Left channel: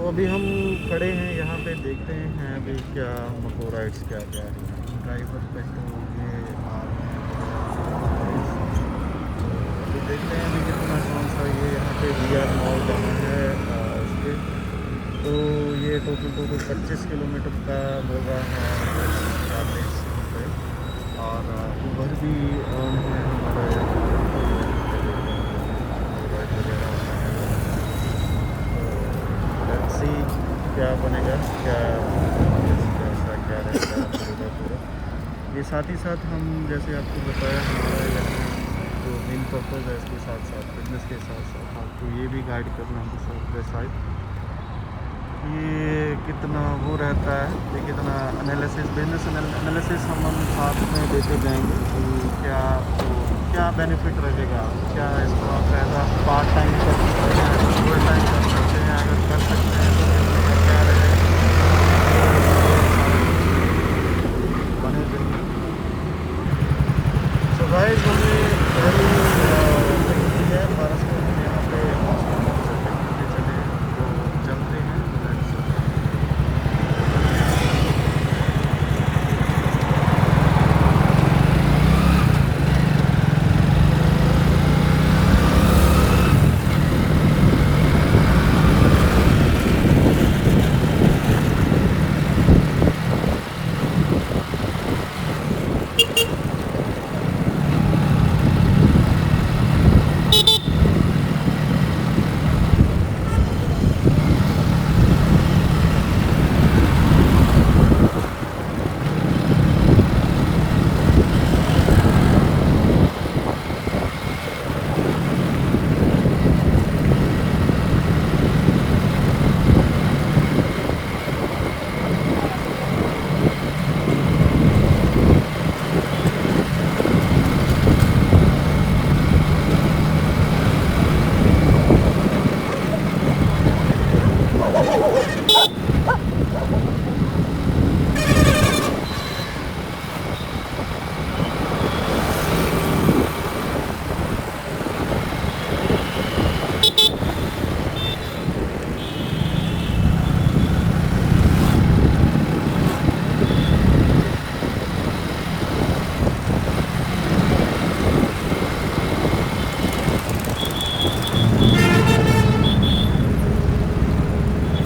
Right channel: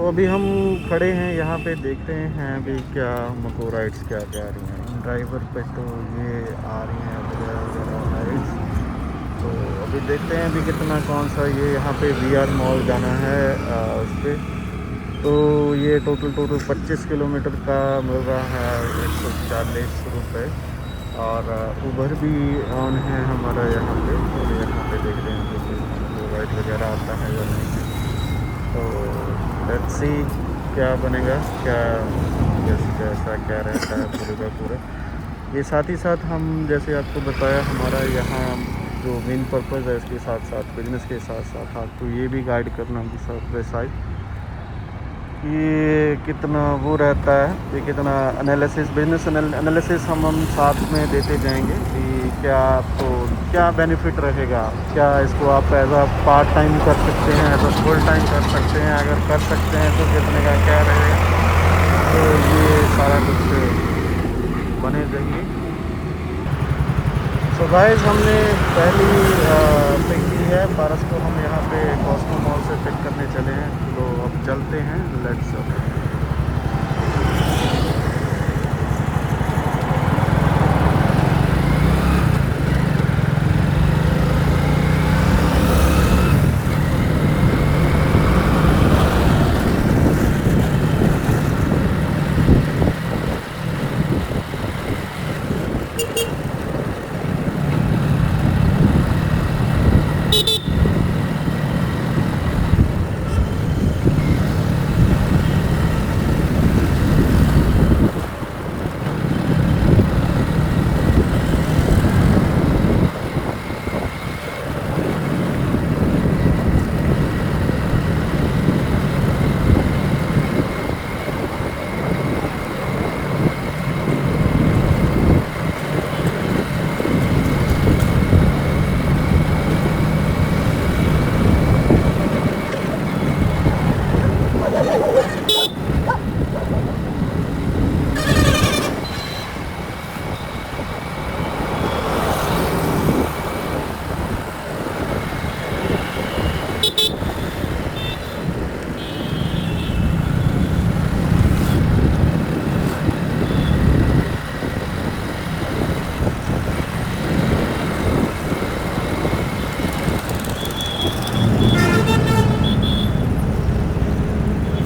तो अभी हम खड़े हैं यहाँ पे, देख रहे हैं अभी क्या मको राइड्स क्या क्या आ रही हैं ड्राइवर पे। तो ये आ रही हैं वगैरह वगैरह राइड्स। तो अभी देखते हैं अभी कितना कौन सा ये यहाँ पे VR मॉल जाना है उस पर। तो ये टोटल 25 किलोमीटर का मिल रहा है 140 रुपये। और उबर भी ऑन है हमारा यहाँ पे। तो यहाँ पे देख रहे हैं कि राइड वगैरह आता है या नहीं है। तो लेट्स सी क्या बनेगा, क्या कैसा क्या रहता है पूरे का पूरा। ये साथ ही साथ हम जैसे आपको बताया हमारा यहाँ जो मेन पर्पज़ है, इसके साथ साथ बिजनेस के साथ साथ आपको ये भी गाइड करना दूसरा साइड ये कितना वो रहता है, ये कितना एनालिसिस बिजनेस एनालिसिस हम साथ में देते जाएंगे कि क्या आपको क्या बेनिफिट रहेगा, क्या इसको आप एज अ पार्ट टाइम कर सकते हैं, एज अ फुल टाइम कर सकते हैं, अगर कर सकते हैं तो कितने का क्या रहेगा। तो ये सारा कुछ बने रहेंगे। तो गाइस हमने पहली पिक की है पारस को, हम यहाँ पे कॉस्मो मॉल से पिक करने चले हैं। तो अब चलते हैं, लेट्स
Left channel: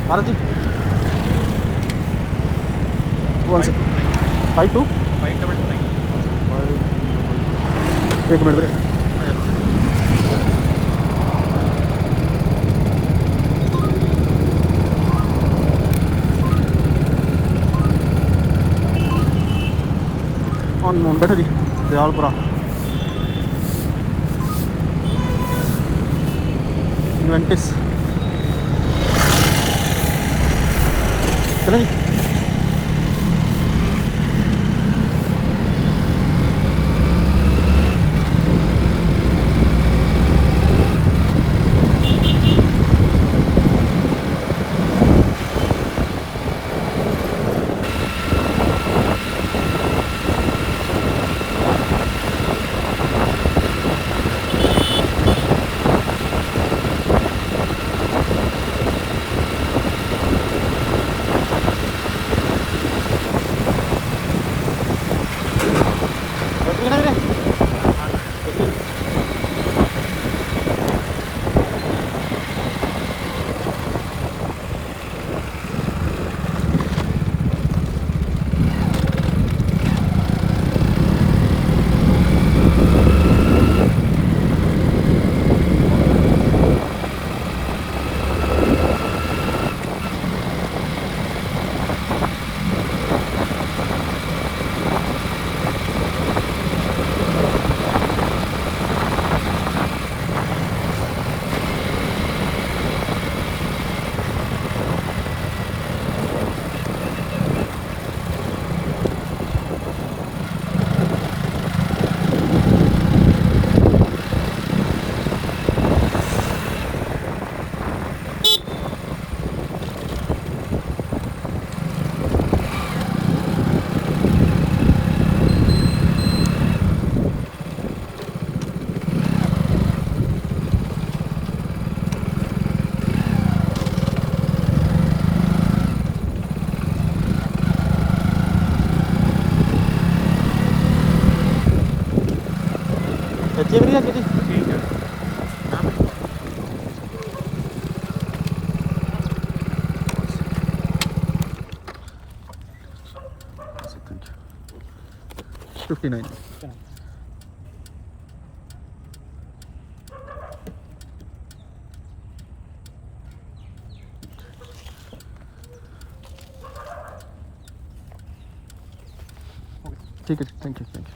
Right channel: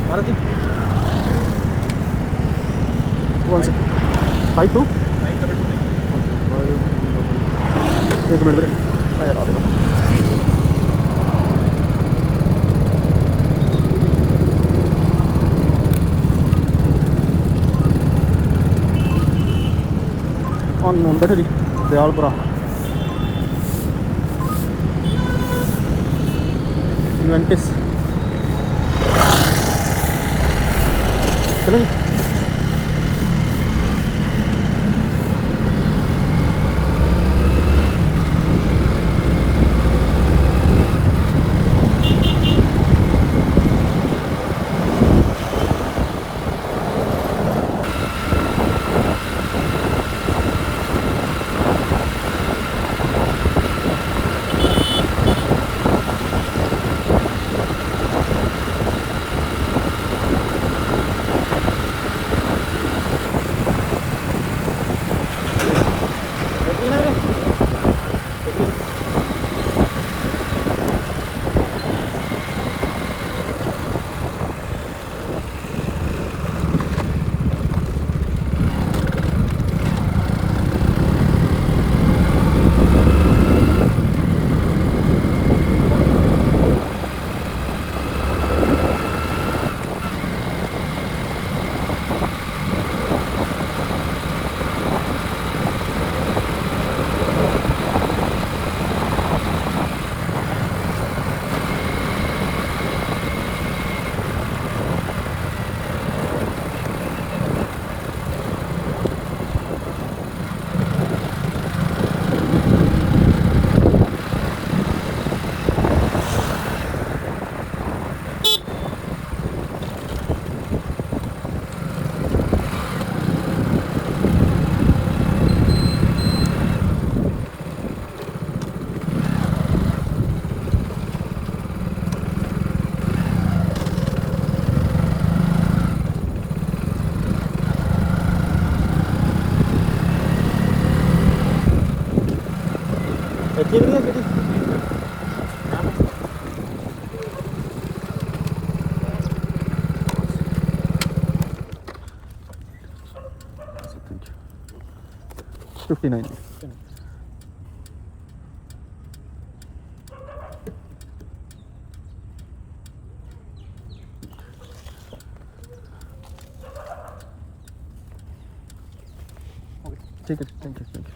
भारत जी 152 एक मिनट मेरे ऑन बैठो जी दयालपुरा इन्वेंटिस चलो जी। ये भी है जी यहाँ पे। Thank you 59। ठीक है, थैंक यू थैंक यू।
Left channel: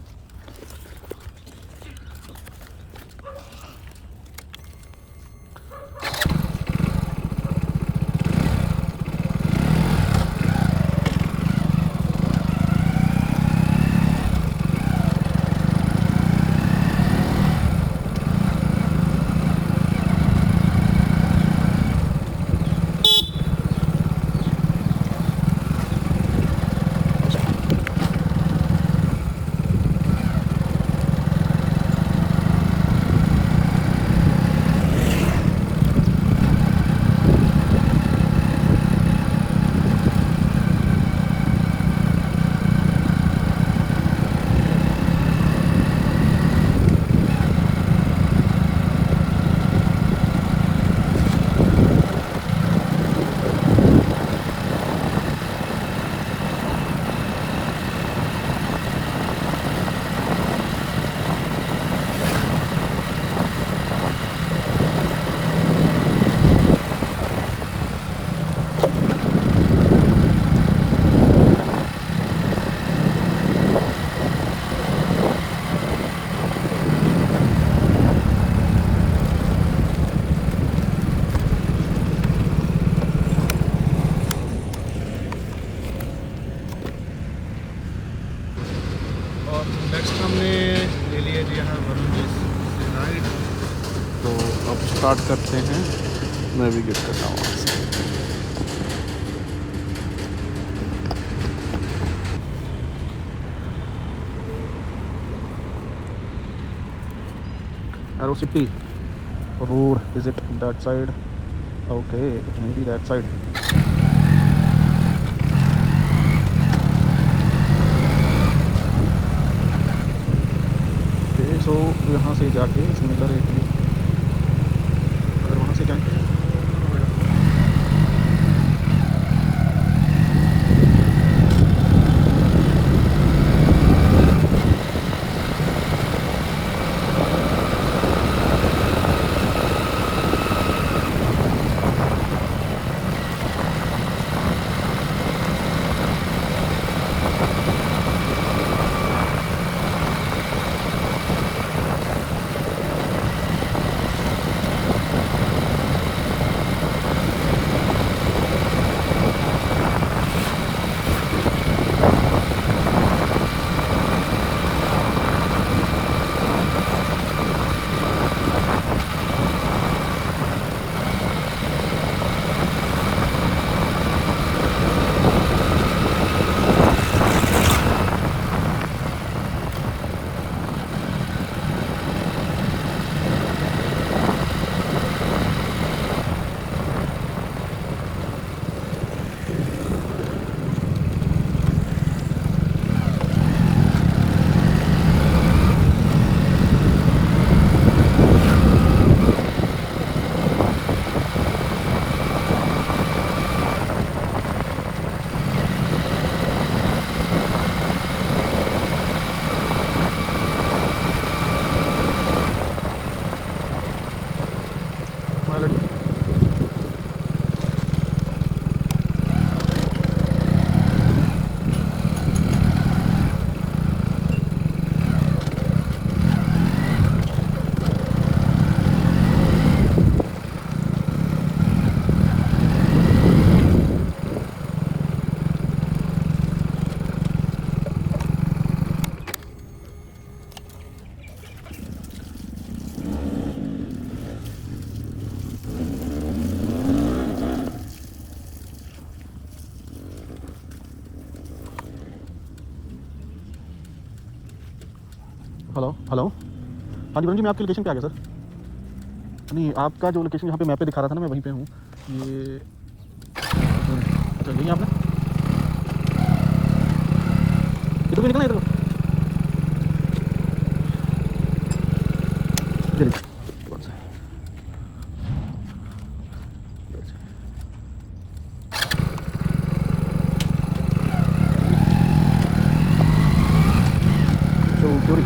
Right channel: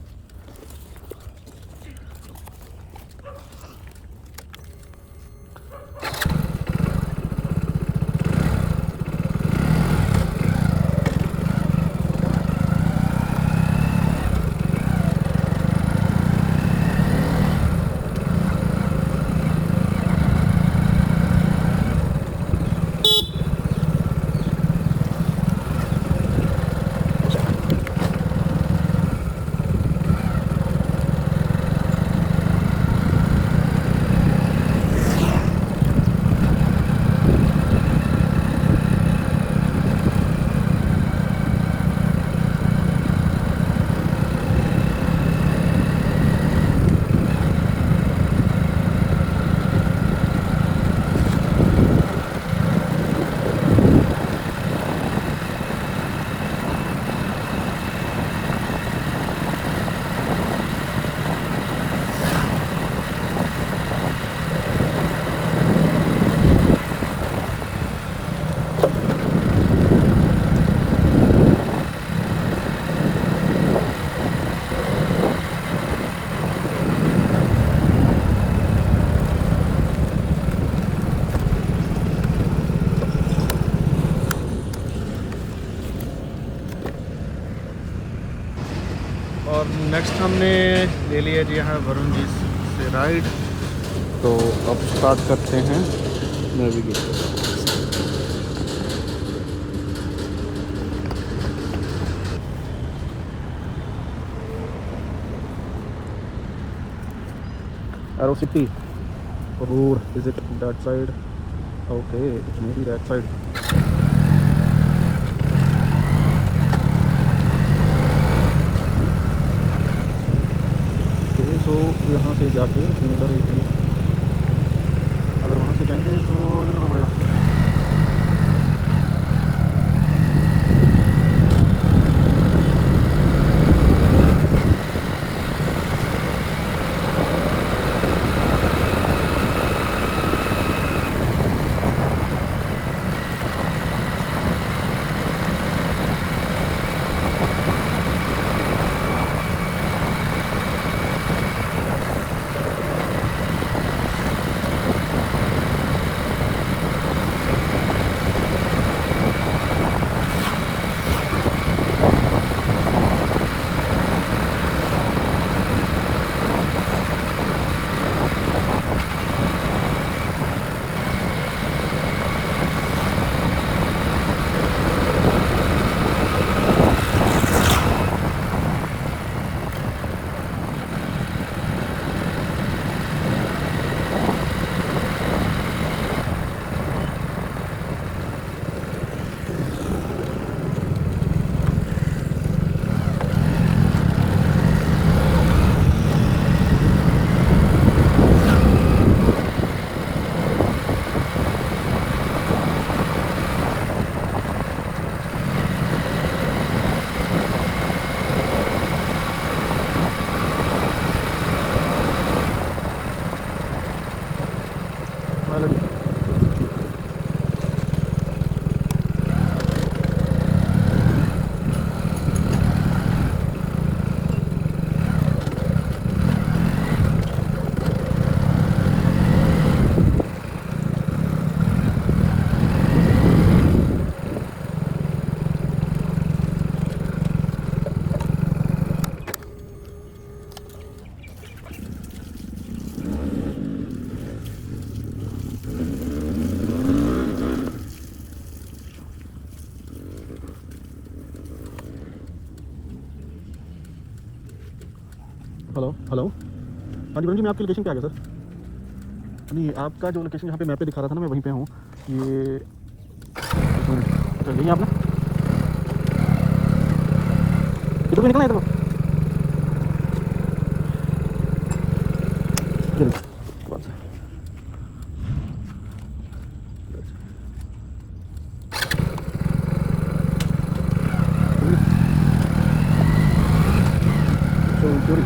और नेक्स्ट हमने ले लिया जी यहाँ वरुण जी से राइड। तो अब स्टार्ट करते हैं, मैं भी गिफ्ट करता हूँ। Arrow City road, is it that side? Okay, it may be that side. Okay, so यहाँ से जाके सिमिलर एरिया, अगर वहाँ से जाएंगे तो हेलो हेलो, हाँ जी वरुण जी, मैं आपकी लोकेशन पे आ गया सर। नहीं, आपका जो लोकेशन यहाँ पे मैप पे दिखा रहा था ना, मैं वहीं पे हूँ। ये चलिए, आपने इधर भी निकलना है, इधर चलिए चोरी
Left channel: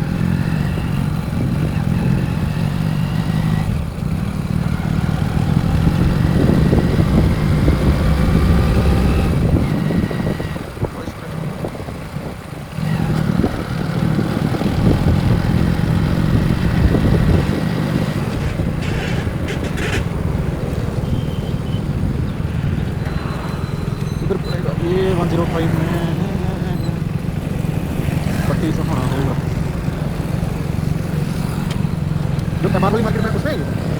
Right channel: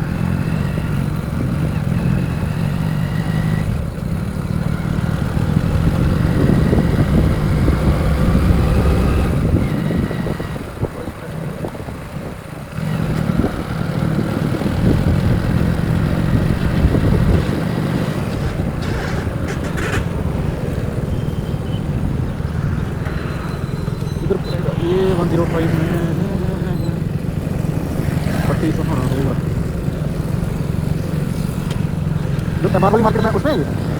इधर पड़ेगा ये 105 में पट्टी तो हाँ होगा जो एमआर वाली मार्केट में उसमें ही है।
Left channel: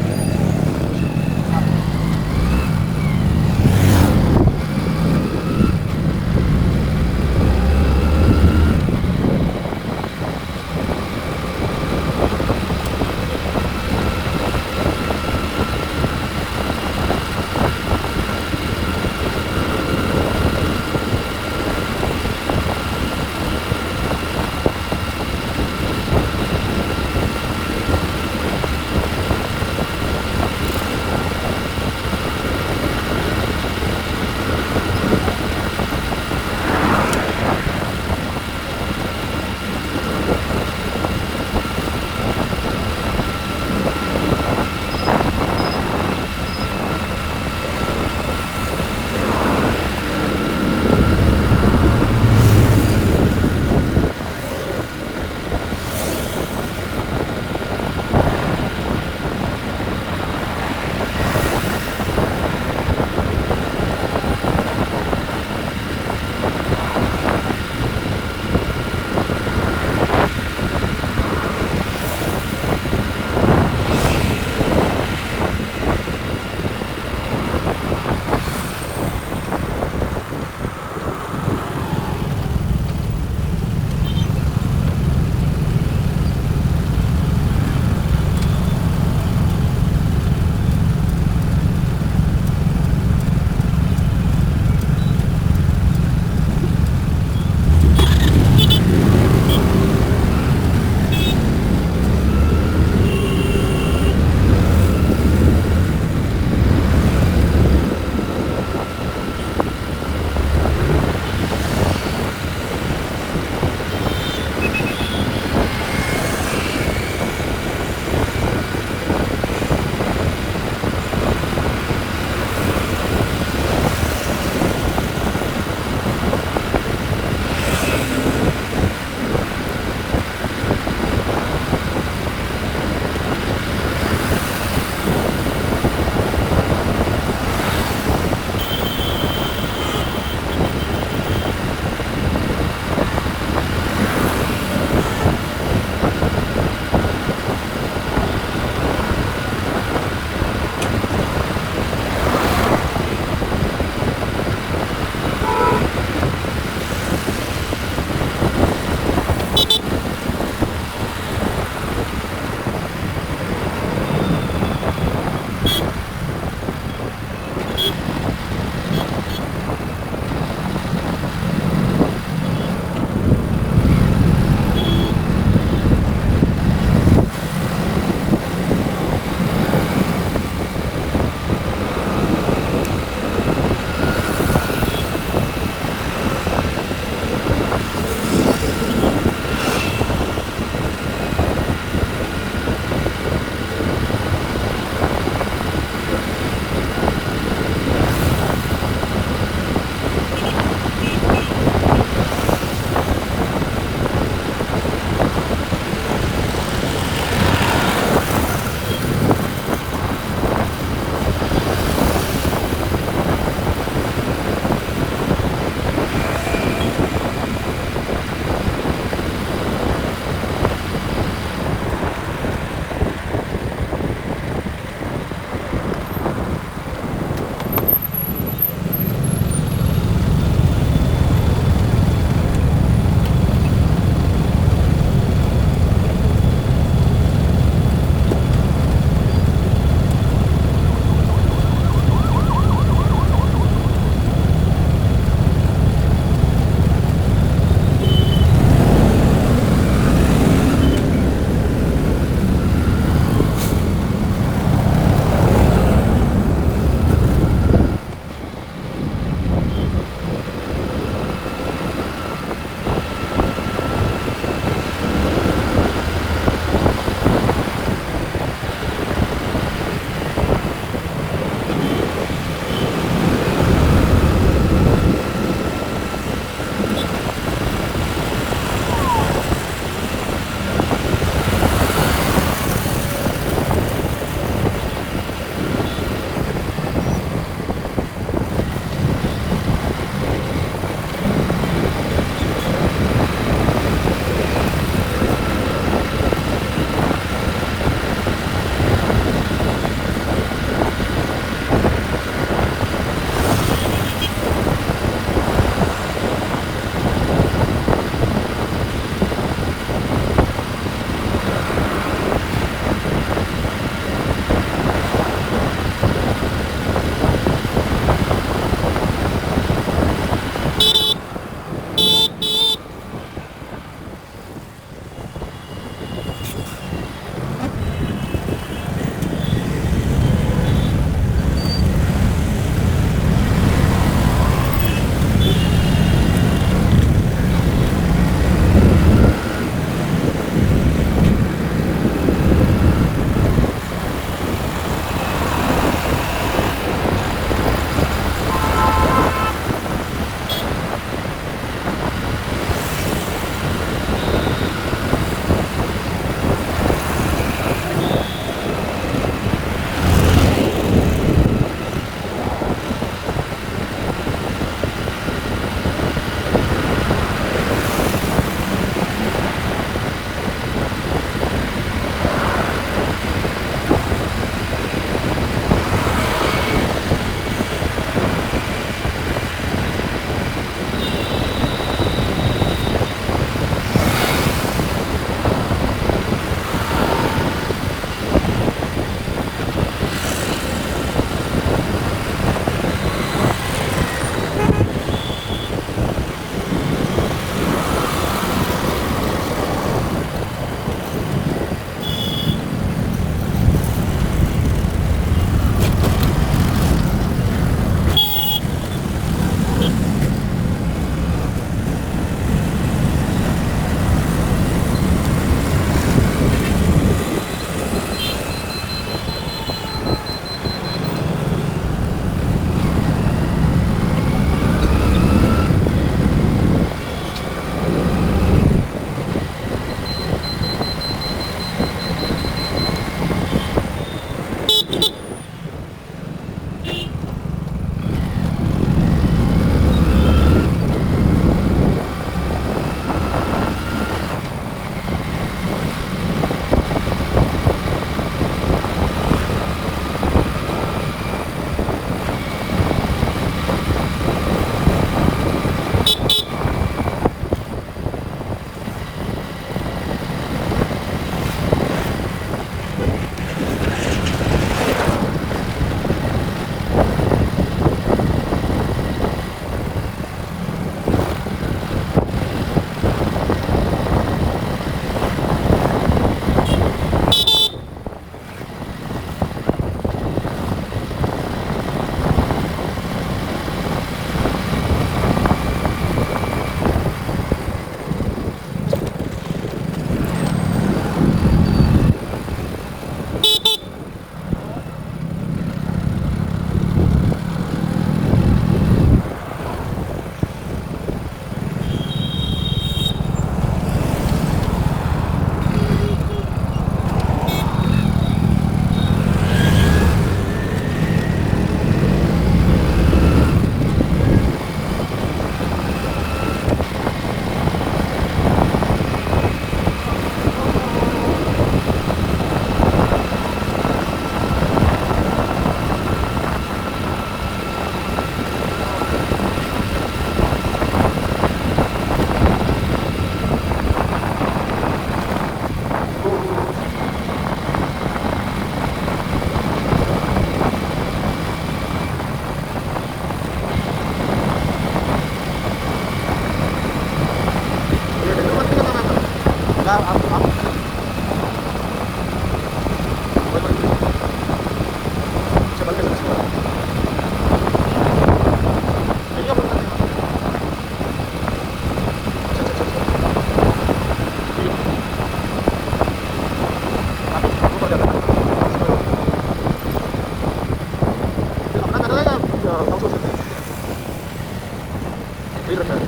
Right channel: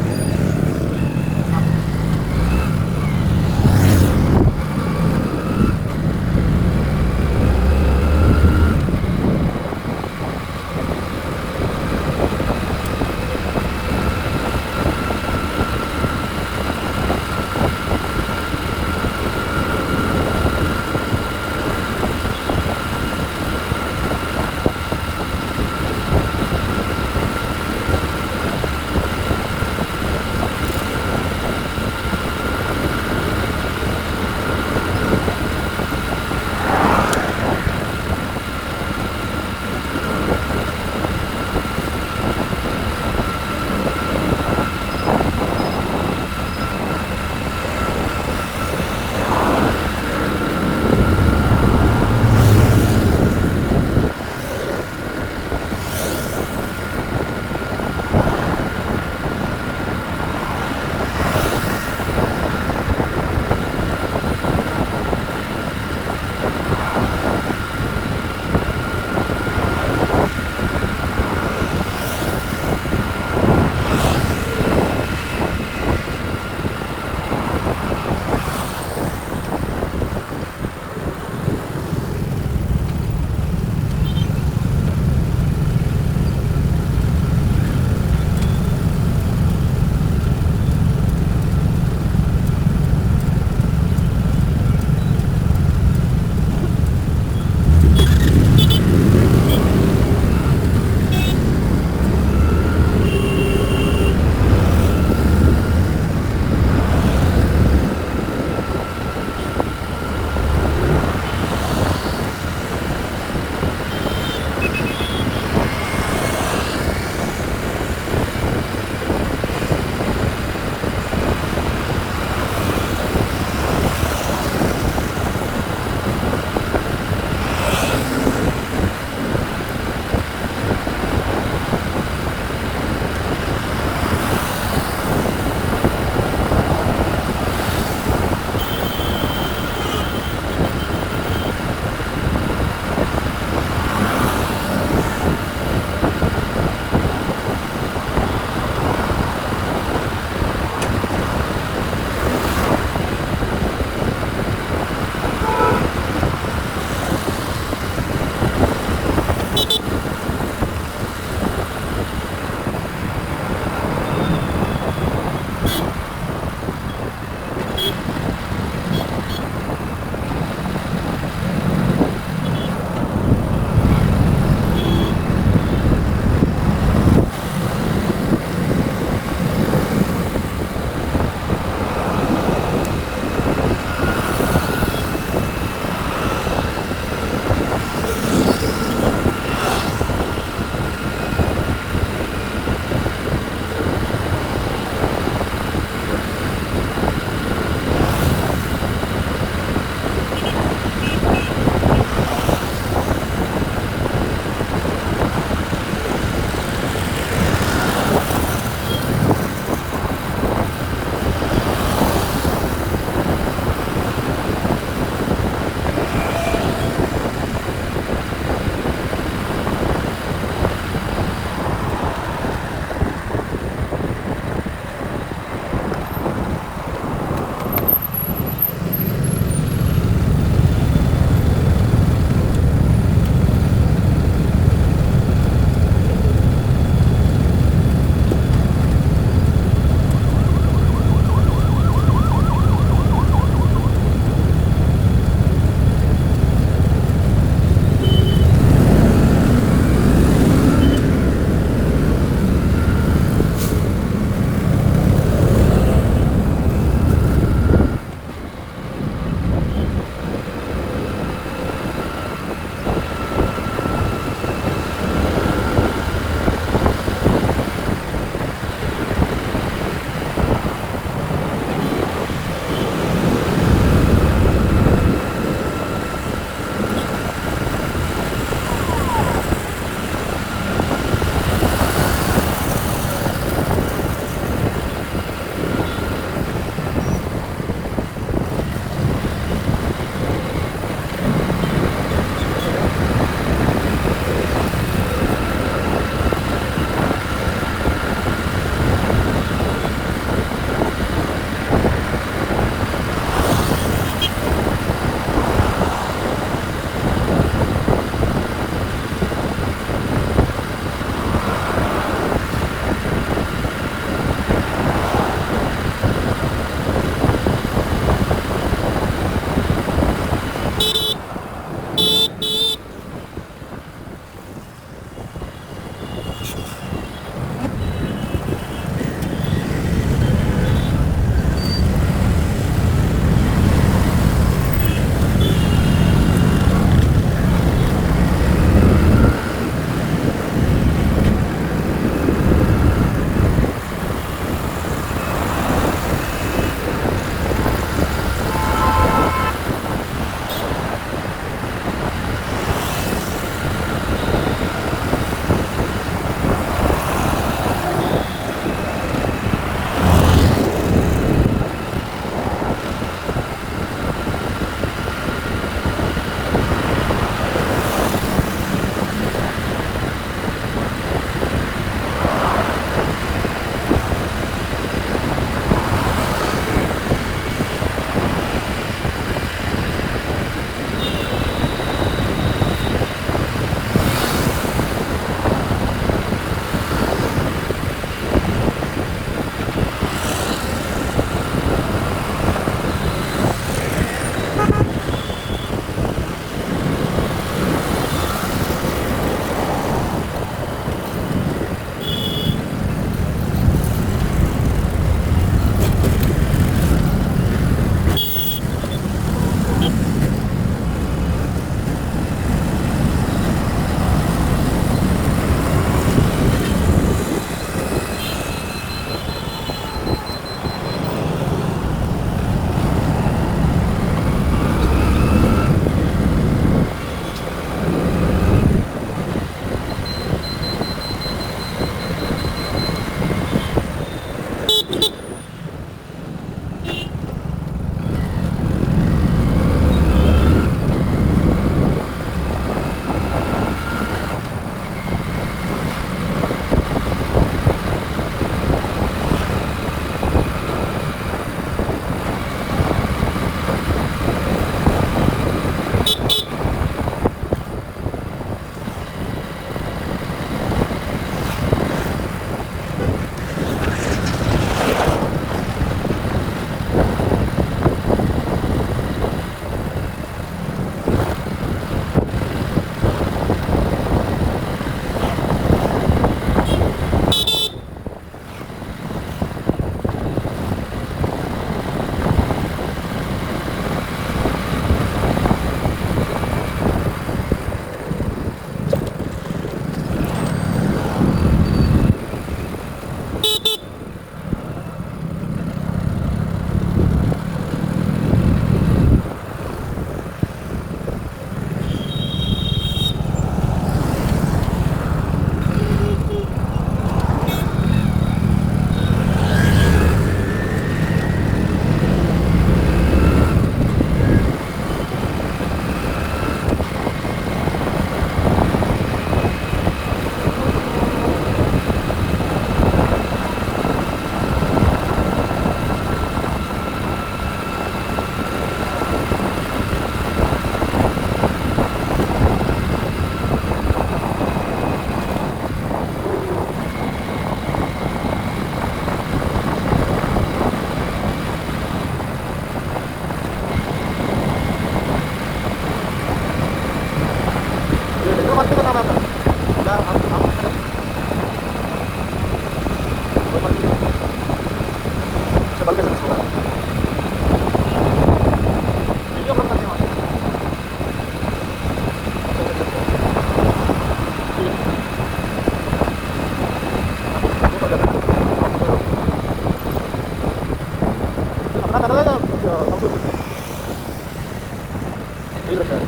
यही रखा है।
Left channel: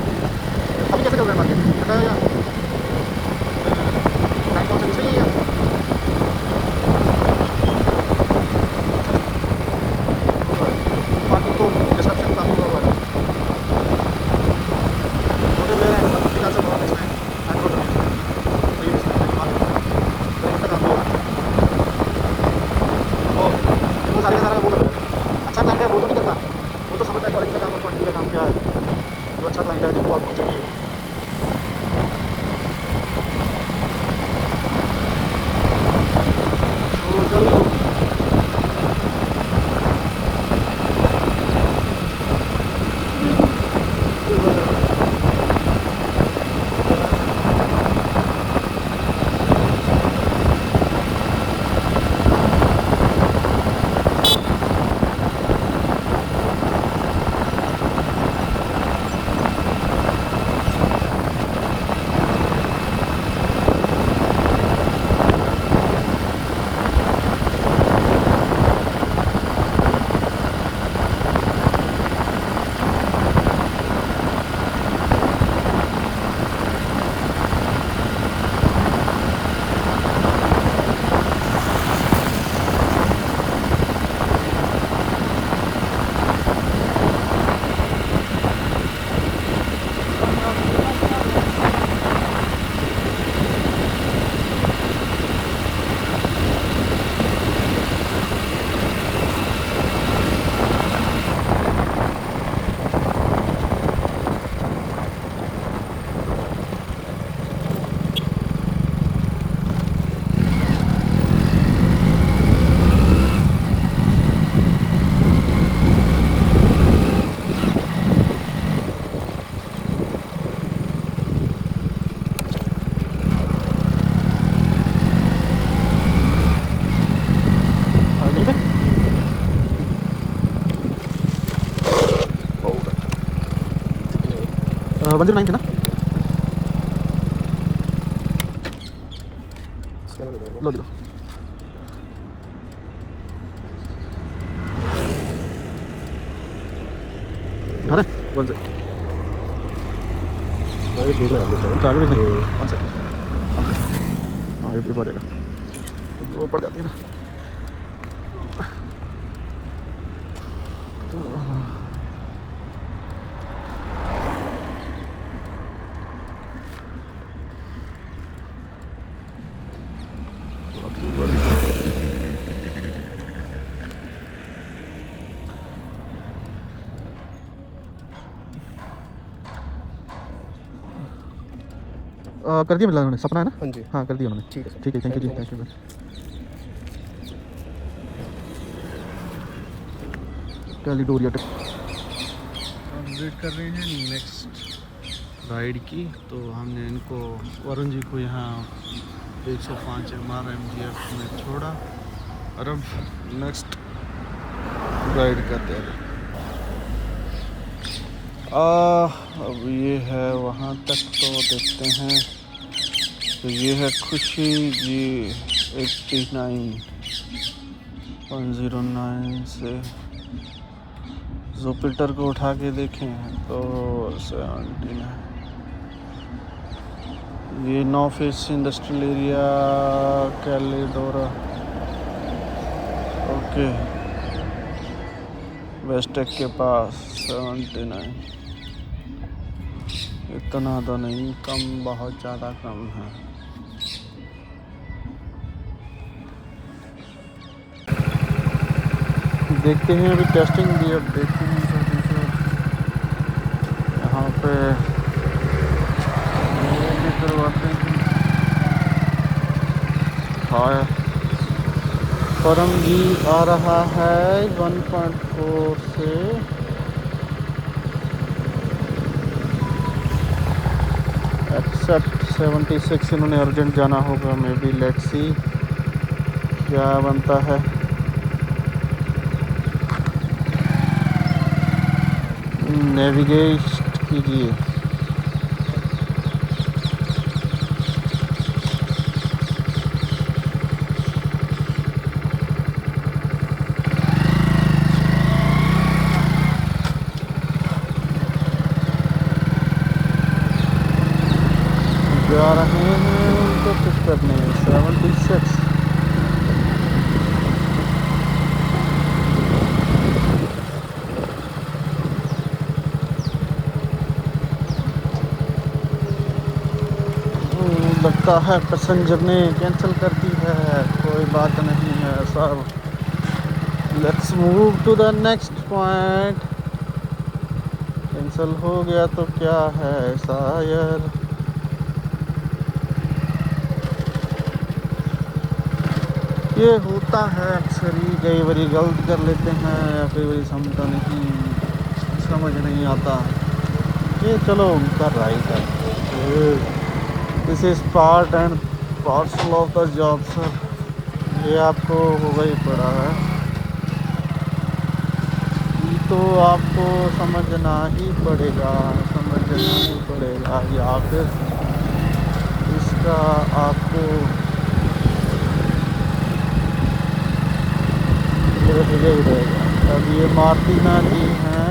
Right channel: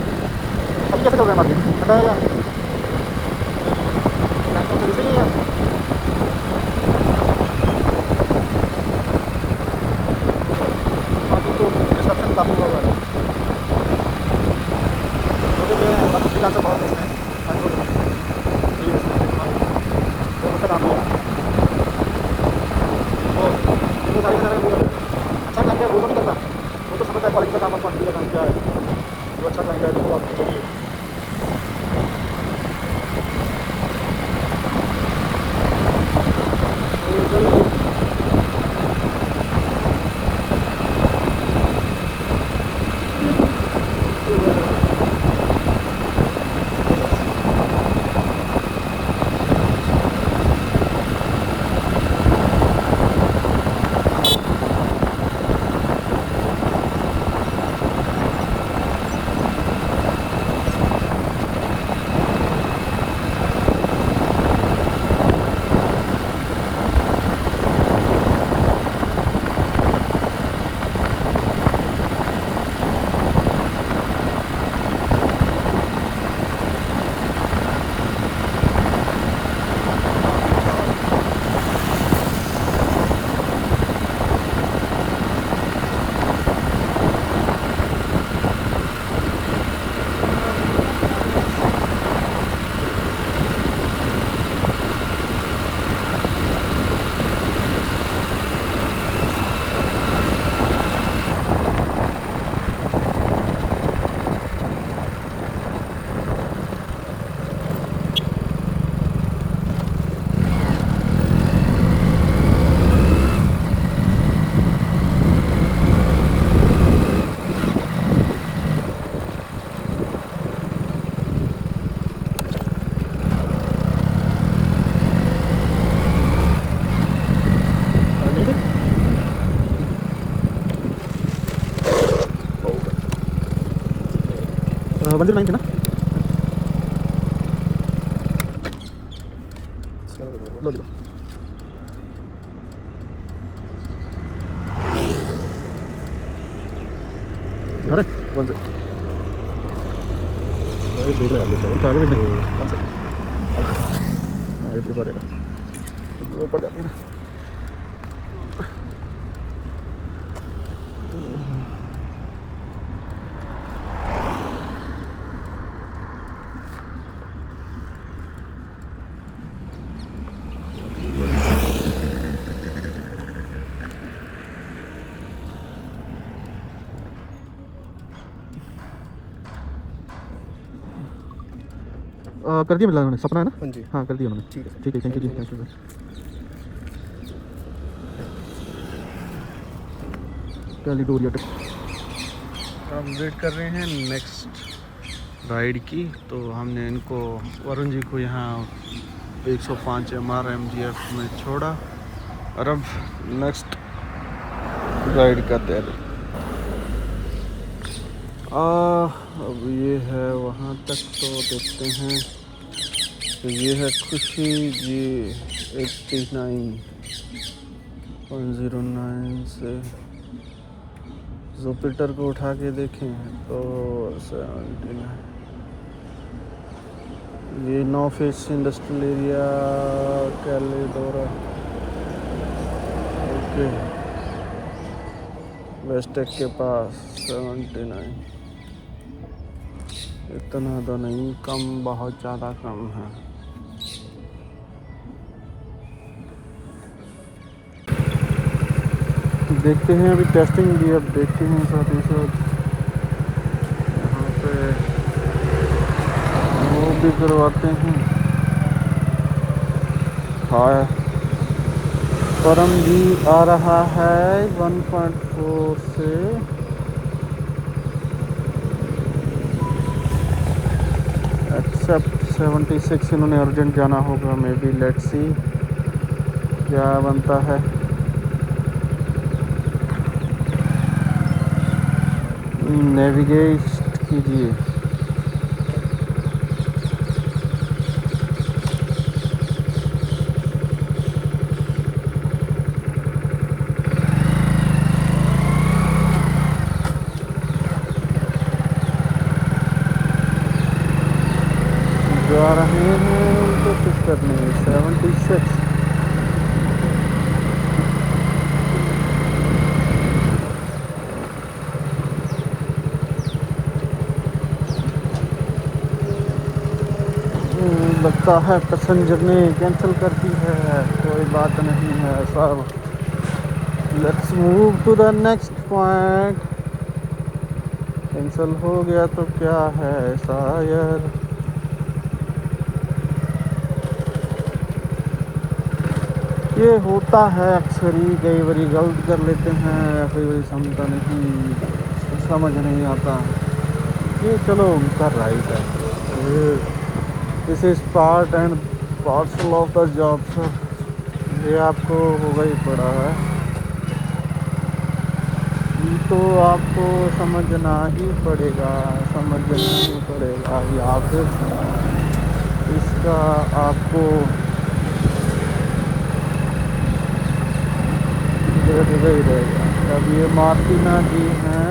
अभी कैसे चल रहा है मार्केट, ठंडा है या टाइम कौन सा दूसरी है या मार्केट तो डिस्ट्रक्शन काफ़ी हुआ हुआ है। छोटे प्लेयर हैं मतलब फिलहाल से बहुत इसमें एंड्रॉइड सही है इसमें मार्केट बहुत अच्छा काम किया और वो सारे का सारा वो कर रहे हैं। अच्छा क्लाइंट है वो तो नहीं करता, वो तो समझता है क्वालिटी का काम और क्वांटिटी का काम क्या है। जो अच्छा क्लाइंट है जिसको आपको चाहिए तो चलिए बंदर 9 थे ना लो लो अरे वन से देख रहे हैं आगे भी नहीं वन से हाँ ये पड़ेगा वो पड़ जाती है ना कर दिया मिला उन्होंने सपना है ना हाँ जी हाँ कर दिया उन्होंने ठीक है थैंक यू जी थैंक यू कैलिडोरिया टिप हम वेट कर रहे हैं नेक्स्ट राइड की। तो हमने इनको वरुण जी को यहाँ 105 MRMGF में छोड़ा और अब नेक्स्ट राइड का तैयारी। अब ये है वहाँ तक तो देखते हैं। तो ये है खुशी जी 89.09 से जुपिटर को उठा के देखें तो 79। ये नौ फेस इंडस्ट्रियल एरिया कैलिडोरा ओके वेस्टेक के पास 79। इतना तो नहीं कम, बहुत ज़्यादा कम है। देखते हैं अभी टेस्टिंग भी अब देखते हैं साथ यहाँ पे वो भी करवाते हैं। हाँ परम जी आ रहा है 1.4 से एक्सेप्ट 76। इन्होंने अर्जेंट जाना होगा मे बी लेट्स सी क्या बनता है। नेविगेट कीजिए। जा रहे हैं उनको पिक करने 76। लगता है पैसेंजर ने कैंसिल कर दी है, कोई बात नहीं है सब। Let's move to the next point. Cancel हो गया तो क्या है शायर। ये होता है अक्सर ही, कई बारी गलत कर लेते हैं या कई बारी समझता नहीं, समझ नहीं आता। ये चलो उनका राइट है। This is part and parcel of the job sir, ये आपको होगा ही पड़ा है, ये तो आपको समझना ही पड़ेगा, समझना ही पड़ेगा, या फिर इसका आपको रहेगा ही रहेगा। अब ये मार्टिना जी हैं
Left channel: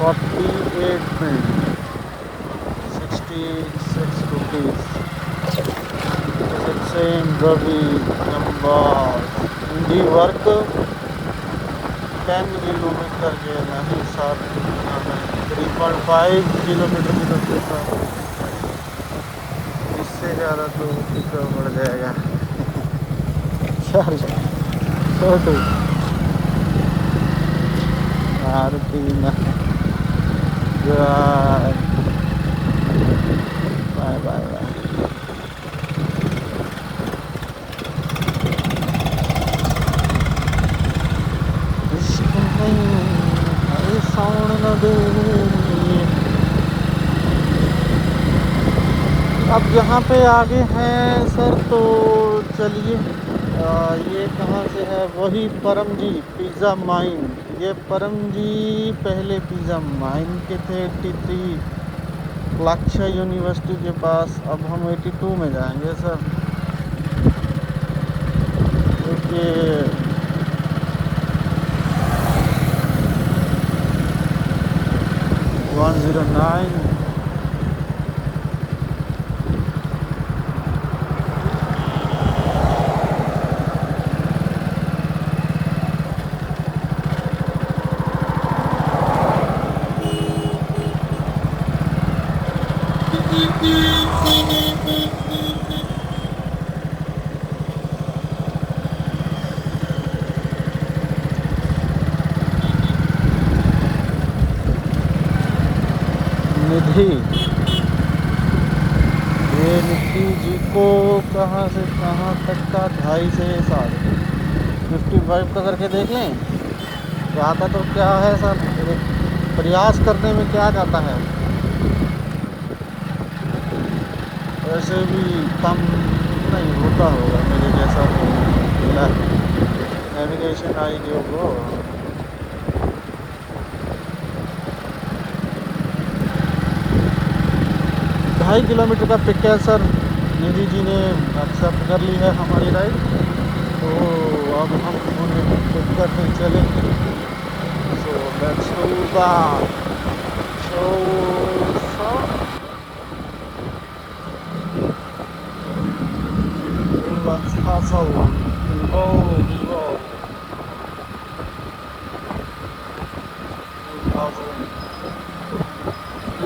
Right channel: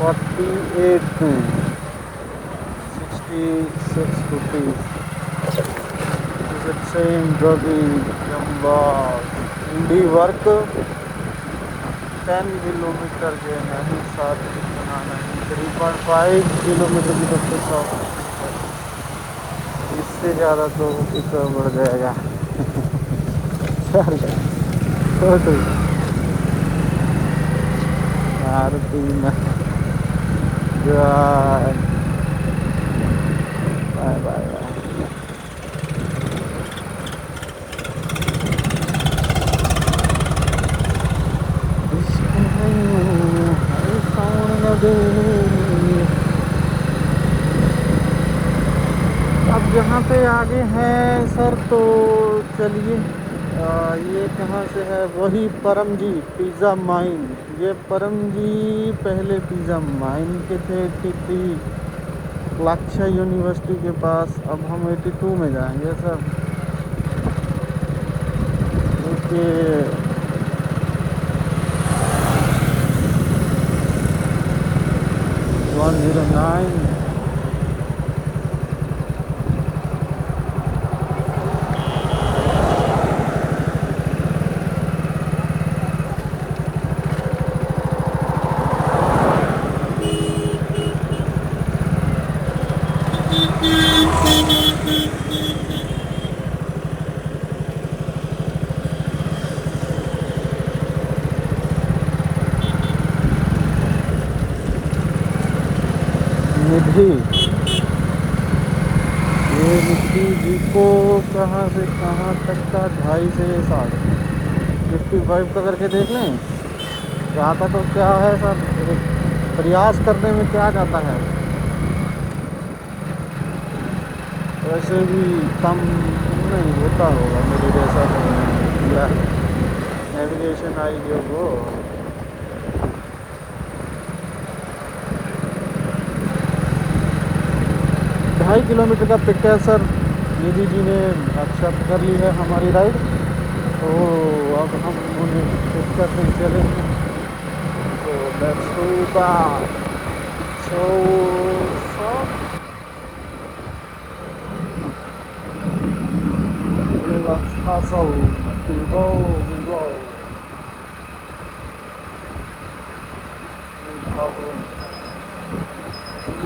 48 में 66 rupees. It is same Ravi जम्बा इंडी वर्क 10 किलोमीटर के नहीं सर, इतना नहीं, 3.5 किलोमीटर की तरफ से सर, इससे ज़्यादा तो पिछड़ा बढ़ जाएगा। चार छोटू मारुति बाय बाय बाय। इश्क नहीं है साउंड न देनी। अब यहाँ पे आगे हैं सर, तो चलिए ये कहाँ से है, वही परम जी पिज़्ज़ा माइन। ये परम जी पहले पिज़्ज़ा माइन के थे 83 लाक्षा यूनिवर्सिटी के पास। अब हम 82 में जाएंगे सर, क्योंकि 109 निधि। ये निधि जी को कहाँ से कहाँ तक का 2.5 से 55 का करके देख लें। जाता तो क्या है सर, एक प्रयास करने में क्या जाता है, वैसे भी कम नहीं होता होगा मेरे जैसा कोई ना। नेविगेशन आई जो वो 2.5 किलोमीटर का पिक है सर। निधि जी ने एक्सेप्ट कर ली है हमारी राइड, तो अब हम उन्हें पिक करने चलेंगे। So let's do that. So let's hustle, evolve, hustling।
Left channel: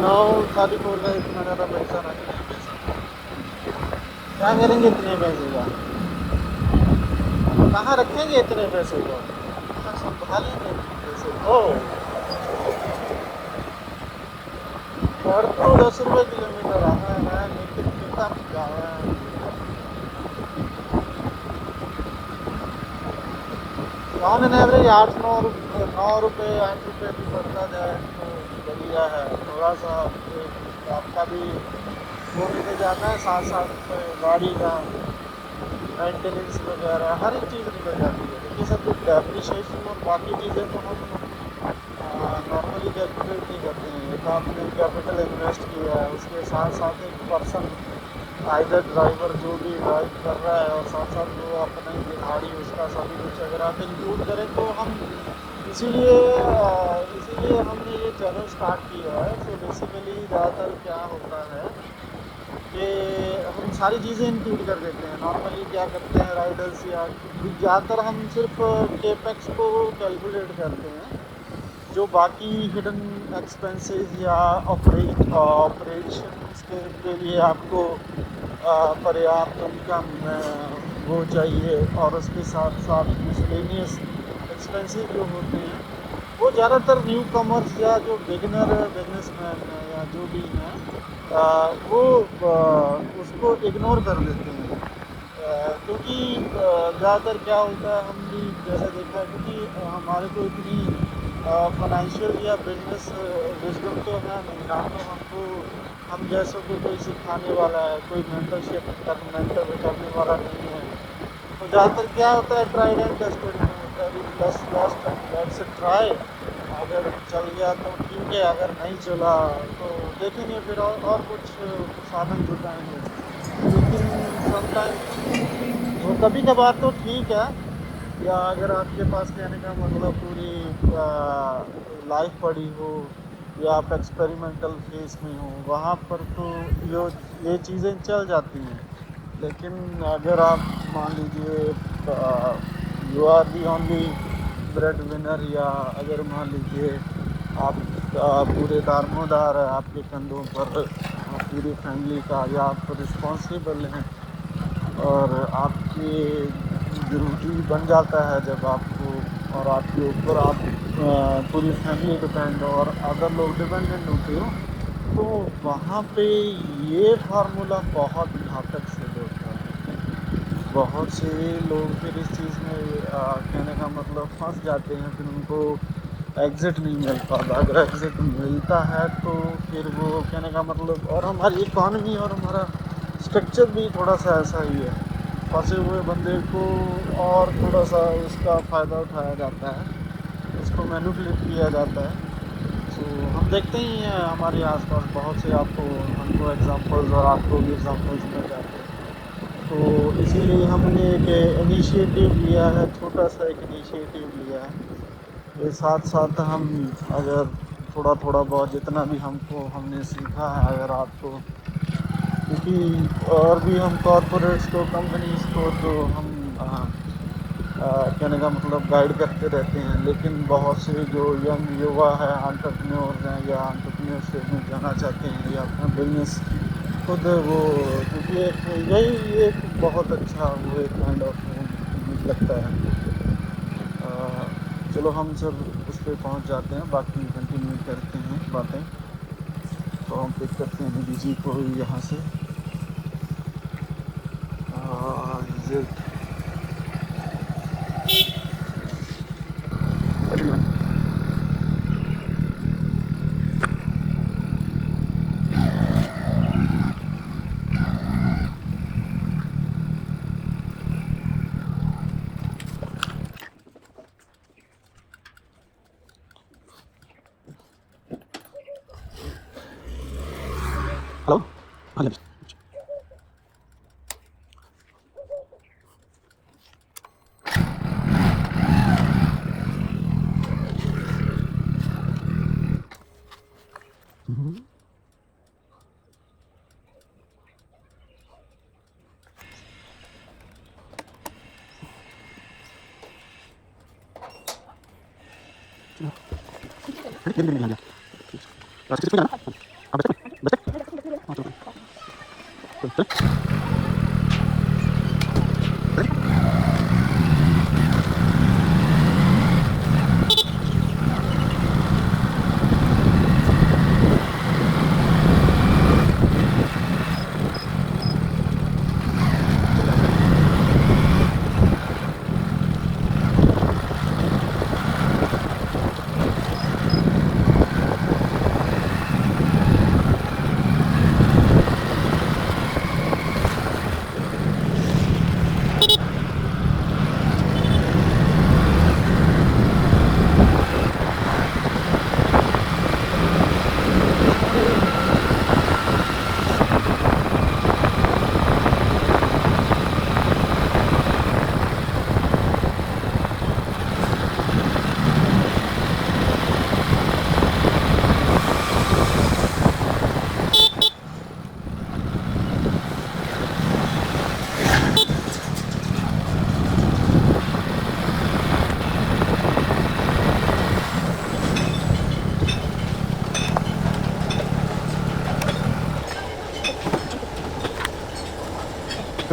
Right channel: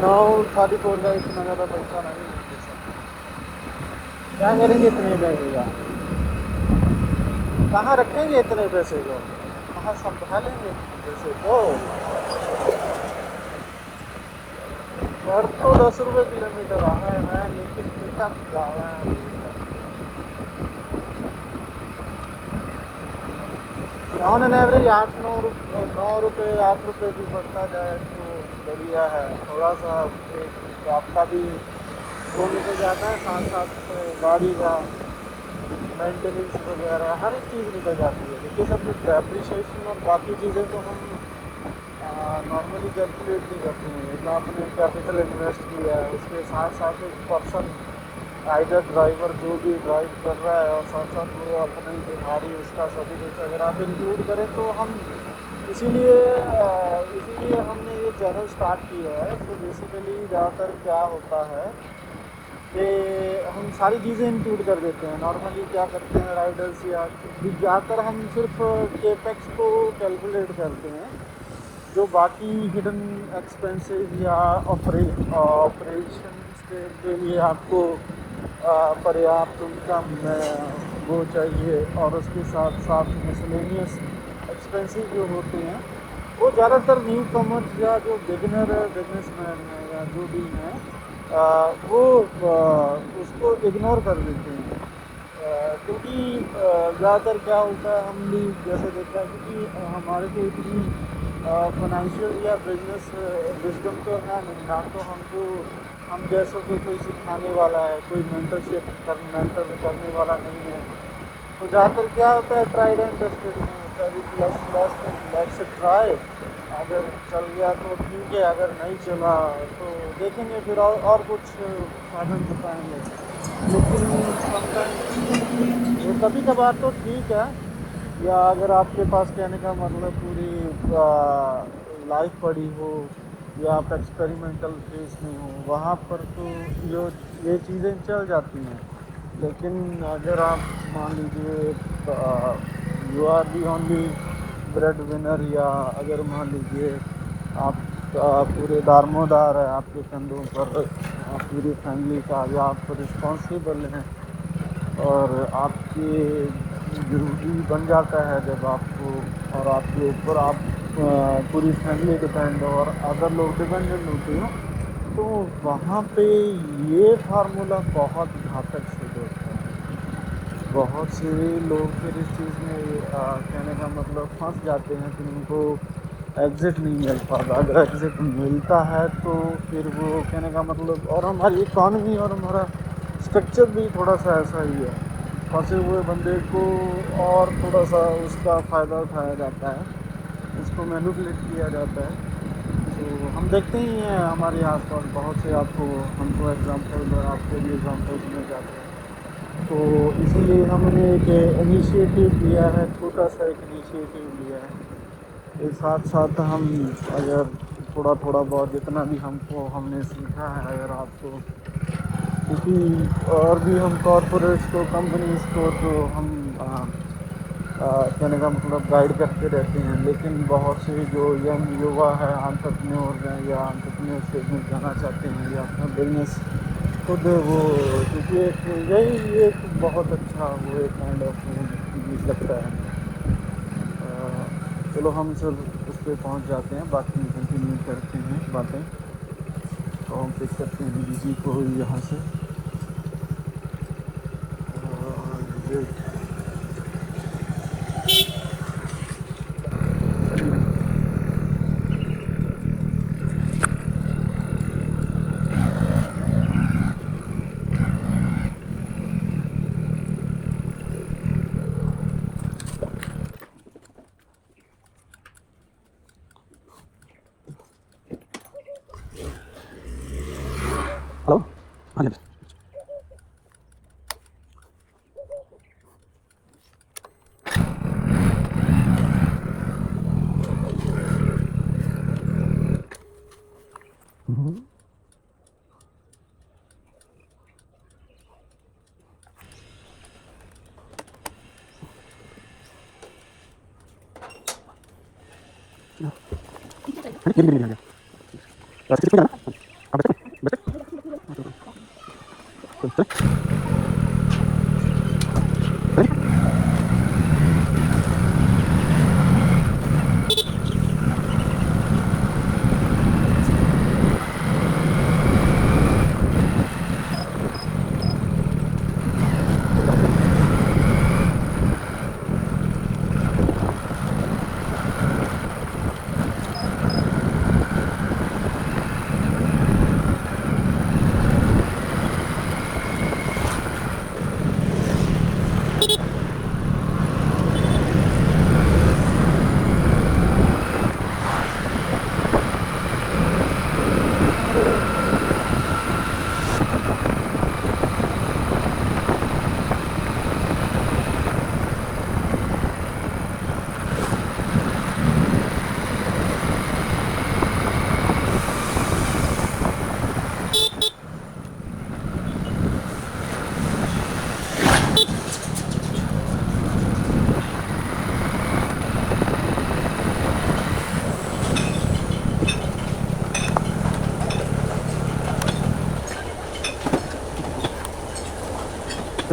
9:34 का इतना ज़्यादा पैसा नहीं लेंगे सर। क्या करेंगे इतने पैसे का, कहाँ रखेंगे इतने पैसे को, कहाँ संभालेंगे इतने पैसे को। पर तो 10 रुपये किलोमीटर रहा है, लेकिन पिकअप ज़्यादा है। ऑन एन एवरेज 8 रुपये भी बढ़ता जाए तो बढ़िया है। थोड़ा सा एक आपका भी वो निकल जाता है, साथ साथ गाड़ी का मेंटेनेंस वगैरह हर एक चीज़ निकल जाती है। देखिए सब कुछ डेप्रिसिएशन और बाकी चीज़ें तो हम नॉर्मली कैलकुलेट नहीं करते हैं। एक आपने कैपिटल इन्वेस्ट किया है, उसके साथ साथ एक पर्सन आइदर ड्राइवर जो भी ड्राइव कर रहा है और साथ साथ वो अपना ही दिहाड़ी उसका सभी कुछ अगर आप इंक्लूड करें तो हम इसीलिए हमने ये चैनल स्टार्ट किया है। तो बेसिकली ज़्यादातर क्या होता है कि हम सारी चीज़ें इंक्लूड कर देते हैं। नॉर्मली क्या करते हैं राइडर्स या ज़्यादातर हम सिर्फ केपेक्स को कैलकुलेट करते हैं, जो बाकी हिडन एक्सपेंसेस या ऑपरेशंस के लिए आपको पर्याप्त उनका वो चाहिए, और उसके साथ साथ मिसलेनियस एक्सपेंसेस जो होते हैं वो ज़्यादातर न्यू कमर्स या जो बिजनेसमैन हैं या जो भी हैं वो उसको इग्नोर कर देते हैं। क्योंकि ज़्यादातर क्या होता है, हम भी जैसे देखा है, क्योंकि हमारे को इतनी फाइनेंशियल या बिजनेस विजडम तो है नहीं ना, तो हमको हम जैसों को कोई सिखाने वाला है, कोई मेंटर करने वाला नहीं है। तो ज़्यादातर क्या होता है, ट्राइड एंड टेस्टेड में होता है, लेट्स ट्राई। अगर चल गया तो ठीक है, अगर नहीं चला तो देखेंगे फिर और कुछ साधन जुटाएंगे। लेकिन समटाइम वो कभी कभार तो ठीक है, या अगर आपके पास कहने का मतलब पूरी लाइफ पड़ी हो या आप एक्सपेरिमेंटल फेज में हो, वहाँ पर तो ये चीज़ें चल जाती हैं। लेकिन अगर आप मान लीजिए you are the only bread winner, या अगर मान लीजिए आप पूरे दारमोदार है आपके कंधों पर पूरी फैमिली का, या आप रिस्पॉन्सिबल हैं, और आपके ज़रूरी बन जाता है जब आपको, और आपके ऊपर आप पूरी फैमिली डिपेंड हो और अदर लोग डिपेंडेंट होते हो, तो वहाँ पे ये फार्मूला बहुत घातक सिद्ध होता है। बहुत से लोग फिर इस चीज़ में कहने का मतलब फंस जाते हैं, फिर उनको एग्ज़िट नहीं मिल पाता। अगर एग्ज़िट मिलता है तो फिर वो कहने का मतलब, और हमारी इकॉनमी और हमारा स्ट्रक्चर भी थोड़ा सा ऐसा ही है, फंसे हुए बंदे को और थोड़ा सा उसका फ़ायदा उठाया जाता है, उसको मैनिपुलेट किया जाता है। तो हम देखते ही हैं हमारे आसपास बहुत से, आपको हमको एग्जांपल्स और आपको भी एग्जांपल्स मिल जाते हैं। तो इसीलिए हमने एक इनिशिएटिव लिया है, छोटा सा एक इनिशिएटिव लिया है। के साथ साथ हम अगर थोड़ा थोड़ा बहुत जितना भी हमने सीखा है, अगर आपको, क्योंकि और भी हम कॉरपोरेट्स को, कंपनीज़ को तो हम कहने का मतलब गाइड करते रहते हैं, लेकिन बहुत से जो यंग युवा है, एंटरप्रेन्योर्स हैं या एंटरप्रेन्योरशिप में जाना चाहते हैं या अपना बिजनेस खुद वो, क्योंकि यही एक बहुत अच्छा वो एक काइंड ऑफ मुझे लगता है। चलो हम सब उस पर पहुंच जाते हैं, बाकी कंटिन्यू करते हैं बातें। तो हम पिक करते हैं दीदी जी को यहाँ से। हेलो, हाँ जी।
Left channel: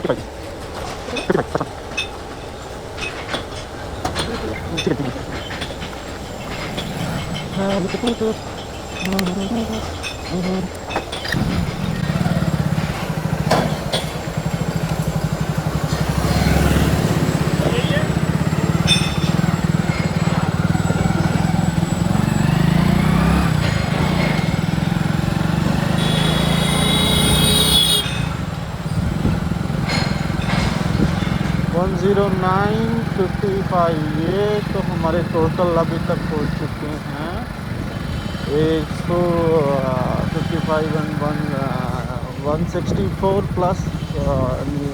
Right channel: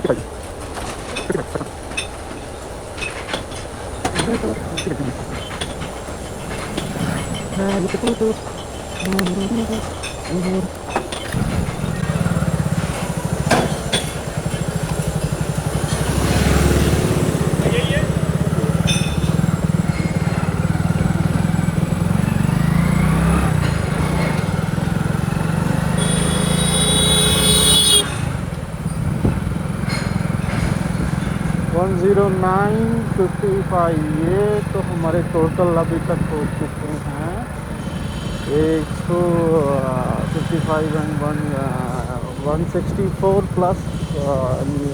10955 ये तो हमारे टोटल अभी तक हो चुके हैं 155 एंड 164 प्लस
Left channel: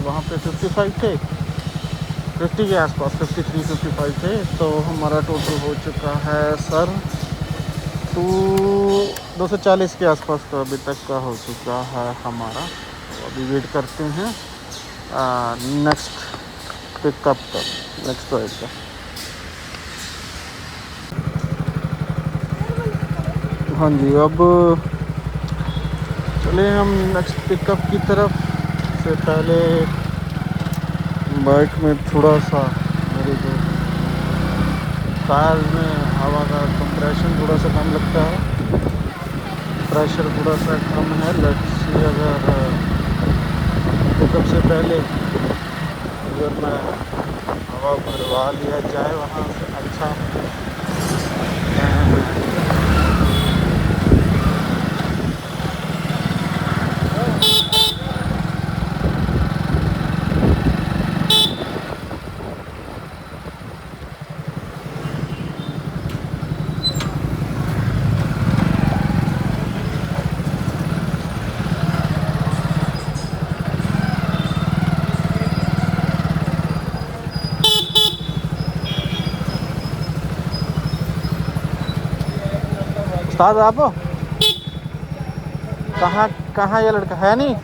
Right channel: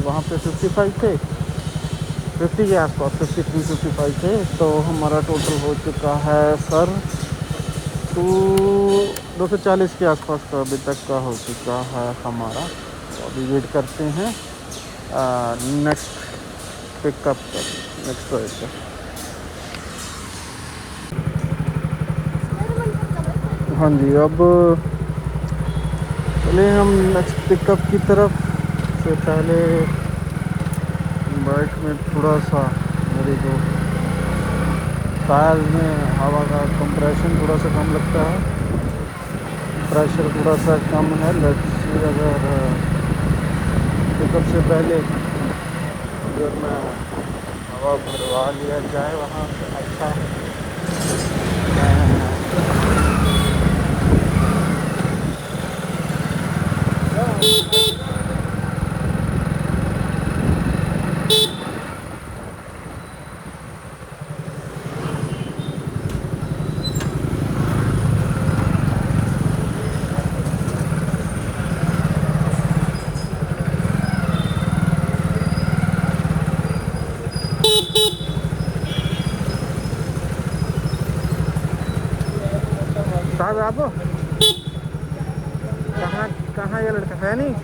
वहाँ पे 55 थे 50 के आसपास 53 55 थे तो हमारा टोटल हो चुका है सर 240 के आसपास का अभी तक का हो चुका है हमारा। तो अभी वेट करते हैं नेक्स्ट पिकअप का, नेक्स्ट राइड का। हाँ जी, अब चले हम नेक्स्ट पिकअप की तरफ। से पहले बाइक में थोड़ा सा मेरे जो टायर में हवा का कंप्रेशन थोड़ा सा कम लगता है, प्रेशर थोड़ा सा कम है। लेट्स सी अगर पिकअप से पहले अगर मैं हवा भरवा लिया जाए वहाँ से अच्छा है। उस्ताद आप कहाँ कहाँ ये लड़का है नहीं?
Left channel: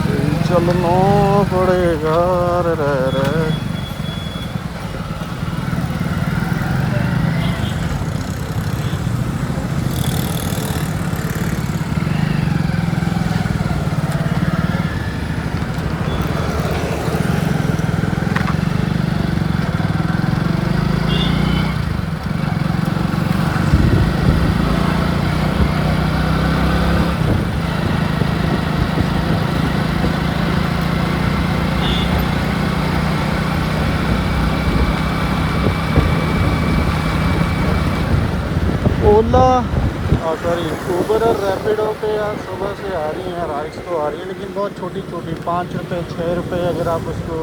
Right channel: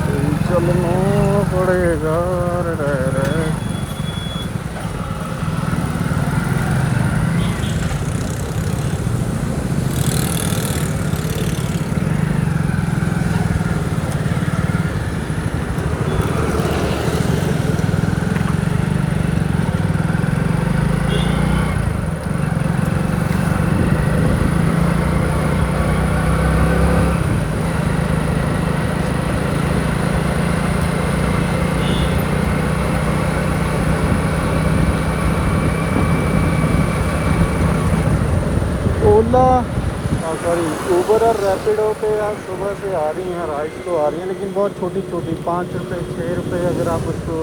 सही चलना पड़ेगा रे। ओला सॉरी ऊबर और रैपिडो पे यार सुबह से आ रही हैं राइड्स तो आ रही हैं, लेकिन बहुत छोटी छोटी 5 रुपये 6 रुपये। अगर आप उसको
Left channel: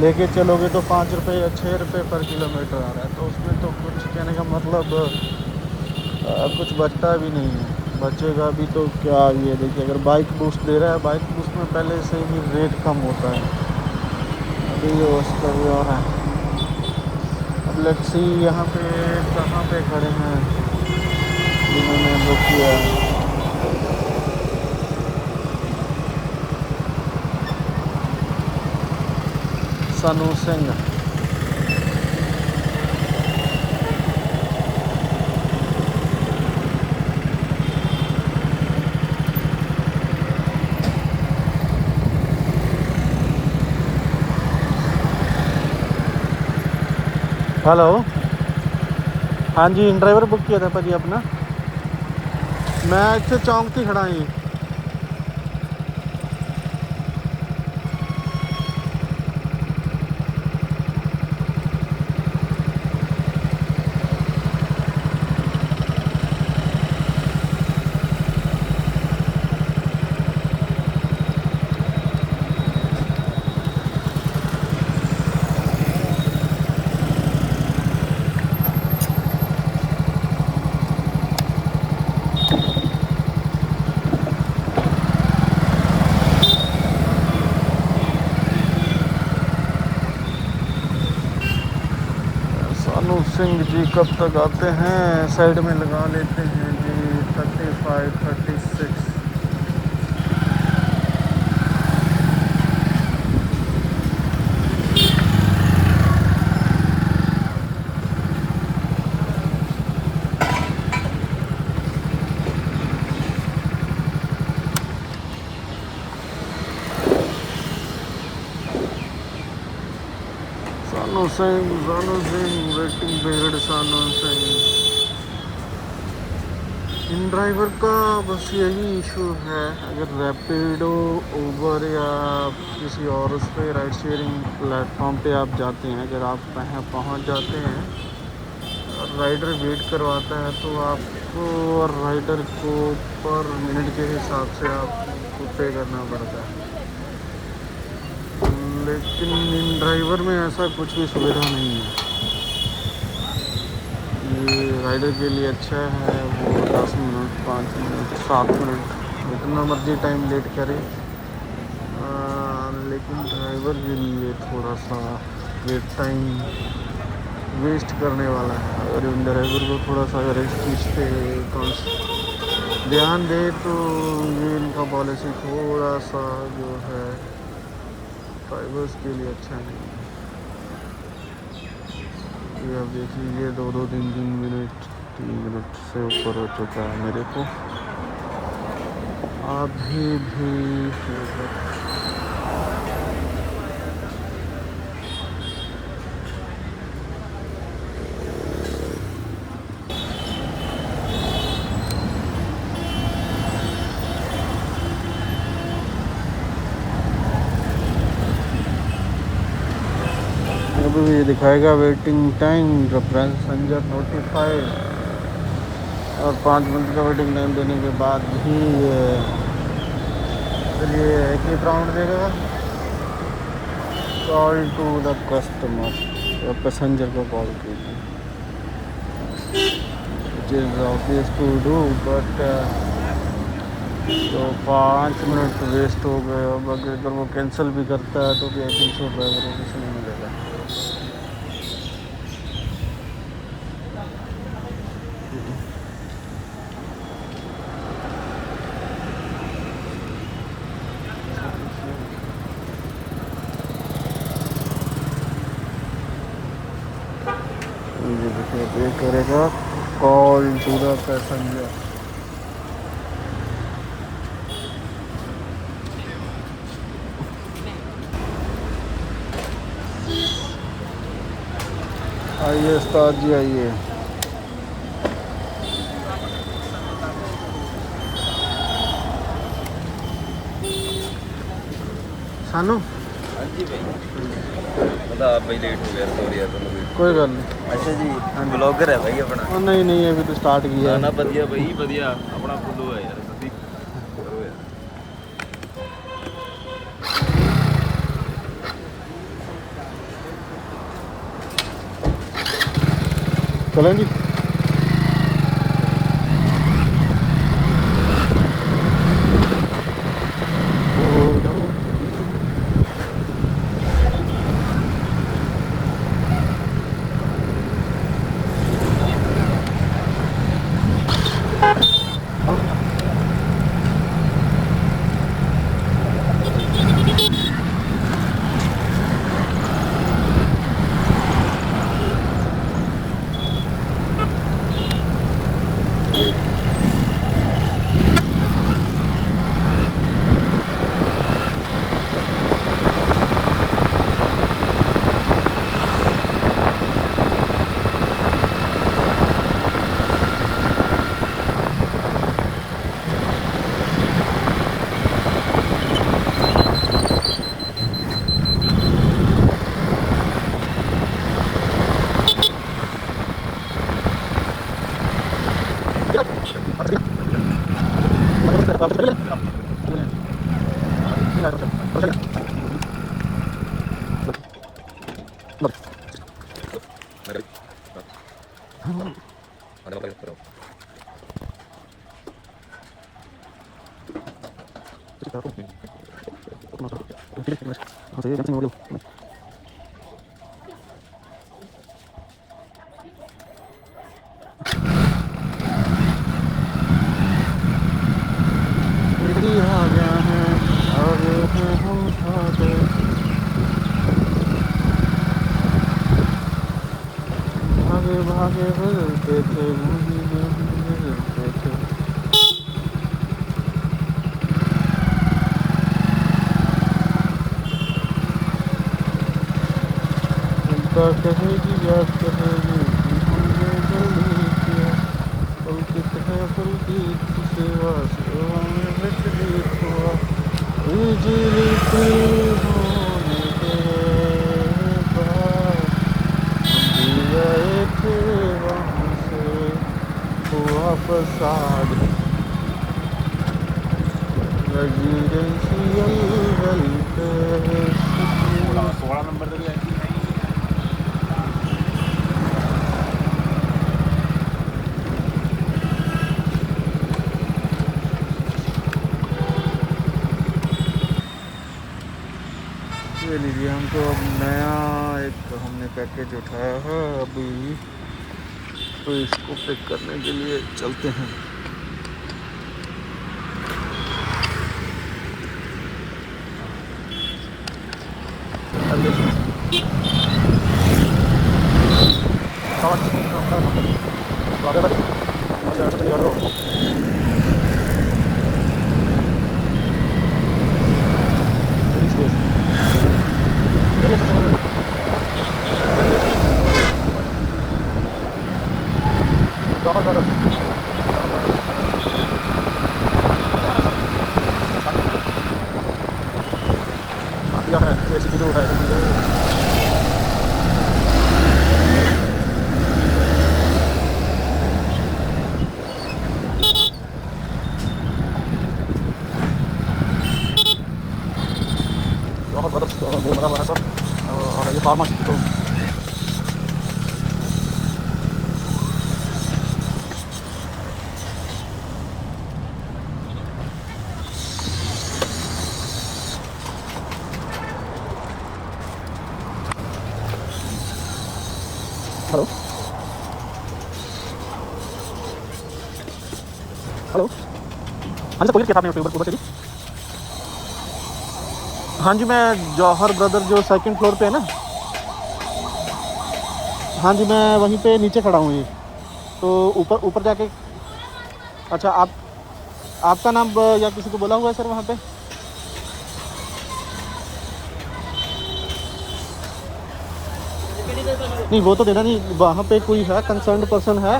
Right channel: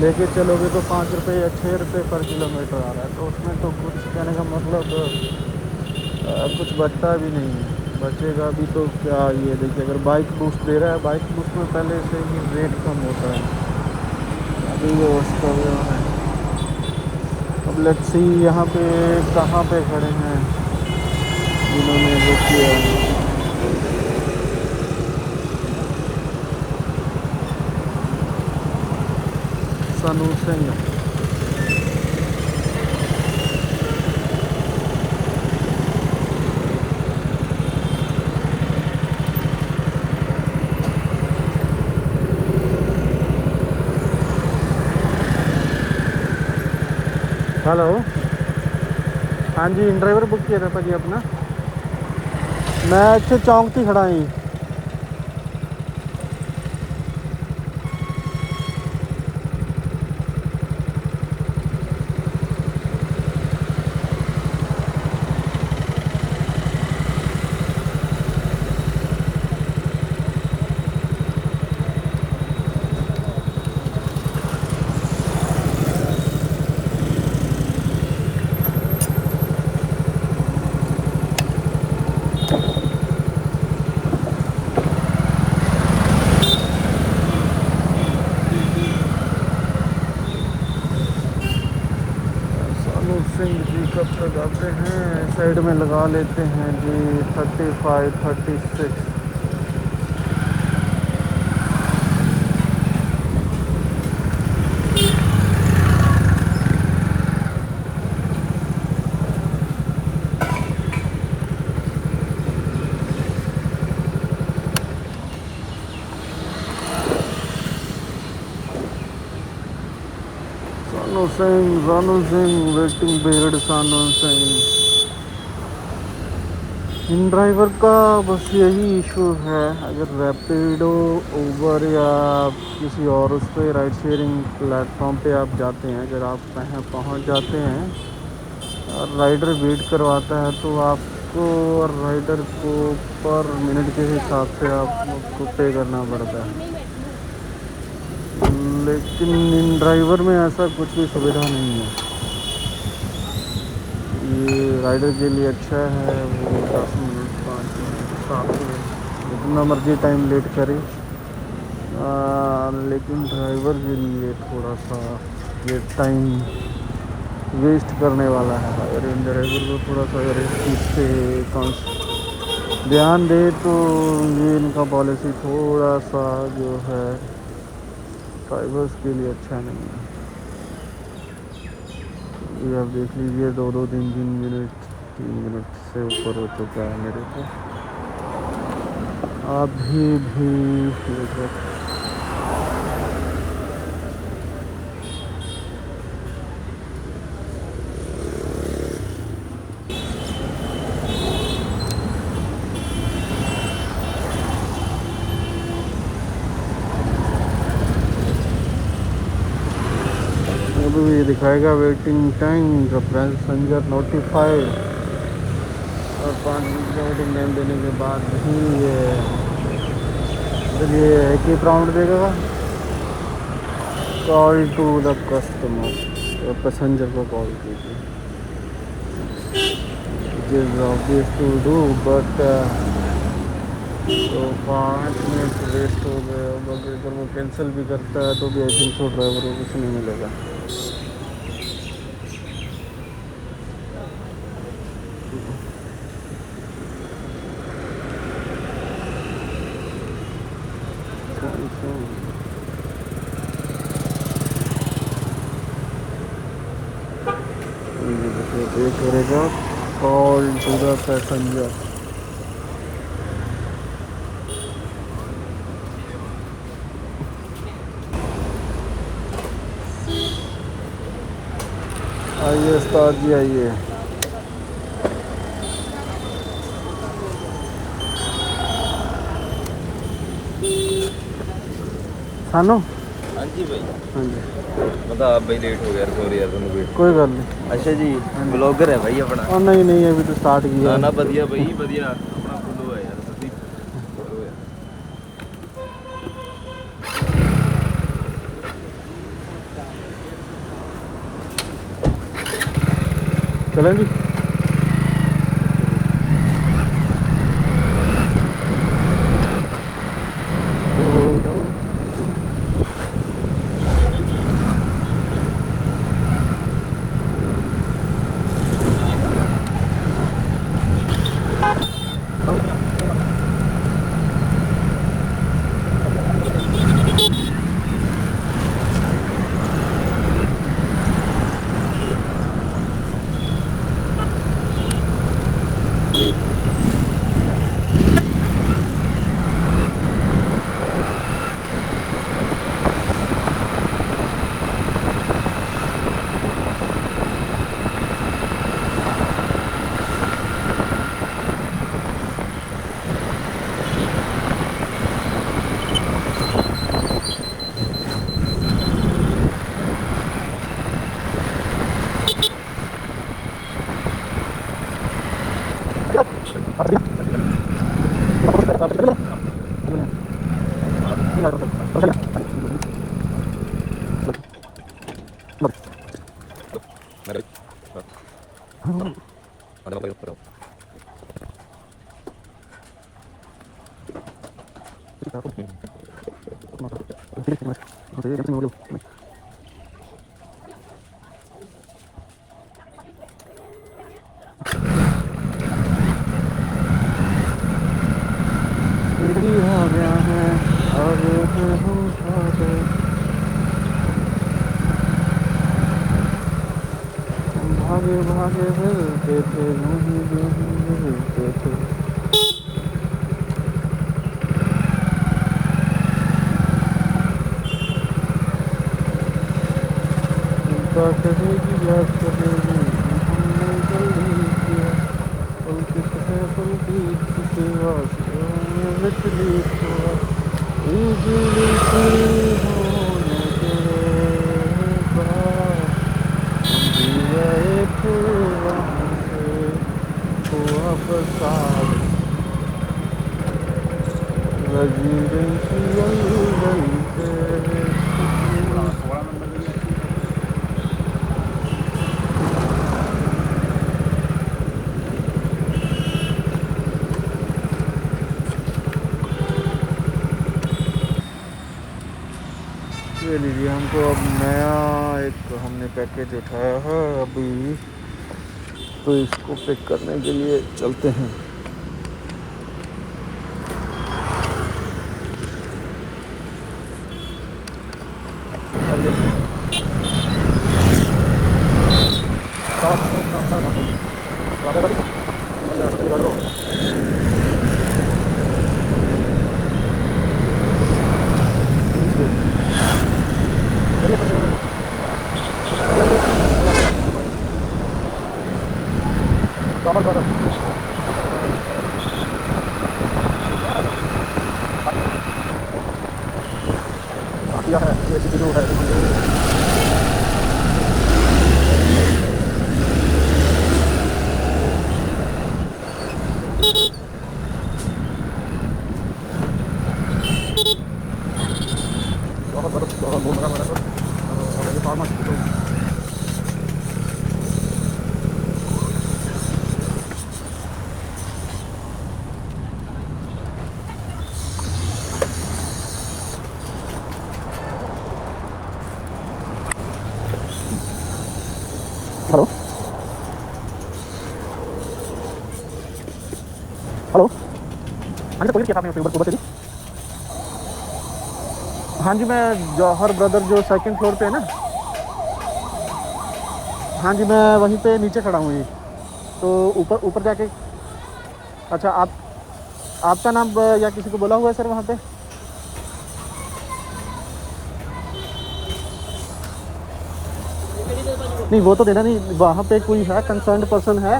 लेके चलोगे तो 5 रुपये या 6 रुपये पर किलोमीटर आ रहा है, तो उसमें तो कुछ कहने का मतलब कुछ बचता भी नहीं है। बचेगा भी तो क्या, ये देखिए अगर बाइक बूस्ट दे रहा है, बाइक बूस्ट में पहले से ही रेट कम होता है, अभी जो उसका भी हो रहा है। अब लेट्स सी यहाँ पे कहाँ पे खड़े हैं जिन्होंने बुक किया है। सनू सिंह, हेलो। हाँ जी, ड्राइवर बुक किया था भाजी अपना। मैं इतने चौंक थी खड़ा ही। सनू सिंह जी कब तक आते हैं? साइड में लगा लेते हैं जी 35 36। सानू सिंह वेटिंग पीरियड सानू सिंह। इन ड्राइवर का बस यही इशू है, अगर रैपिडो उबर या किसी और उस पर राइड शेयरिंग प्लेटफॉर्म पे आप जाते हैं, अगर आप वहाँ पहुँच जाते हैं और राइडर वेट करवाता है तो आपको और राइडर को पर मिनट के हिसाब से आपको पे करना पड़ता है। लेकिन इन ड्राइवर में ऐसा कुछ भी सुविधा नहीं है। ये राइडर के लिए अच्छा है, वो 10 मिनट 5 मिनट 7 मिनट जितना मर्जी टाइम लेट करे, लेकिन ड्राइवर के लिए थोड़ा सा ये टाइम वेस्ट करने वाला है। अगर इन ड्राइवर को थोड़ा सा अगर इस चीज़ पे ध्यान दे तो ये इनका पॉलिसी थोड़ा सा जो है ड्राइवर्स के लिए अच्छा नहीं है। ये आप देख लीजिए 2-2 3-3 मिनट 3 मिनट से ऊपर हो चुका है मेरे को अभी भी। अभी भी ये दिखाएगा waiting time the passenger notified, और 5 मिनट का वेटिंग टाइम देने के बाद भी ये एक ही राउंड देगा, call to the customer, passenger को कॉल कीजिए। It is obvious to do but तो 5 मिनट वेस्ट हो गए। अब अगर वो कैंसिल भी करता है तो भी आई थिंक सो ड्राइवर को कुछ नहीं मिलेगा। ये देखिए पे करेगा कॉल टू द पैसेंजर। आइए उस्ताद जी आइए। सानू हाँ जी भाई, हाँ जी पता आप भाई लेट हो गया, सॉरी यार तुमको। कोई गल नहीं। अच्छा जी, हाँ जी। ब्लॉगर है भाई अपना। और नहीं नहीं अभी तो स्टार्ट किया गाना है। ਵਧੀਆ भाई ਵਧੀਆ अपना फुल्लो है यार, ਤੁਸੀਂ करो यार। चलें जी। आ गया है, आगे हैं हम सारे, भागे भागे फिरते थे, घूमी घूमी फिरते थे। क्या कहेगी याद करेगी कि हमने जल्दी किया पुलकित है पुलकित की सेवा से हमें तकलीफ हुआ बिजली की होने के बाद हम भी गए थे वहाँ से हुआ फसाद रेजिडेंशियल वेलफेयर ये लीजिए हमको अब नया एक हमने पैकेज उठाया है अभी तो इसको पिक करने के लिए चलते हैं ये फार्मा तो हेलो हेलो हाँ जी तो किया आपने ऊपर चलिए हाँ जी मैं जौहर ब्रदर जो सेकंड फ्लोर पे है ना हाँ जी मैं वहीं पे नीचे खड़ा हूँ ये तो ऊपर ऊपर जाके अच्छा आपका नाम या किसी को बोला हुआ है सर वहाँ पे नहीं वो तो देना नहीं वहाँ पे कोई है कंसर्न्ड पर्सन है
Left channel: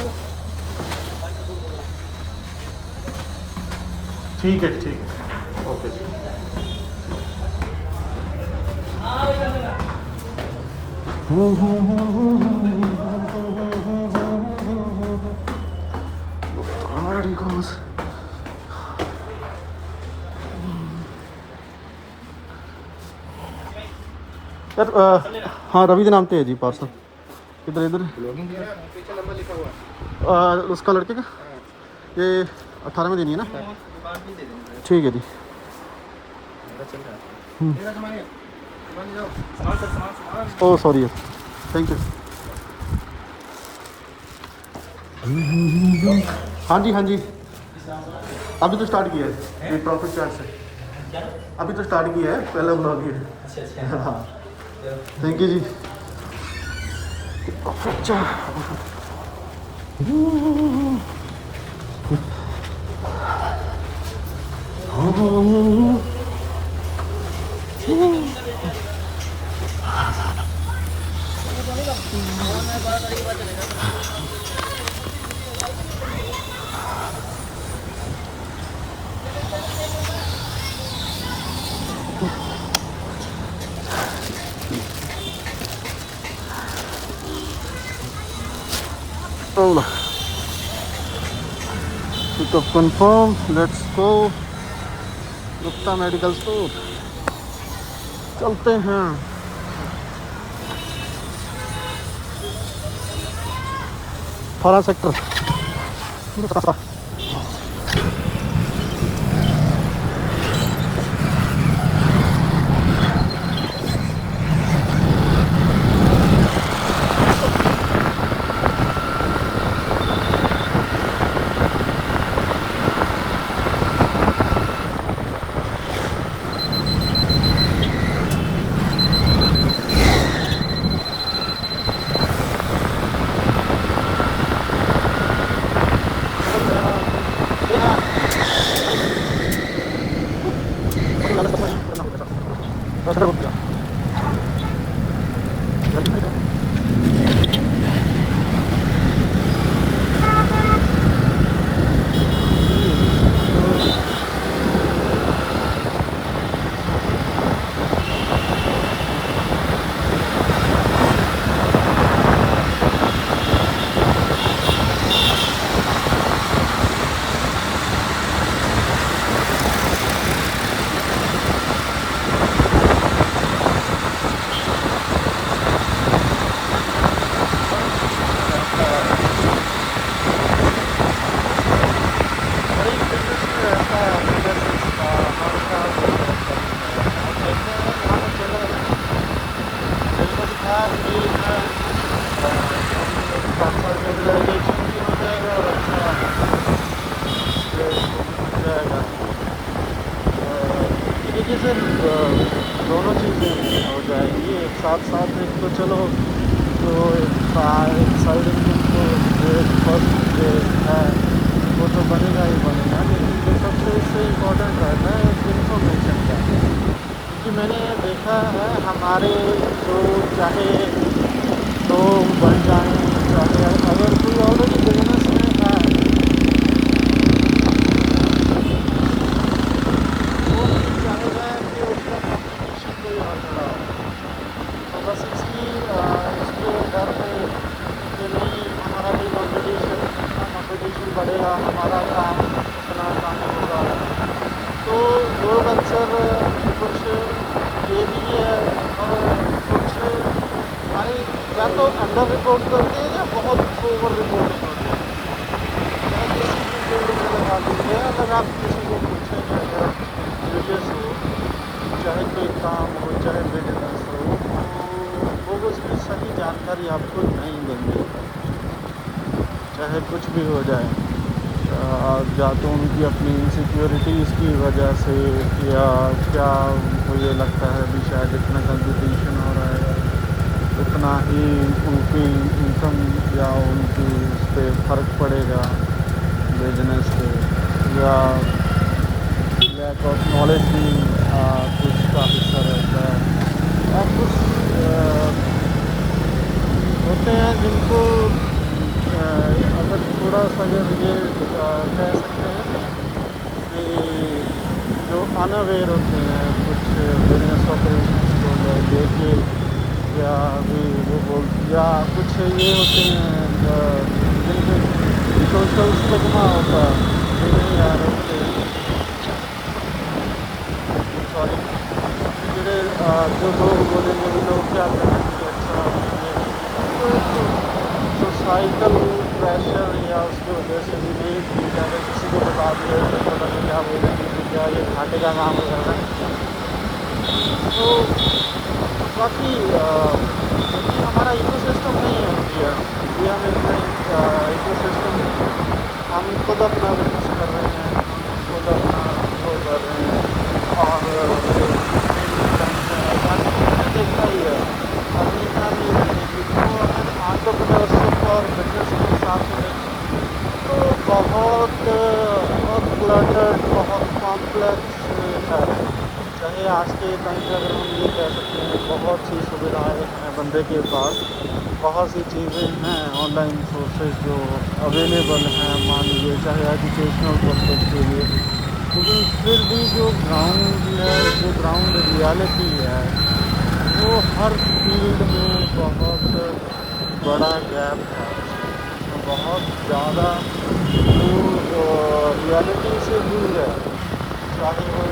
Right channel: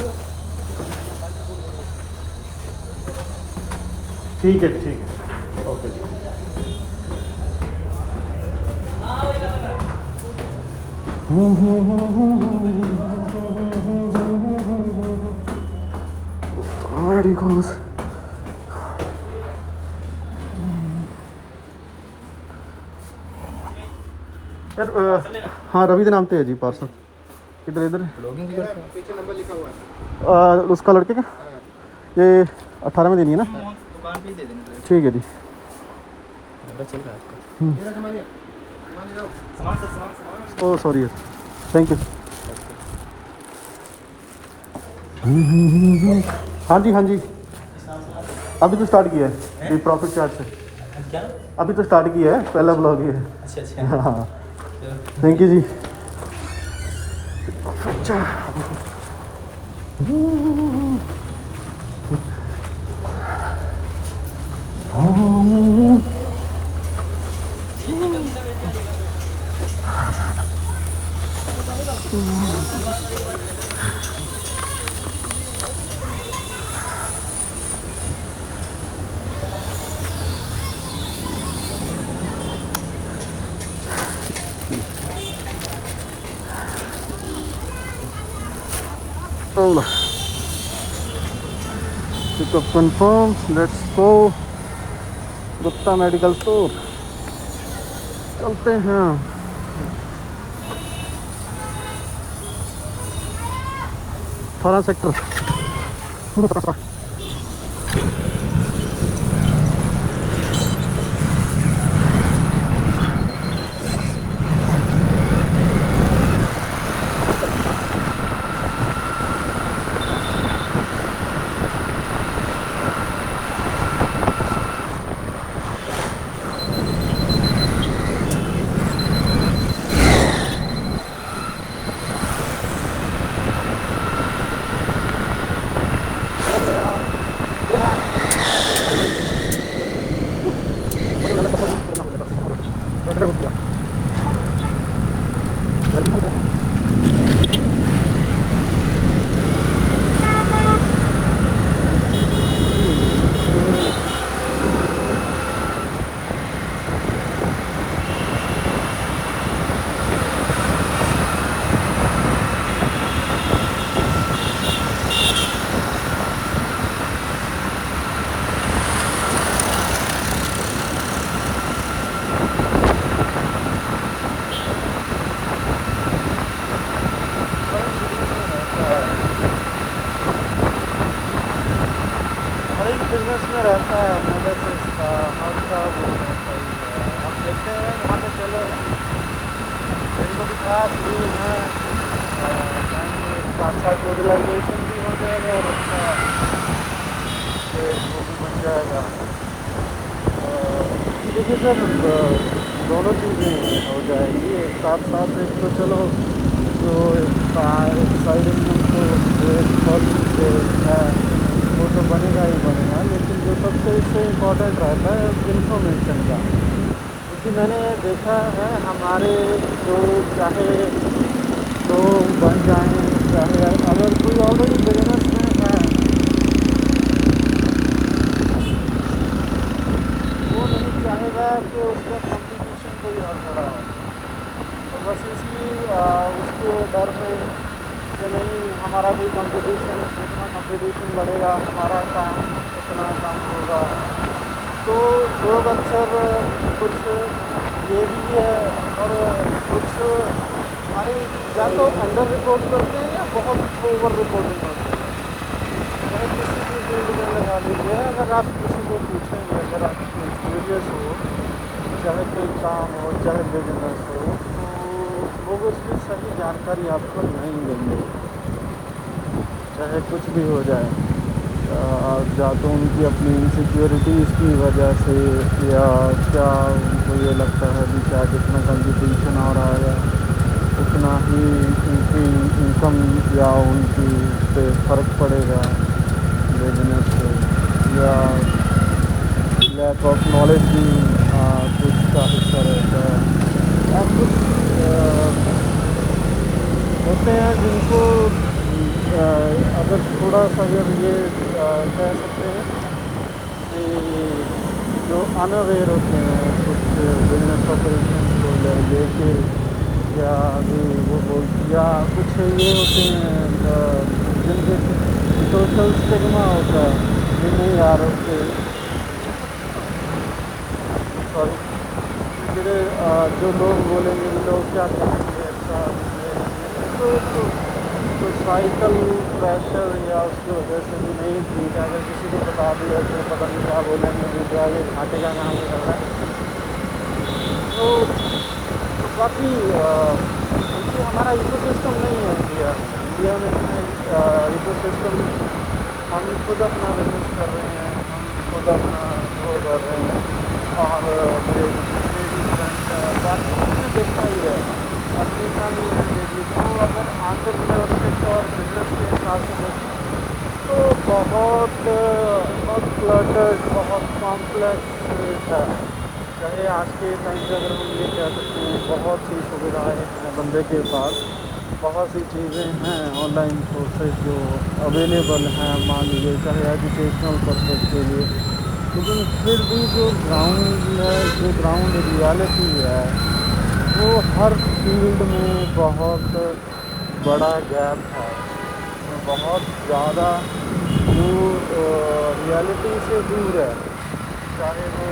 ठीक है ओके यार हाँ रवि के नाम पे है जी पार्सल इधर पीछे नंबर लिखा हुआ है उसका लड़के का ये 18 में देनी है ना ठीक है जी ओ सॉरी थैंक यू हाँ जी अभी तो स्टार्ट किया है ये प्रॉफिट चार्ज से अभी तो स्टार्ट किया है पहला ब्लॉग है हाँ थैंक यू जी अच्छा Pickup confirmed. Let's go. Gupta medical store चलते हैं थाना सेक्टर रहता है एनालिसिस का हर का वो रहता ही है। अब देखते हैं यहाँ पे चले दिल को दिखाया फ्री है, साथ साथ यूटिलाइजेशन भी हो जाएगा और अच्छा वो भी बन जाएगा। इसी तरीके से दोनों चीज़ें हो जाएंगी एक साथ साथ। एक तो चलो जो एक साइड इनकम तो फर्स्ट है वो तो बनेगा ही बनेगा, लेकिन जो सबसे इससे इम्पोर्टेंट रहता है इंफॉर्मेशन का। क्योंकि मैंने देखा है हमारे जो चाहे लोग बन जाएं, चाहे अगर कोई ऑलरेडी बिजनेस में है वो नहीं चाहेगा कि उसका कंपटीशन कोई और खड़ा हो। तो बस इसी उसके डर में कि नहीं हमारा कोई कंपटीशन, जितना कंपटीशन बढ़ेगा हमारा काम उतना कम होगा। तो लोग अक्सर कुछ ये भी है और कुछ हमारे या तो अंडर रिपोर्ट करते हैं या बहुत ओवर रिपोर्टिंग होती है। चाहे किसी भी फील्ड में लगा लीजिए, अगर आप किसी को पूछेंगे, अगर आप क्यूरियस हो, चाहे कोई काम हो चाहे बिजनेस हो, तो लोग उसकी सही जानकारी आपको नहीं देंगे, चाहे कुछ भी हो जाए। या तो उनकी अपनी इनसिक्योरिटीज़ की वजह से या क्या उनको ये लगता है भी शायद जितना कंपटीशन हो रहा है उतना ही उनकी इनकम या उनकी उस पर फ़र्क पड़ेगा बिजनेस पे, या लैक ऑफ नॉलेज भी कुछ का हिस्सा रहता है। या कुछ होते हैं जिनको अगर थोड़ा सा अगर ये कह सकते हैं कि जो अनअवेयर होते हैं कुछ बिजनेस ऑपरेशंस को लेके, या भी वो बोल या कुछ ये होते हैं जिनके सोशल स्टिग्मा होता है कि नहीं यार उससे सॉरी ਜਿਹੜੇ जो लोग बोलेंगे भी लोग क्या कहेंगे, अच्छा अभी ये नहीं है, तो एक सोसाइटल प्रेशर या उसकी वजह से भी नहीं ठीक है। अगर किसी को बता दिया तो पता नहीं क्या बोलेंगे भी क्या ये घाटे का काम कर रहा है। तो काफ़ी क्योंकि हमारा इकोसिस्टम नहीं है इंडिया में इतना इकोसिस्टम। हम खुद अपना बिजनेस कर रहे हैं, हम खुद अपना वो कर रहे हैं, और मेरे जितने भी फ्रेंड्स हैं और बाकी मैंने देखा ही है अपनी फैमिली में देखी। तो अगर एंटरप्रेन्योरशिप और बिजनेस के हिसाब से देखें तो बहुत बहुत क्लटर्ड, बहुत कॉम्प्लेक्स है। चाहे आज के टाइम पे अगर हम ये कह सकते हैं बहुत सी सुविधाएं हैं बंदे के पास, बहुत सी चीज़ें हैं ऑनलाइन सोर्सेज जो अवेलेबल हैं, मान लीजिए चाहे एजुकेशनल पर्पज़ के लिए, लेकिन फिर भी जो ग्राउंड रियलिटी है वो हर फील्ड में बहुत बड़ा गैप है। उसमें बहुत ज़्यादा जो रियलिटी से दूर है, चाहे वो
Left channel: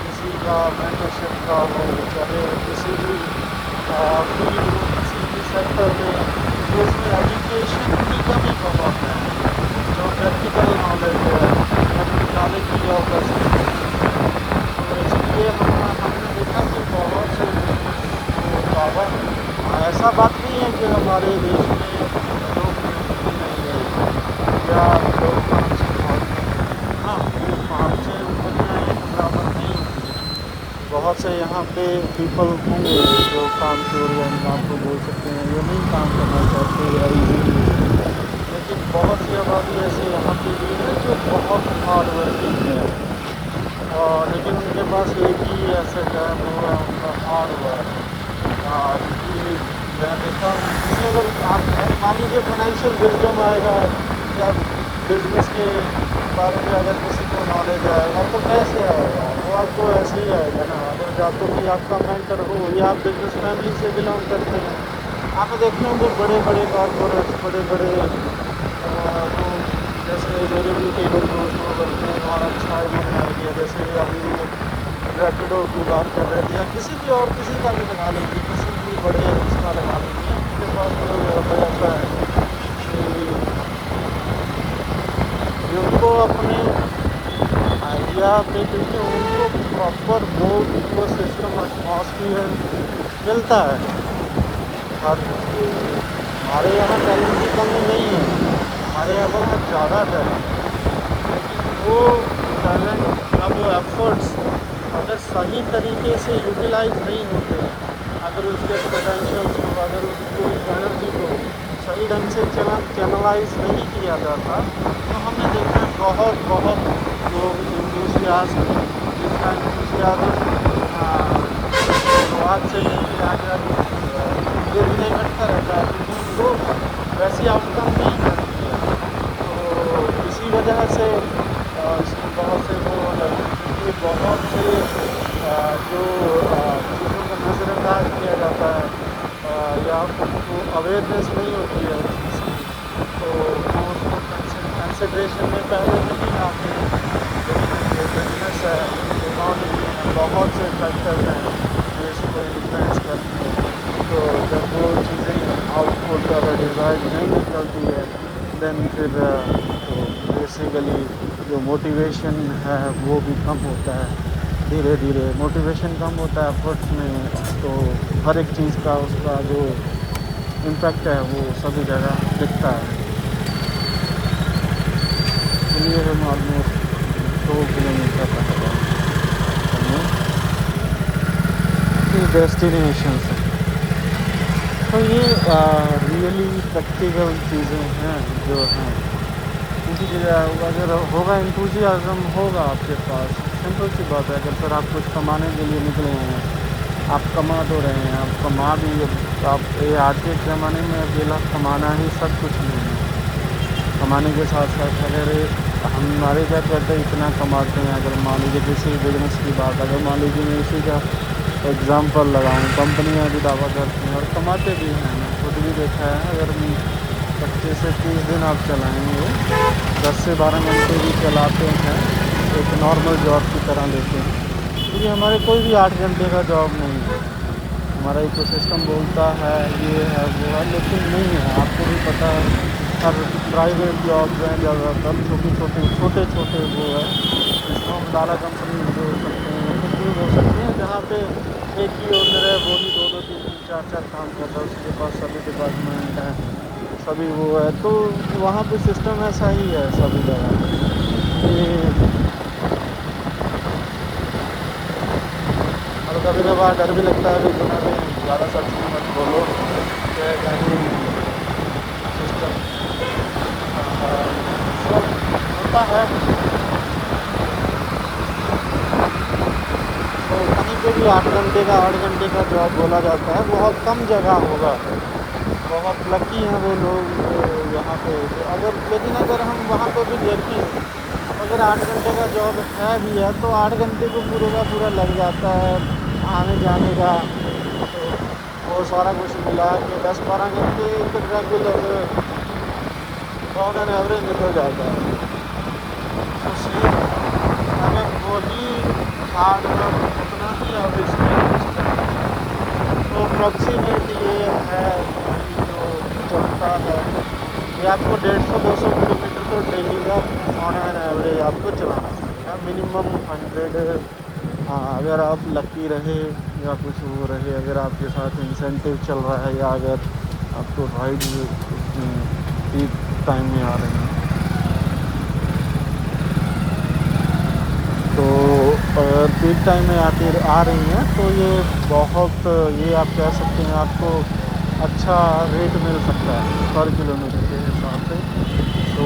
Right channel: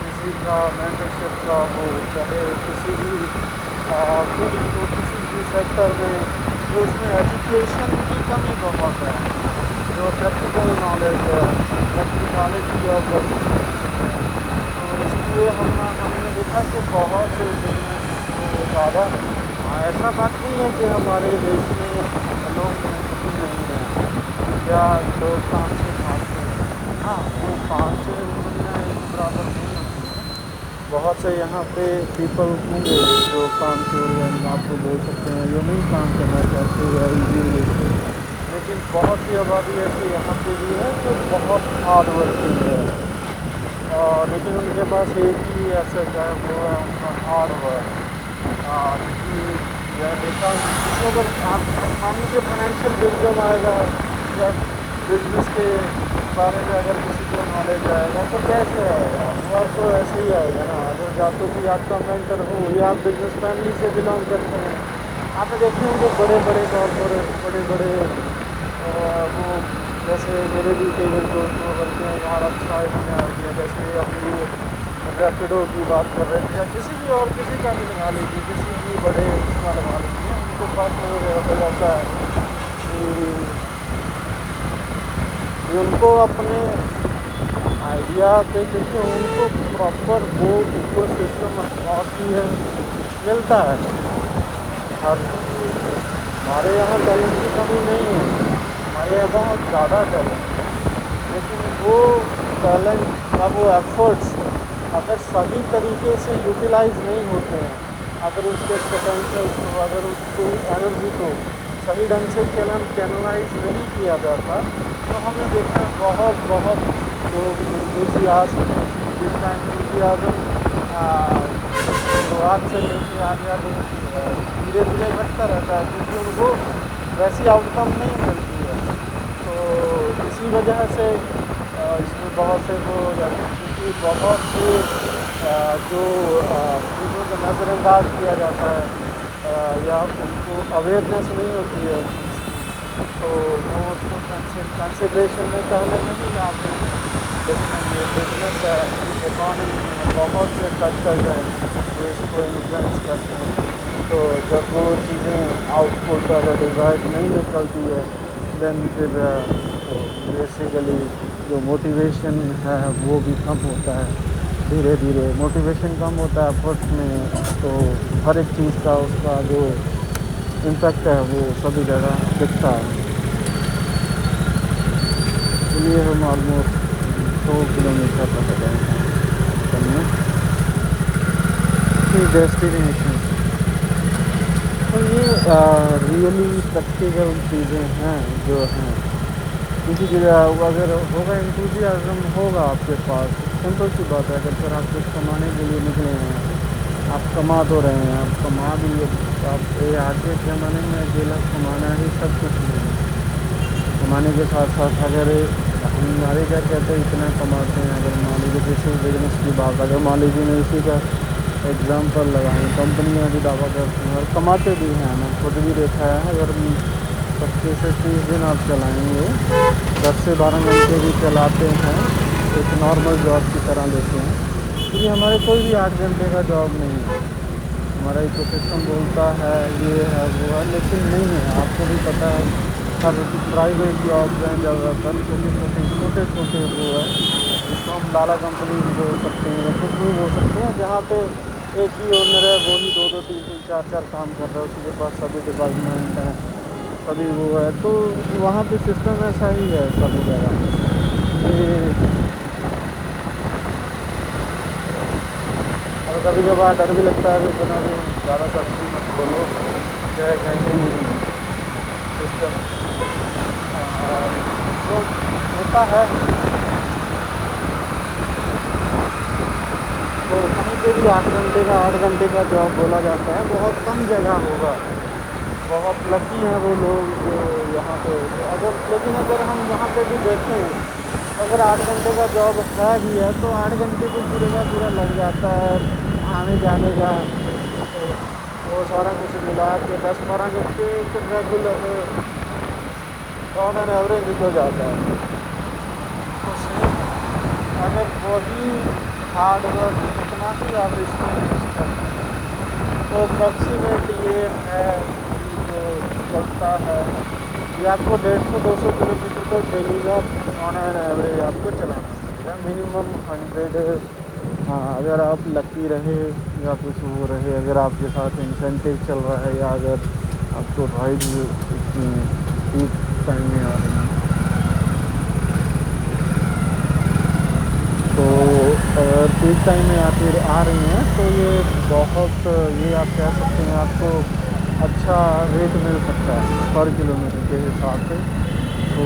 किसी का मेंटरशिप का हो, चाहे किसी भी फील्ड हो, किसी भी सेक्टर में, तो उसमें एजुकेशन की कमी बहुत है। जो प्रैक्टिकल नॉलेज है, प्रैक्टिकलिटी ऑफ द सिचुएशन है, तो इसलिए हमने देखा कि बहुत से बिजनेस को ज़्यादा ऐसा बात नहीं है कि हमारे देश में लोग मेहनती नहीं हैं या लोग काम से भागते हैं। हाँ, वो 5-6 उंगलियाँ एक बराबर नहीं होती हैं। बहुत से यहाँ पे पीपल होंगे जो काम चोर या आपको बोल सकते हैं जो नहीं काम करना चाहते या इजीली, लेकिन बहुत सी आबादी ऐसी यहाँ पे भी है जो बहुत हार्ड वर्किंग है, और लेकिन उनके पास एक ही एसेट है, वो है उनका हार्ड वर्क। क्योंकि मैं देखा हूँ किसी अगर आप मान लीजिए फाइनेंशियल विजडम आएगा या बिजनेस के बारे में अगर किसी को नॉलेज आएगा तो कैसे आएगा, वो आपको ऐसे ही आएगा ना। अगर या तो कि आपका मेंटर हो या आप बिजनेस फैमिली से बिलोंग करते हैं, आपने देखे होंगे बड़े बड़े कॉर्पोरेट, बड़े बड़े वो जैसे मेरे भी कई बड़े दोस्त वो करते हैं और अच्छा इन्होंने आइडिया, जैसे अभी वो रैपिडो की बात कर रहे थे या किसी भी और किसी का भी लगा लीजिए, किसी भी बड़े उसका लगा लीजिए, उनके पास वो हो जाता है कि उनको अपने आइडिया पे, क्योंकि उनको प्रॉपर वो इकोसिस्टम एटमॉस्फियर मिलता है। हर हमारे यहाँ टैलेंट की कमी नहीं है, हमारे यहाँ बहुत ज़्यादा टैलेंट है, लेकिन वो टैलेंट या वो एफर्ट्स अगर सही तरीके से यूटिलाइज नहीं होते हैं, अगर उसके पोटेंशियल्स को, अगर उसकी एनर्जी को सही ढंग से चैनलाइज नहीं किया जाता, तो हमने देखा है बहुत बहुत लोग इंथुसियास्ट, जिनका इंथुसियाज्म शुरुआत से लेके आगे आगे धीरे धीरे घटता रहता है, क्योंकि उनको वैसी आउटकम नहीं मिलती है। तो इसी वजह से इसमें बहुत से वो हो जाते हैं, क्योंकि बहुत से जो चीज़ों को नज़रअंदाज किया जाता है या उनको अवेयरनेस नहीं होती है उस चीज़ की, तो वो उसको कंसिड्रेशन में पहले नहीं लाते हैं। लेकिन ये बिजनेस है, इकॉनमी है, बहुत से फैक्टर्स हैं जो इसको इन्फ्लुएंस करते हैं। तो जब वो चीज़ें आउटपुट अगर डिज़ायर्ड नहीं निकलती है, देन फिर तो बेसिकली जो मोटिवेशन है वो भी कम होता है। धीरे धीरे मोटिवेशन कम होता है एफर्ट में, तो हर एक चीज़ का उसका जो इम्पैक्ट है वो सभी जगह दिखता है। चलिए हम ऑलमोस्ट 100 किलोमीटर रह गए हैं डेस्टिनेशन से। तो ये रियली प्रैक्टिकल चीज़ें हैं जो हैं, क्योंकि अगर होगा इंथुसियाज्म होगा आपके पास, सिंपल सी बात है। अगर फिर आप कुछ कमाने के लिए निकले हैं, आप कमा तो रहे हैं, आप कमा भी, आप आज के ज़माने में अकेला कमाना ही सब कुछ नहीं है। कमाने के साथ साथ अगर हमारे क्या कहते हैं इतना कमाते हैं, अगर मान लीजिए किसी बिजनेस की बात, अगर मान लीजिए मैं इसी का एग्ज़ाम्पल लगाऊं, कंपनियां भी दावा करती हैं और कमाते भी हैं, मैं खुद भी देखा है। अगर 25 से 30 दिन आप चलाएंगे, 10 से 12 घंटे भी चलाते हैं, एक नॉर्मल जॉब की तरह लेते हैं, क्योंकि हमारे कोई भी 8 घंटे का जॉब नहीं है। हमारा इकोसिस्टम बोलता है ये है वो है, लेकिन नहीं है। आपको भी पता है हर प्राइवेट जॉब्स हैं ज़्यादातर छोटे छोटे वो है, जिसको हम लाला कंपनी बोल सकते हैं या कुछ भी बोल सकते हैं, जहाँ पे एक ही ओनर है, वो ही 2-2 3-3 4-4 काम कर रहा है, उसी के पास सभी डिपार्टमेंट हैं, सभी वो है। तो वहाँ पे सिस्टम ऐसा ही है सभी जगह। और कभी कभार डर भी लगता है, भी इतना भी ज़्यादा सच भी मत बोलो, चाहे कहीं सिस्टम तो होता है। तो कहीं पे भी 8 घंटे का जॉब बोला जाता है, बहुत कम जगह होगा। बहुत लकी हैं वो लोग जो यहाँ पे, अगर लेकिन अगर हम वहाँ पे भी देखें, अगर 8 घंटे का जॉब है भी है, तो 8 घंटे को पूरे का पूरा लग जाता है आने जाने का, तो वो सारा कुछ मिला के 10-12 घंटे तो रेगुलर ऑन एन एवरेज निकल जाता है। तो सेम अगर वही हार्ड वर्क उतना ही आप इसमें इन्वेस्ट करते हैं, तो अप्रॉक्सीमेट ये है कि जो चलता है ये आपको 150-200 किलोमीटर तो डेली का ऑन एन एवरेज आपको चलाना पड़ेगा, मिनिमम 100। हाँ, अगर आप लकी रहे या कुछ वो रहे, अगर आपके साथ इंसेंटिव चल रहा है, या अगर आपको राइड्स पीक टाइम में आ रही हैं, तो अगर पीक टाइम में आ रही हैं तो ये बहुत, ये आप कह सकते हैं आपको अच्छा रेट मिल सकता है पर किलोमीटर के हिसाब से। तो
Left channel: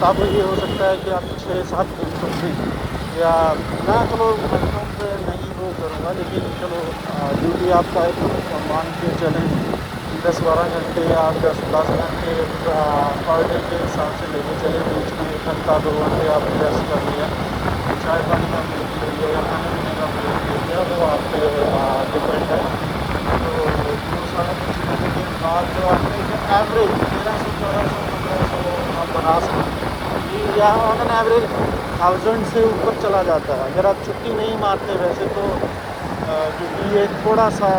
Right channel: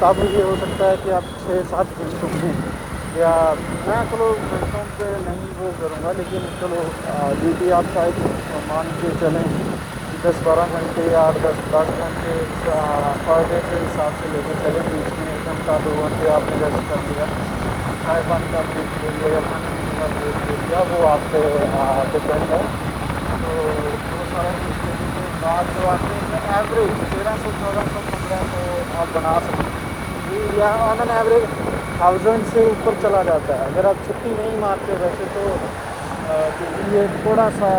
तब ये हो सकता है कि आप 6-7 घंटों में, या मैं चलो घंटों पे नहीं वो करूँगा, लेकिन चलो ड्यूटी आपका एक मान के चलें कि 10-12 घंटे, 8-10 घंटे पर डे के हिसाब से लेके चले। बीच में 1 घंटा 2 घंटे आपने रेस्ट कर लिया, चाय पानी का ब्रेक ले लिया या खाने पीने का ब्रेक ले लिया, वो आप पे डिपेंड है। तो वो सारा कुछ लेने के बाद जो आपने एवरेज 1300-1400-1500 आप बना सकते हैं, ये या ऑन एन एवरेज 1000 से ऊपर चला जाता है। अगर आप छुट्टी नहीं मारते वैसे तो, क्योंकि ये थोड़ा सा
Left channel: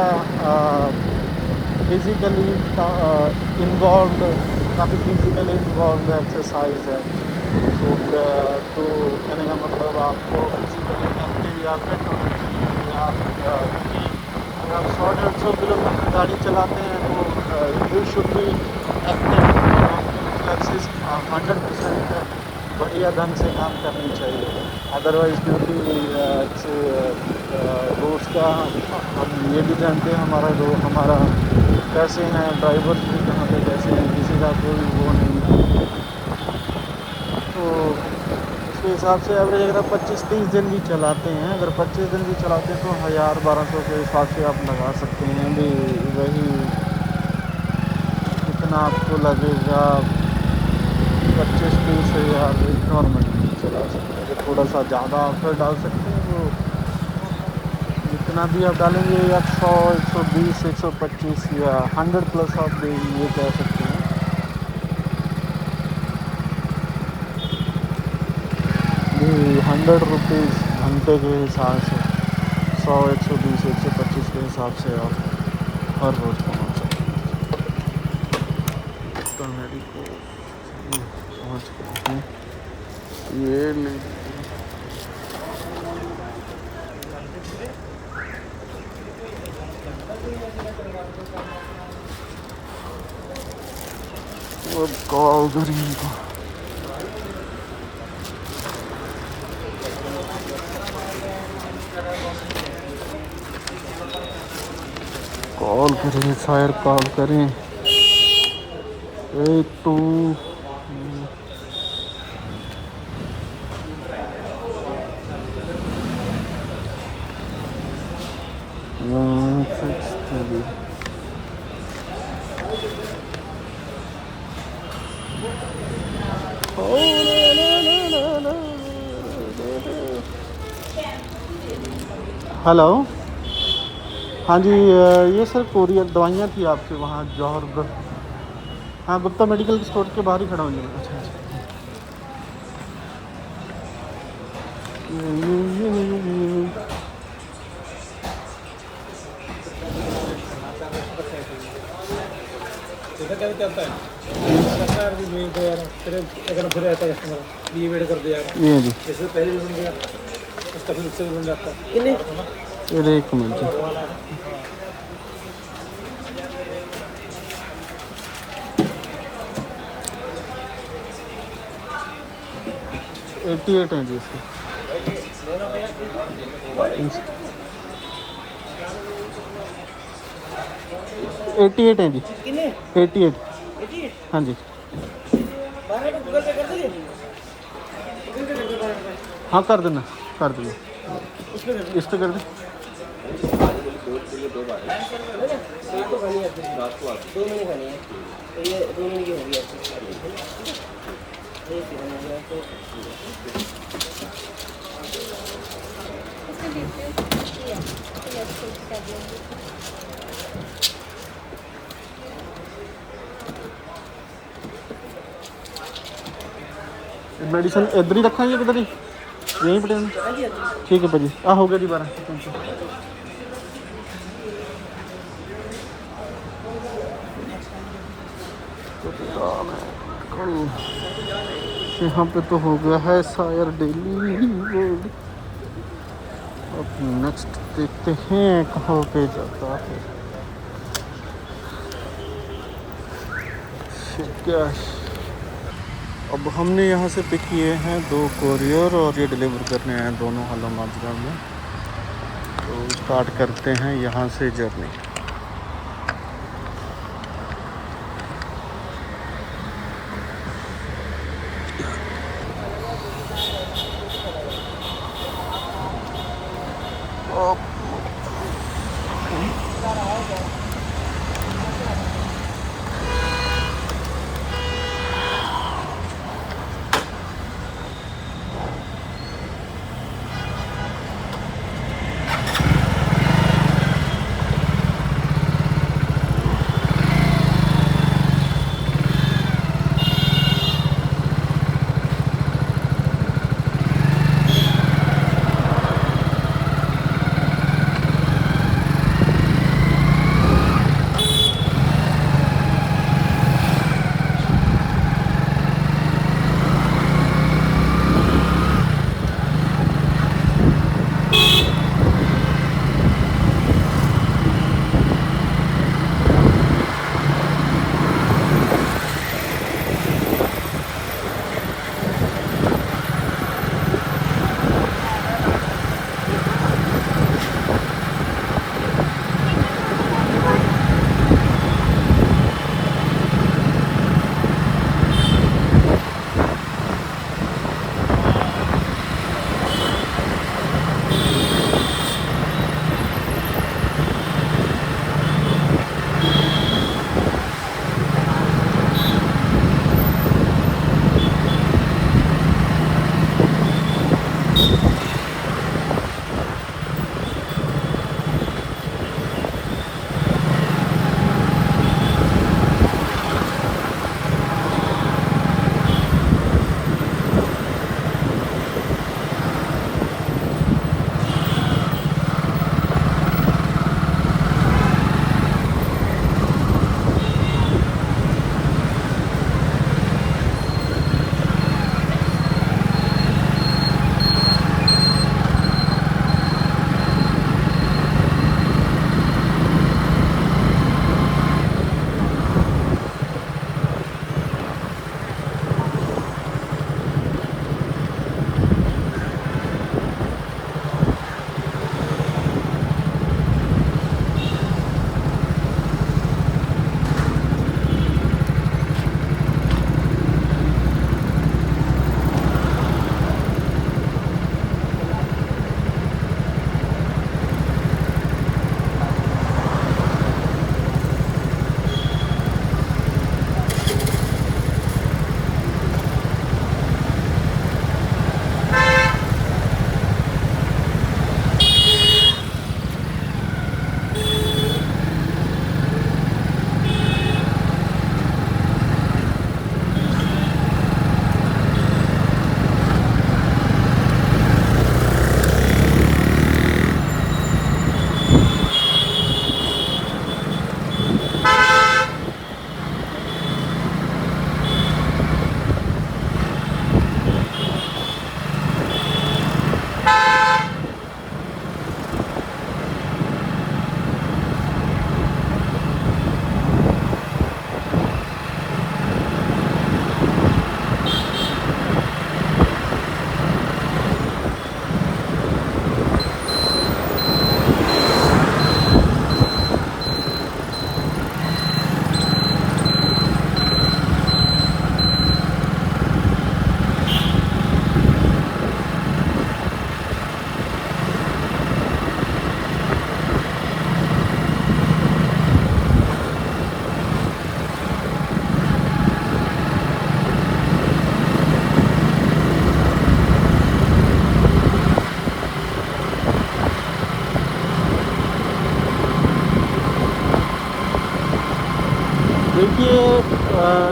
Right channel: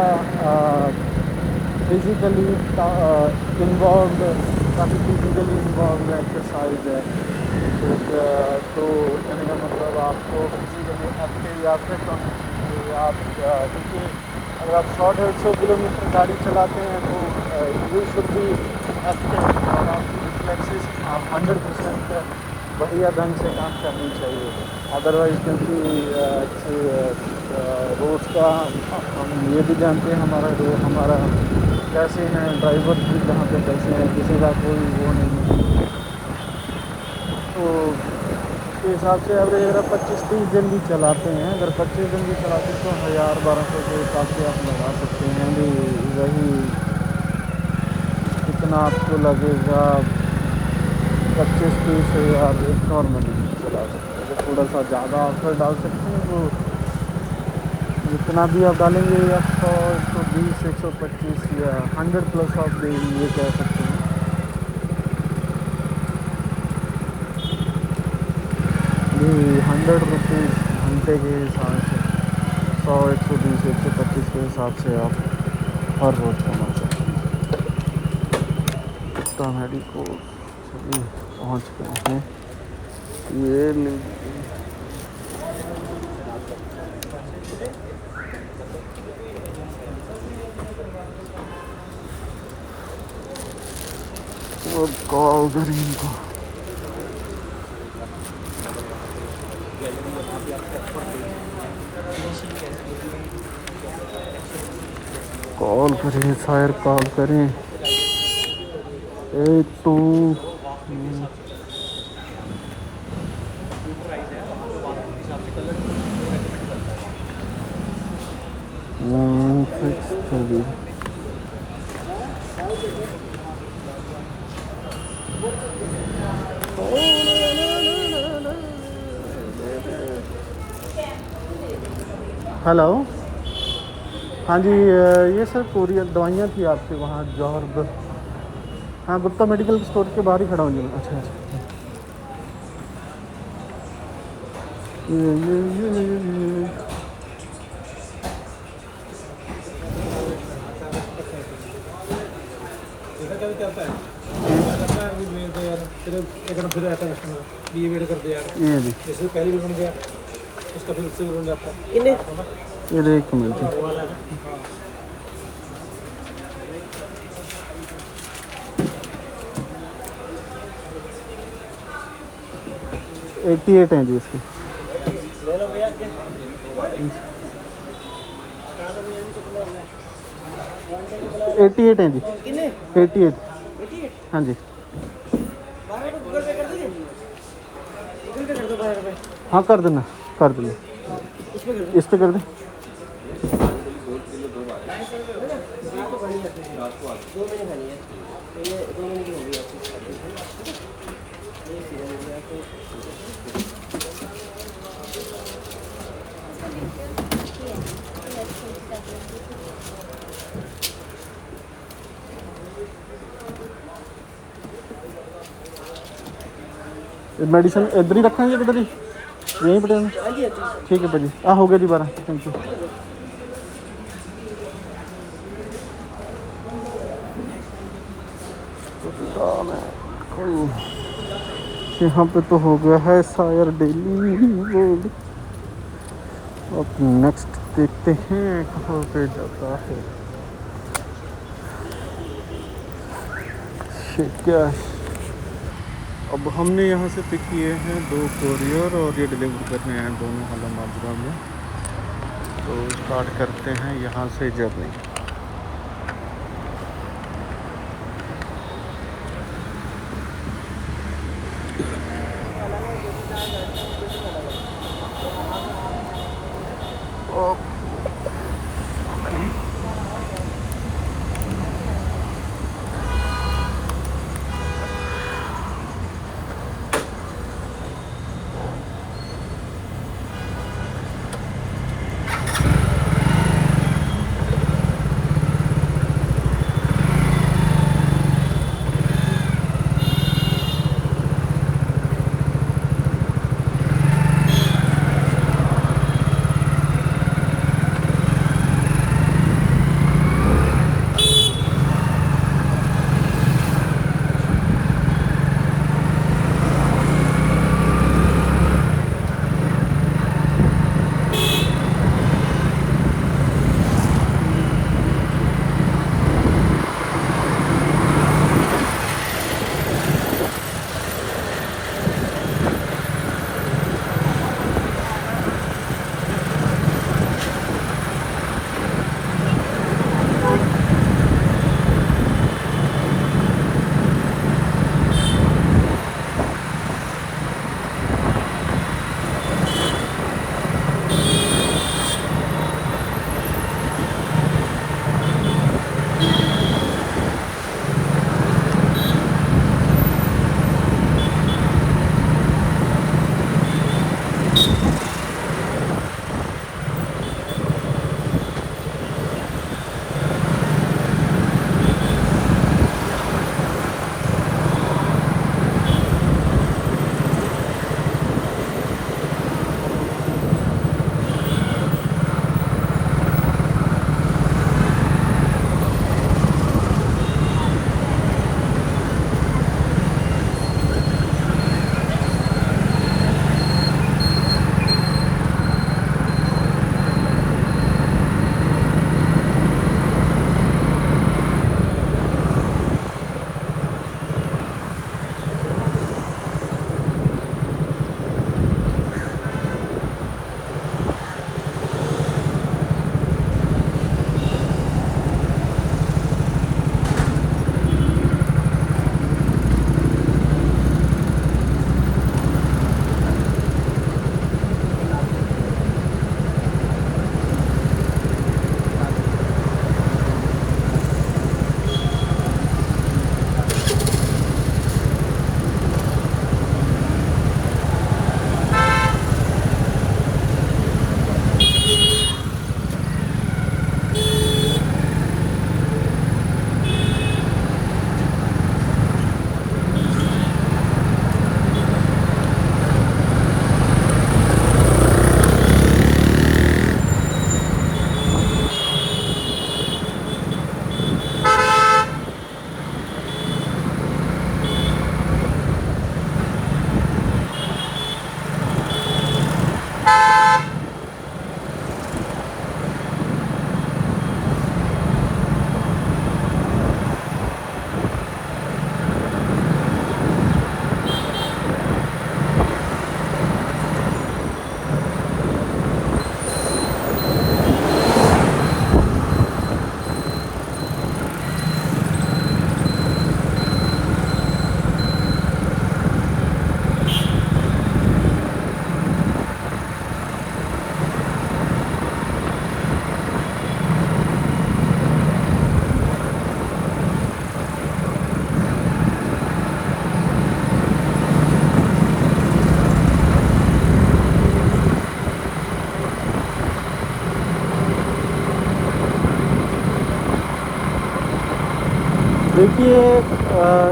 फिज़िकली इन्वॉल्व, काफ़ी फिज़िकली इन्वॉल्व एक्सरसाइज है, तो कहने का मतलब आपको फिजिकली एक्टिव या फिट होना चाहिए आप क्योंकि अगर आप 100-150 किलोमीटर गाड़ी चलाते हैं तो यू शुड बी एक्टिव और आपकी रिफ्लेक्सेस 100% बढ़िया ढंग से काम करनी चाहिए। अदरवाइज़ क्योंकि रोड्स का हम ये भी जानते हैं हमारा कैसे हैं ड्राइवर भी कहाँ पे कैसे हैं, किसी का कोई वो नहीं है। तो उसके हिसाब से एवरेज अगर आप 25-30 दिन भी चलाते हैं, अगर 25 दिन भी चलाते हैं तो 1000-1200 के हिसाब से आप लगा सकते हैं भी। वही कितना आपको लगेगा 25-30 हज़ार एक नॉर्मली चला सकते हैं। अगर थोड़ा सा ज़्यादा ऑफर डाल सकते हैं वो जितना भी आप डालेंगे आप 100, 120, 125 या 100 प्लस आप ये कह सकते हैं। ये 100 रुपीज़ घंटे के हिसाब से 100, 120, 125 के हिसाब से आप हर रोज़ कमा सकते हैं। तो हमारी को चलिए पहुँच गए हैं, ये ले अब कॉल करें इनको। कॉल करें शायर कॉल करें 82 163। हेलो, हाँ जी, ये सर कोरियर दवाइयाँ थी आपसे वहाँ जौहर। हाँ, गुप्ता मेडिकल स्टोर के बाहर ही खड़ा हूँ जी मैं। अच्छा अच्छा। ये। चलता है ये वेट कर दे यार, ये जी जैसे पहले भी बन गया इसका फिर उससे भी बन जाता है। ये एक मिनट। 88 हैं जी इसके। 88 हैं जी। 88। हाँ जी। हाँ कर देना इस पे कर दे। मेडिसिन इधर ही रखेंगे किधर ही यहीं पे ठीक है भाजी। हो गया जी 12। Thank you. यहाँ पे तो हो गया है शायर डेली रोड। अब नेक्स्ट देखते हैं कहाँ पे जाता है। क्या अब हमने यहाँ से पिक किए हैं 2 कोरियर और ये डिलीवर करने हैं दोनों हला माजरा में। तो स्टार्ट करते हैं यहाँ से जर्नी। देखिए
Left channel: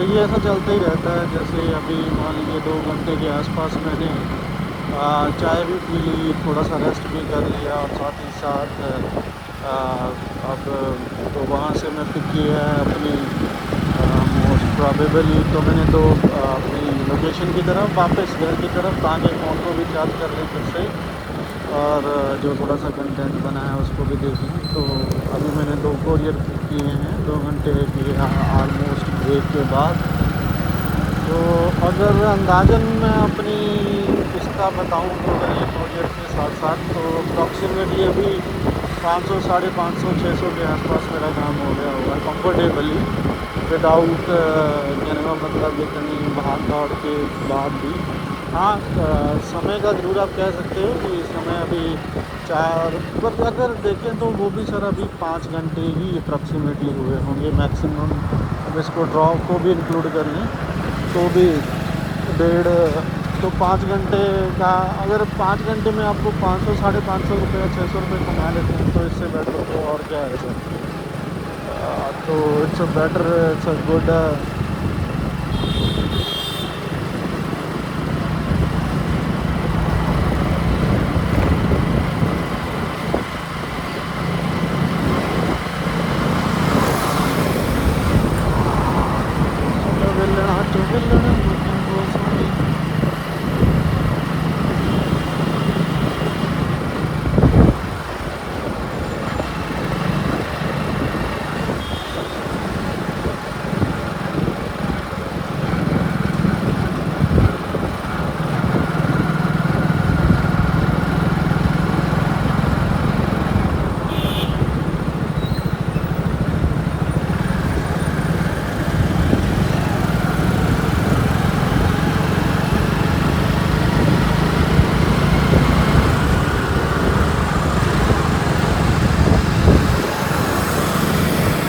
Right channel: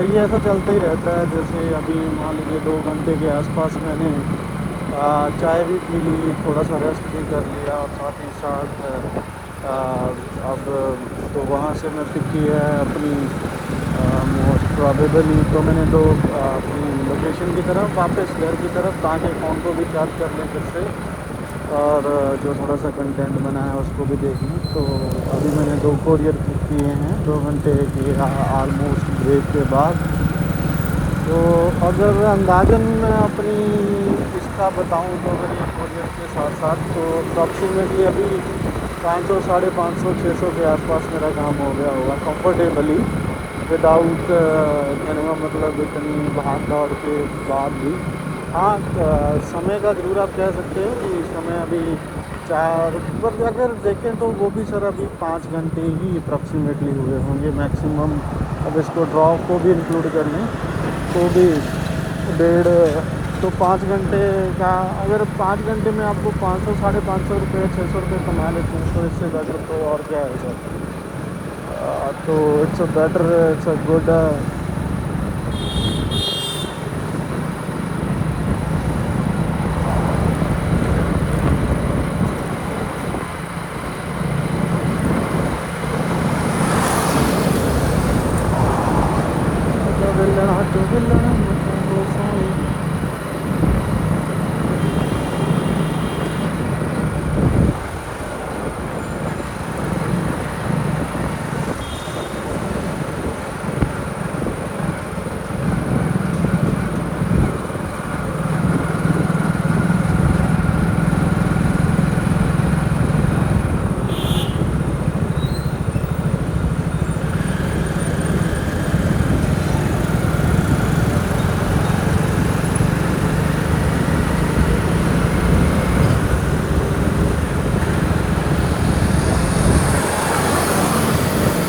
ये ऐसा चलता ही रहता है। जैसे अभी मान लीजिए 2 घंटे के आसपास मैंने चाय भी पी ली, थोड़ा सा रेस्ट भी कर लिया और साथ ही साथ अ, अब तो वहाँ से मैं पिक किया है अपनी मोस्ट प्रोबेबली तो मैंने अपनी लोकेशन की तरफ वापस घर की तरफ, ताकि फ़ोन को भी चार्ज कर ली फिर से और जो थोड़ा सा कंटेंट बना है उसको भी देख लूँ। तो अभी मैंने 2 कोरियर पिक किए हैं 2 घंटे के ऑलमोस्ट ब्रेक के बाद। तो अगर अंदाज़न मैं अपनी इसका बताऊँ तो अगर ये कोरियर के साथ साथ तो अप्रॉक्सीमेटली अभी 500 साढ़े 500 600 के आसपास मेरा काम हो गया होगा कंफर्टेबली, विदाउट कहने का मतलब इतनी भाग दौड़ के बाद भी। हाँ समय का ज़रूर आप कह सकते हो कि समय अभी 4, बट अगर देखें तो वो भी सर अभी 5 घंटे ही अप्रॉक्सीमेटली हुए होंगे मैक्सिमम। अब इसको ड्रॉप को भी इंक्लूड कर लें तो भी 1.5, तो 5 घंटे का अगर 5 घंटे में आपको 500 साढ़े 500 रुपये 600 रुपये कमा लेते हैं तो इससे बेटर तो और क्या है सर। तो it's a better, it's a good. चो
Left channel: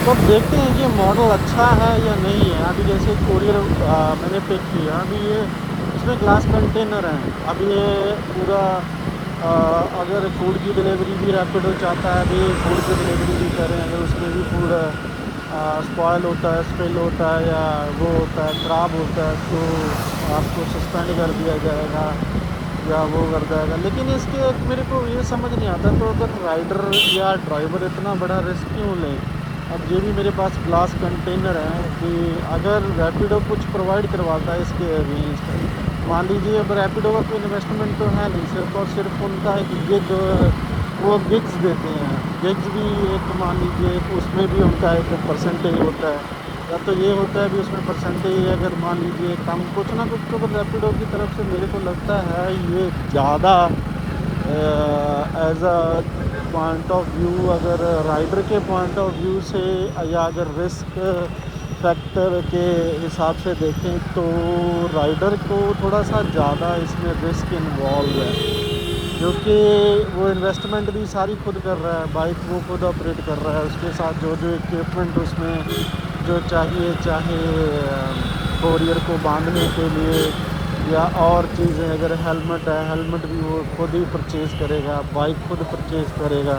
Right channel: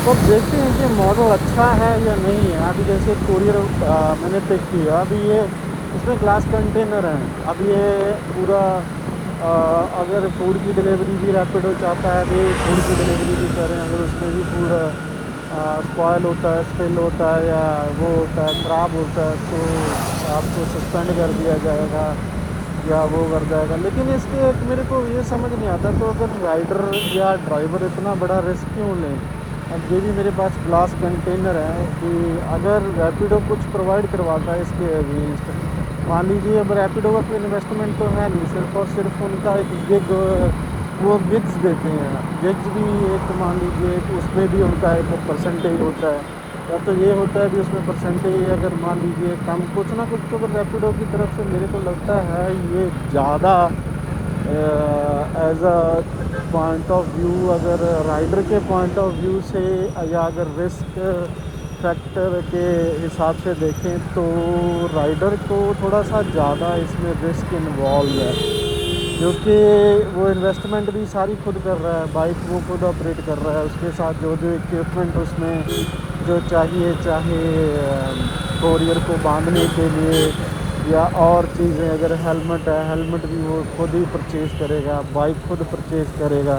तो अब देखते हैं कि मॉडल अच्छा है या नहीं है। अभी जैसे कोरियर मैंने पिक किया, अभी ये इसमें ग्लास कंटेनर हैं। अब ये पूरा अगर फूड की डिलीवरी भी रैपिडो चाहता है, अभी फूड की डिलीवरी भी करें, अगर उसमें भी फूड स्पॉयल होता है, स्पिल होता है या वो होता है ख़राब होता है तो आपको सस्पेंड कर दिया जाएगा या वो कर जाएगा। लेकिन इसके एक मेरे को ये समझ नहीं आता, तो अगर राइडर या ड्राइवर इतना बड़ा रिस्क क्यों लें। अब ये भी मेरे पास ग्लास कंटेनर है कि अगर रैपिडो कुछ प्रोवाइड करवाता है इसके अगेंस्ट, मान लीजिए अब रैपिडो का कोई इन्वेस्टमेंट तो है नहीं, सिर्फ और सिर्फ उनका एक गिग, वो गिग्स देते हैं। गिग्स भी एक मान लीजिए कि उसमें भी उनका एक परसेंटेज होता है, या तो ये होता है भी उसमें परसेंटेज अगर मान लीजिए कम कुछ ना कुछ, तो रैपिडो की तरफ से मेरे को लगता है ये ज़्यादा as a point of view, अगर राइडर के पॉइंट ऑफ व्यू से या अगर रिस्क फैक्टर के हिसाब से देखें तो राइडर को थोड़ा सा ज़्यादा इसमें रिस्क इन्वॉल्व है, क्योंकि वो इन्वेस्टमेंट भी सारी खुद कर रहा है, बाइक वो खुद ऑपरेट कर रहा है, उसके साथ जो जो इक्विपमेंट उसमें जो चाहिए, चाहे कोरियर को बांधने के लिए या और चीज़ें, अगर हेलमेट है हेलमेट भी वो खुद ही परचेज़ करेगा, बाइक खुद परचेज़ करेगा।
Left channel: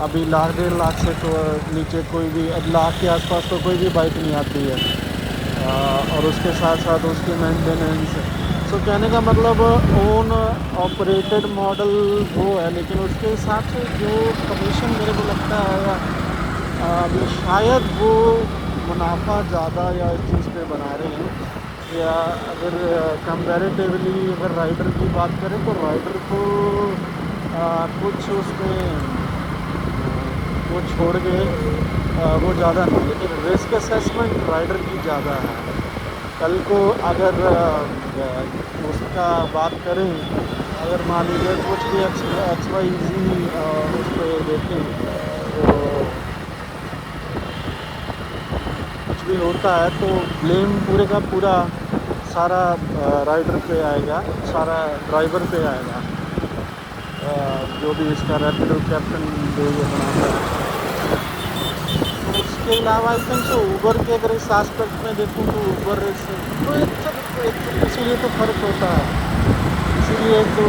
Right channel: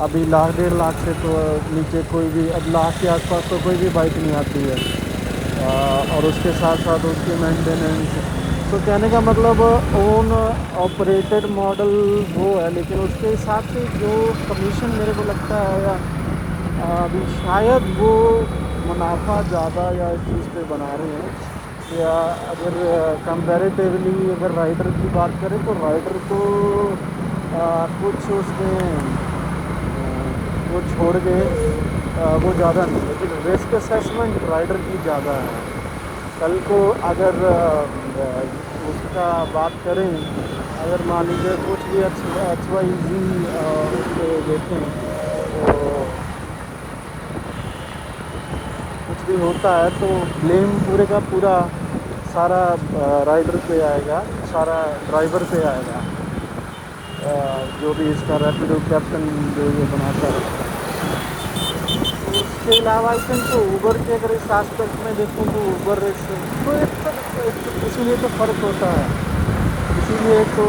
अभी 1 लाख 1.5 लाख से तो नीचे कोई भी, अब लाख के आसपास तो कोई भी बाइक नहीं आती है। और उसके साथ साथ उसकी मेंटेनेंस, सो कहने का मतलब ओन ऑपरेटेड मॉडल वो है, लेकिन उसके हिसाब से जो कमीशन मेरे को लगता है या अभी शायद वो मुनाफा ज़्यादा या इस चीज़ पे बना रहे हैं। या अगर कंपैरेटिवली अगर राइडर की बात करें तो राइडर को कुछ उसमें वो छोड़ के वो ज़्यादा नहीं, लेकिन रिस्क असेसमेंट राइडर की ज़्यादा है। कल को अगर उसका बात करें, अगर मान लीजिए कुछ भी XYZ उस पर देखें तो कुछ भी होता है तो ब्लेम पूरे का पूरा सारा राइडर पे आएगा, सारा ड्राइवर पे आएगा, जो भी इसका रैपिडो कैप्टन जो ये बनाता है। तो उसके अलावा आई थिंक तो ऊबर के अगर इस आस्पेक्ट में देखूँ तो ऊबर तो इसीलिए तो फ़र्क होता है। इसीलिए तो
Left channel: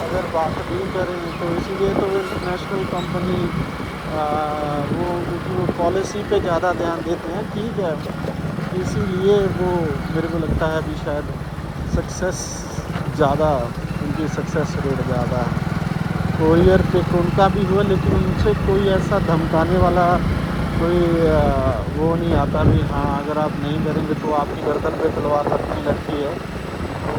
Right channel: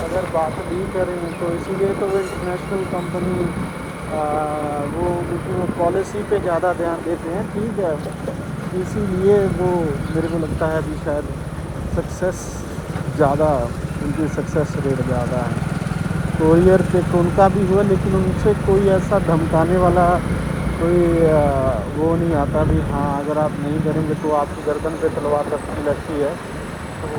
अगर बात भी करें तो इसीलिए तो वो इंटरनेशनल कंपनी वो क्योंकि वो पॉलिसी पे ज़्यादा ध्यान देते हैं, ठीक है, इसीलिए वो मेरे को लगता है अभी शायद सक्सेस ज़्यादा, उनकी सक्सेस रेट ज़्यादा है। कोरियर पे उनका भी हुआ, लेकिन उनसे कोई ऐसा धमकाने वाला कोई वो नहीं आता भी हाँ अगर आप नहीं करेंगे तो आपकी गर्दन पे तलवार लटकी है तो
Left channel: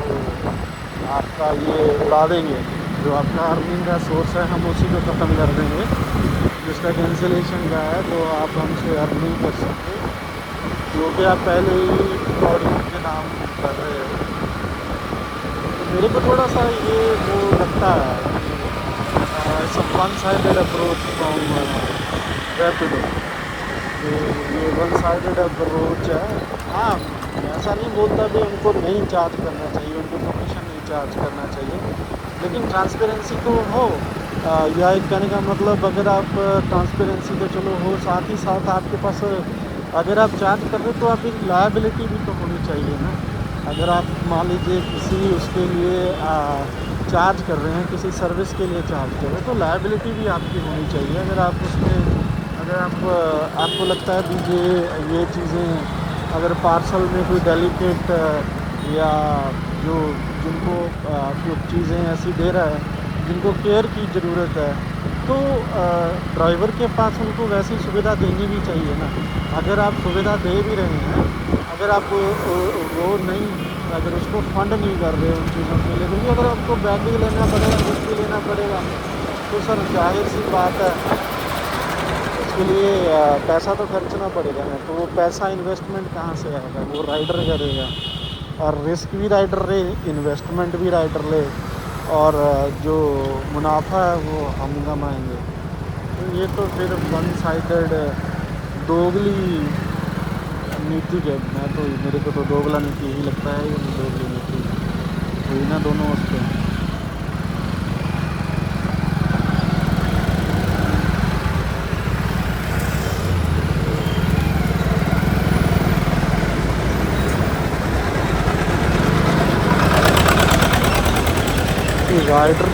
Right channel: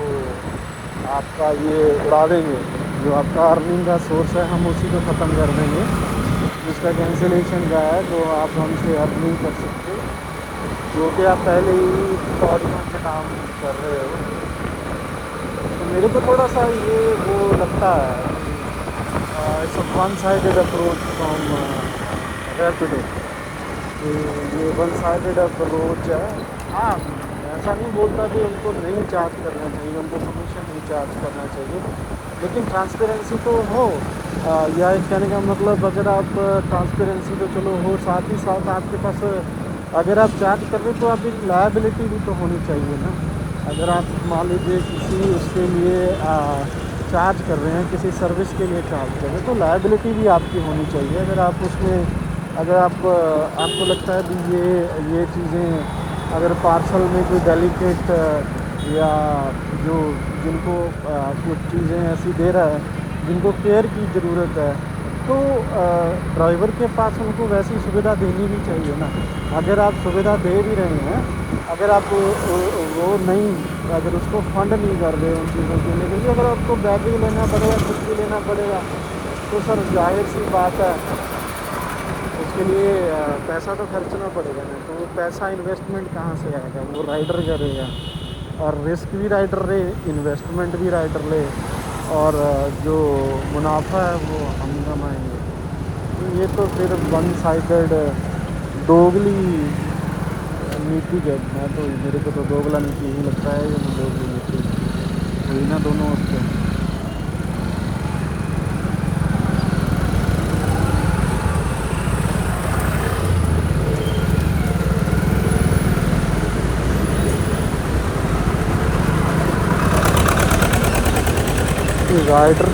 आपका ये उड़ा देंगे, जो आपका अर्निंग का सोर्स है हम उसी को ख़त्म कर देंगे, जिसका कैंसिलेशन का है तो आप हमसे अर्न नहीं कर सकते, जो कि आप पहले ही कौड़ियों के नाम कर रहे हो। तो मेरे को थोड़ा सा ये वो लगता है कि it's a one sided approach from Rapido, ये वन साइडेड अप्रोच है। हाँ, मैं ऐसा नहीं बोलता भी उनको नहीं चार्ज करना चाहिए, उनको कमीशन नहीं चार्ज करना चाहिए, लेकिन ट्रांसपेरेंसी तो हो। या एक कहने का मतलब अगर आप ट्रांसपेरेंसी तो चलो हो, साथ ही साथ आपके पास अगर आप चार्ज कर रहे हो तो आपकी लायबिलिटी भी तो होनी चाहिए ना। अगर आप मान लीजिए किसी उसके लिए चार्ज कर रहे हैं, किसी सर्विस के लिए चार्ज कर रहे हैं, तो लायबिलिटी भी आपकी होनी चाहिए। अगर आप उसमें अगर आपको लगता है भी ये चीज़ें अगर पार्सल में कोई डेलिकेट या जो जिनको कुछ चीज़ें ऐसी दे रहा है जिनको केयर की ज़रूरत है, तो ड्राइवर के पास उनको वैसी सुविधा देनी भी चाहिए ना। अगर आप सुविधा दे भी रहे हैं, अगर आप वो नहीं, अगर उसको फंड नहीं कर रहे उन चीज़ों के लिए, क्योंकि अगर आपको बैगेज लेना पड़ेगा, कुछ भी लेना पड़ेगा, तो सर जाहिर सी बात है उसके लिए पैसा तो खर्चना पड़ेगा ना। तो वो पैसा इन्वेस्टमेंट कहाँ से आएगा, वो राइडर करेगा, और रिस्क भी राइडर ले, इन्वेस्टमेंट भी राइडर ले, और जो मुनाफा है वो हम कमाएंगे। तो ये तो फिर वन साइडेड दोगली नीति है। मैं तो मेरे को तो दोगला नीति ही लगता है, ये दोगली नीति हुई ना दोनों उसके। राइडर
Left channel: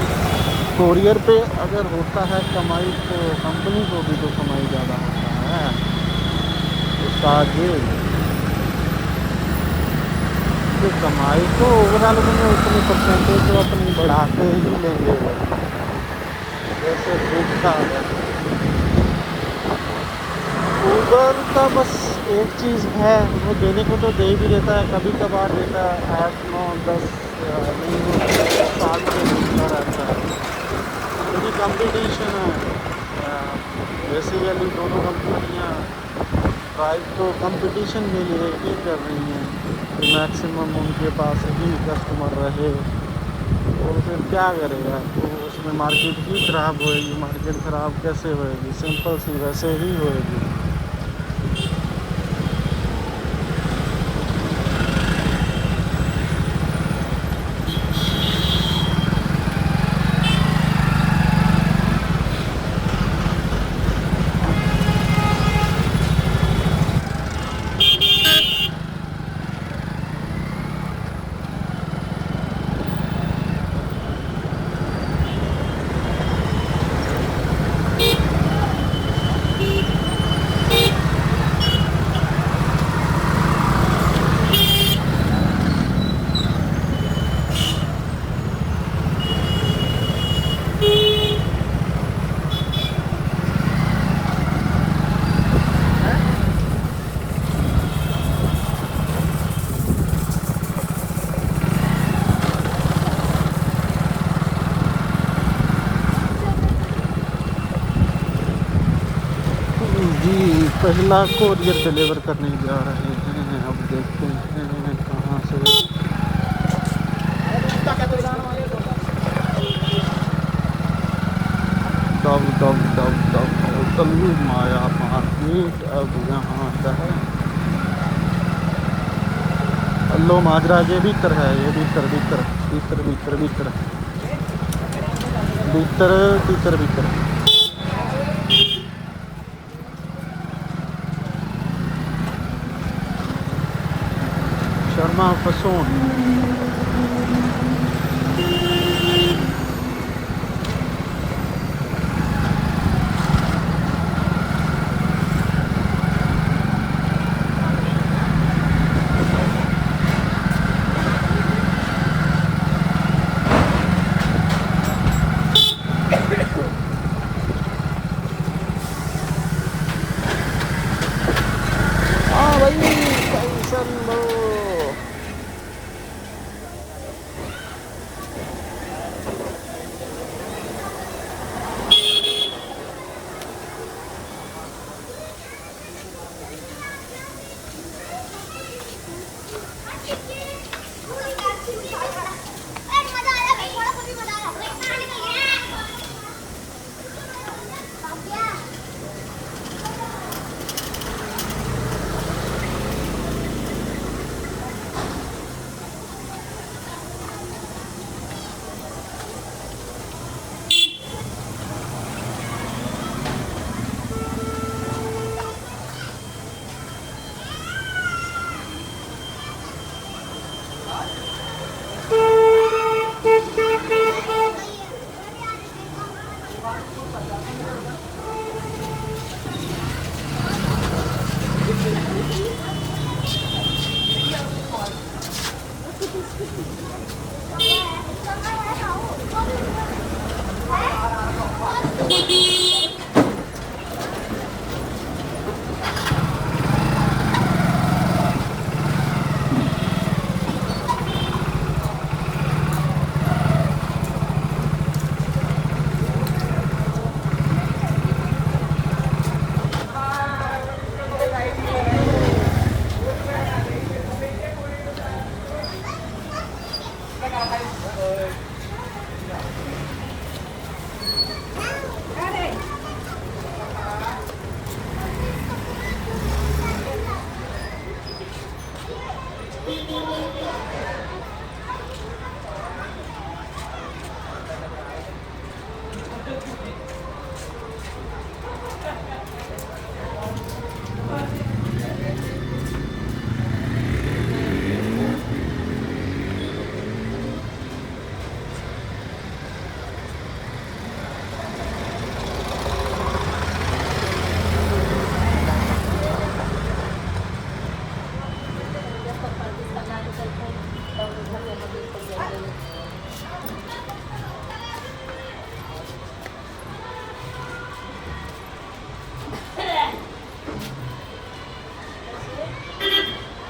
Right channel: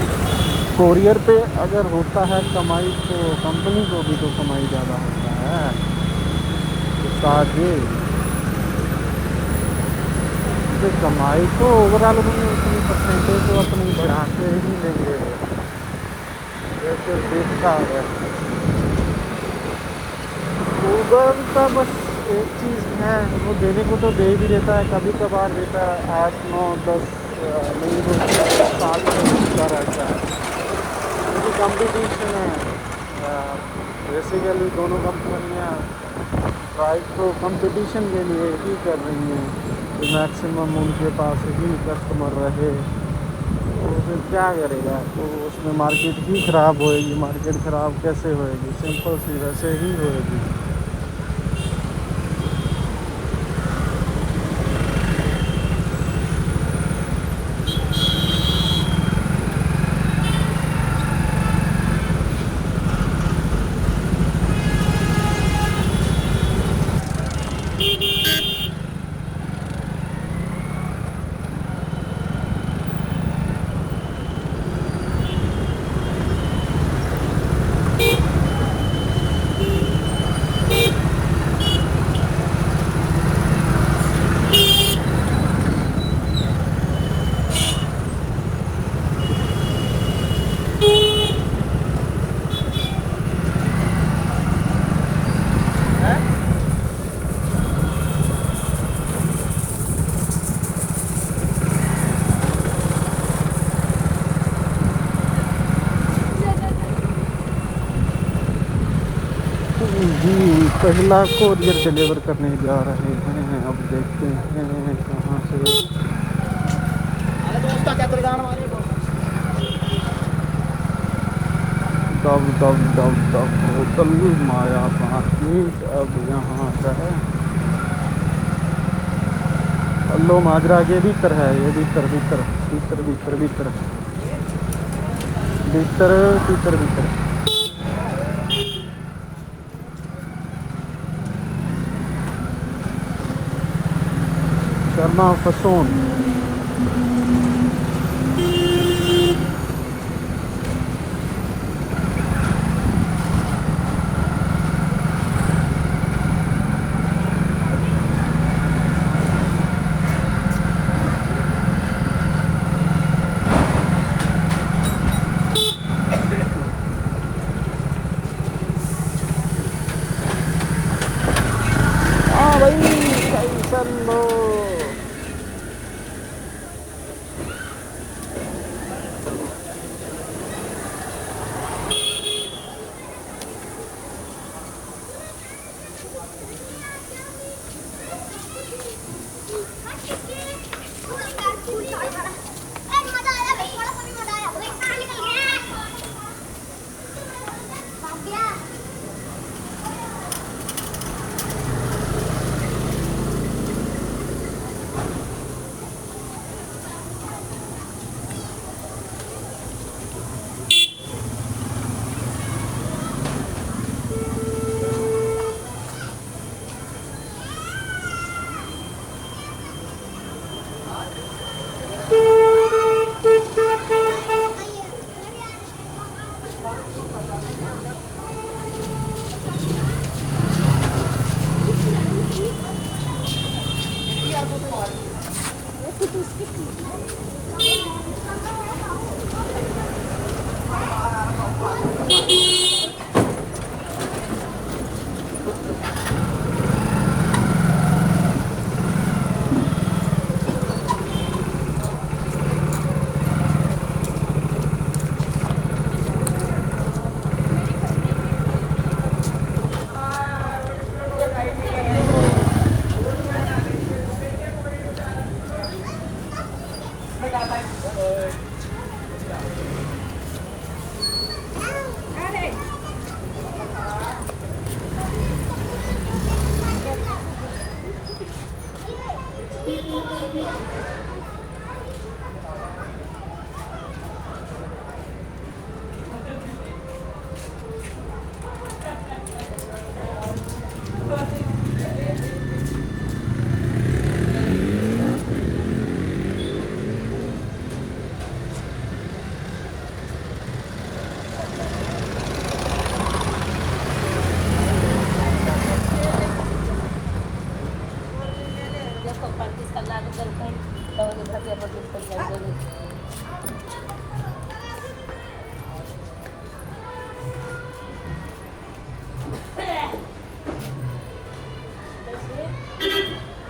कोरियर पे अगर होता है कमाई तो कंपनी को भी तो कमाई ज़्यादा होता है, उसका आगे तो कमाई तो ओवरऑल उन्होंने उतनी परसेंटेज तो अपनी बढ़ाते ही लेंगे, जैसे दिखता है। ऊबर का बस एक चीज़ है, वो देने को तो दे भी देता है, कभी कभार देता है 8, 9, 10 नहीं वो 7 से मिलता रहता है, क्योंकि कंपटीशन है। बेसिकली दोनों कंपनियां ड्राइव तो कंपटीशन के लिए ही कर रही हैं कि मैक्सिमम उनके पास ही कस्टमर रहे, तो फिर क्या करेगा, तो उसमें मार्केट ही ख़राब होएगी। मार्केट ख़राब कैसे होएगी, सिंपल सी वैसे ही होएगी। जी पहला कोरियर डिलीवर करने जा रहे हैं, अब देखते हैं कहाँ से। दब दब दब दब होटल माया मार्केट, अब यहाँ का है अल्लो माजरा के भीतर है, ये भीतर भीतर भीतर भीतर भीतर भीतर भीतर भीतर शर्मा फसोन।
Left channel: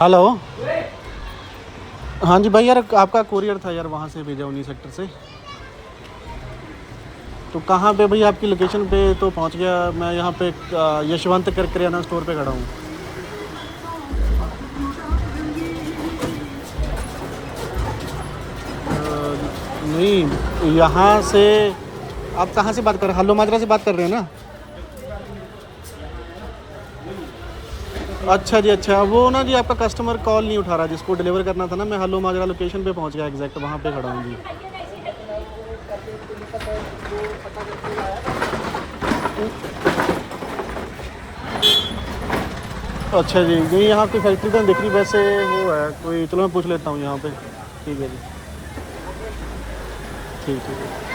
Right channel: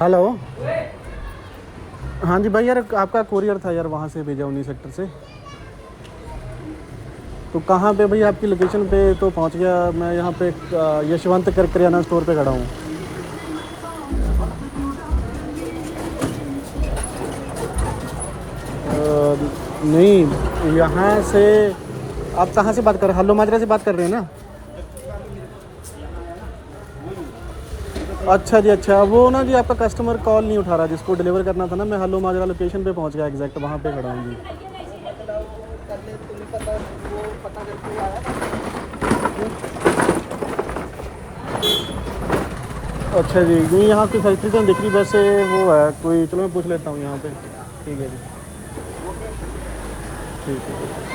हेलो। हाँ जी भाई यार, आपका कोरियर था यार, वहाँ से भेजा 19 सेक्टर से। तो कहाँ पे भाई, आपकी लोकेशन पे तो पहुँच गया मैं। यहाँ पे यशवंत कर करियाना स्टोर पे खड़ा हूँ। नहीं, यहाँ से आप कहाँ से बात कर रहे हैं? हल्लो माजरा से बात कर रहे हैं ना? अच्छा जी, अच्छा। वो ना जी, आपका कस्टमर कॉल नहीं उठा रहा, जिसको डिलीवर करना था ना। मैं हल्लो माजरा लोकेशन पे पहुँच गया, एग्जैक्ट वहाँ पे खड़ा हूँ जी। अच्छा जी, नहीं यहाँ कोई फैक्ट्री तो नहीं दिख रही वैसे। वो है कोई, चलो मैं पूछ लेता हूँ यहाँ पे। ठीक है जी, ठीक है जी।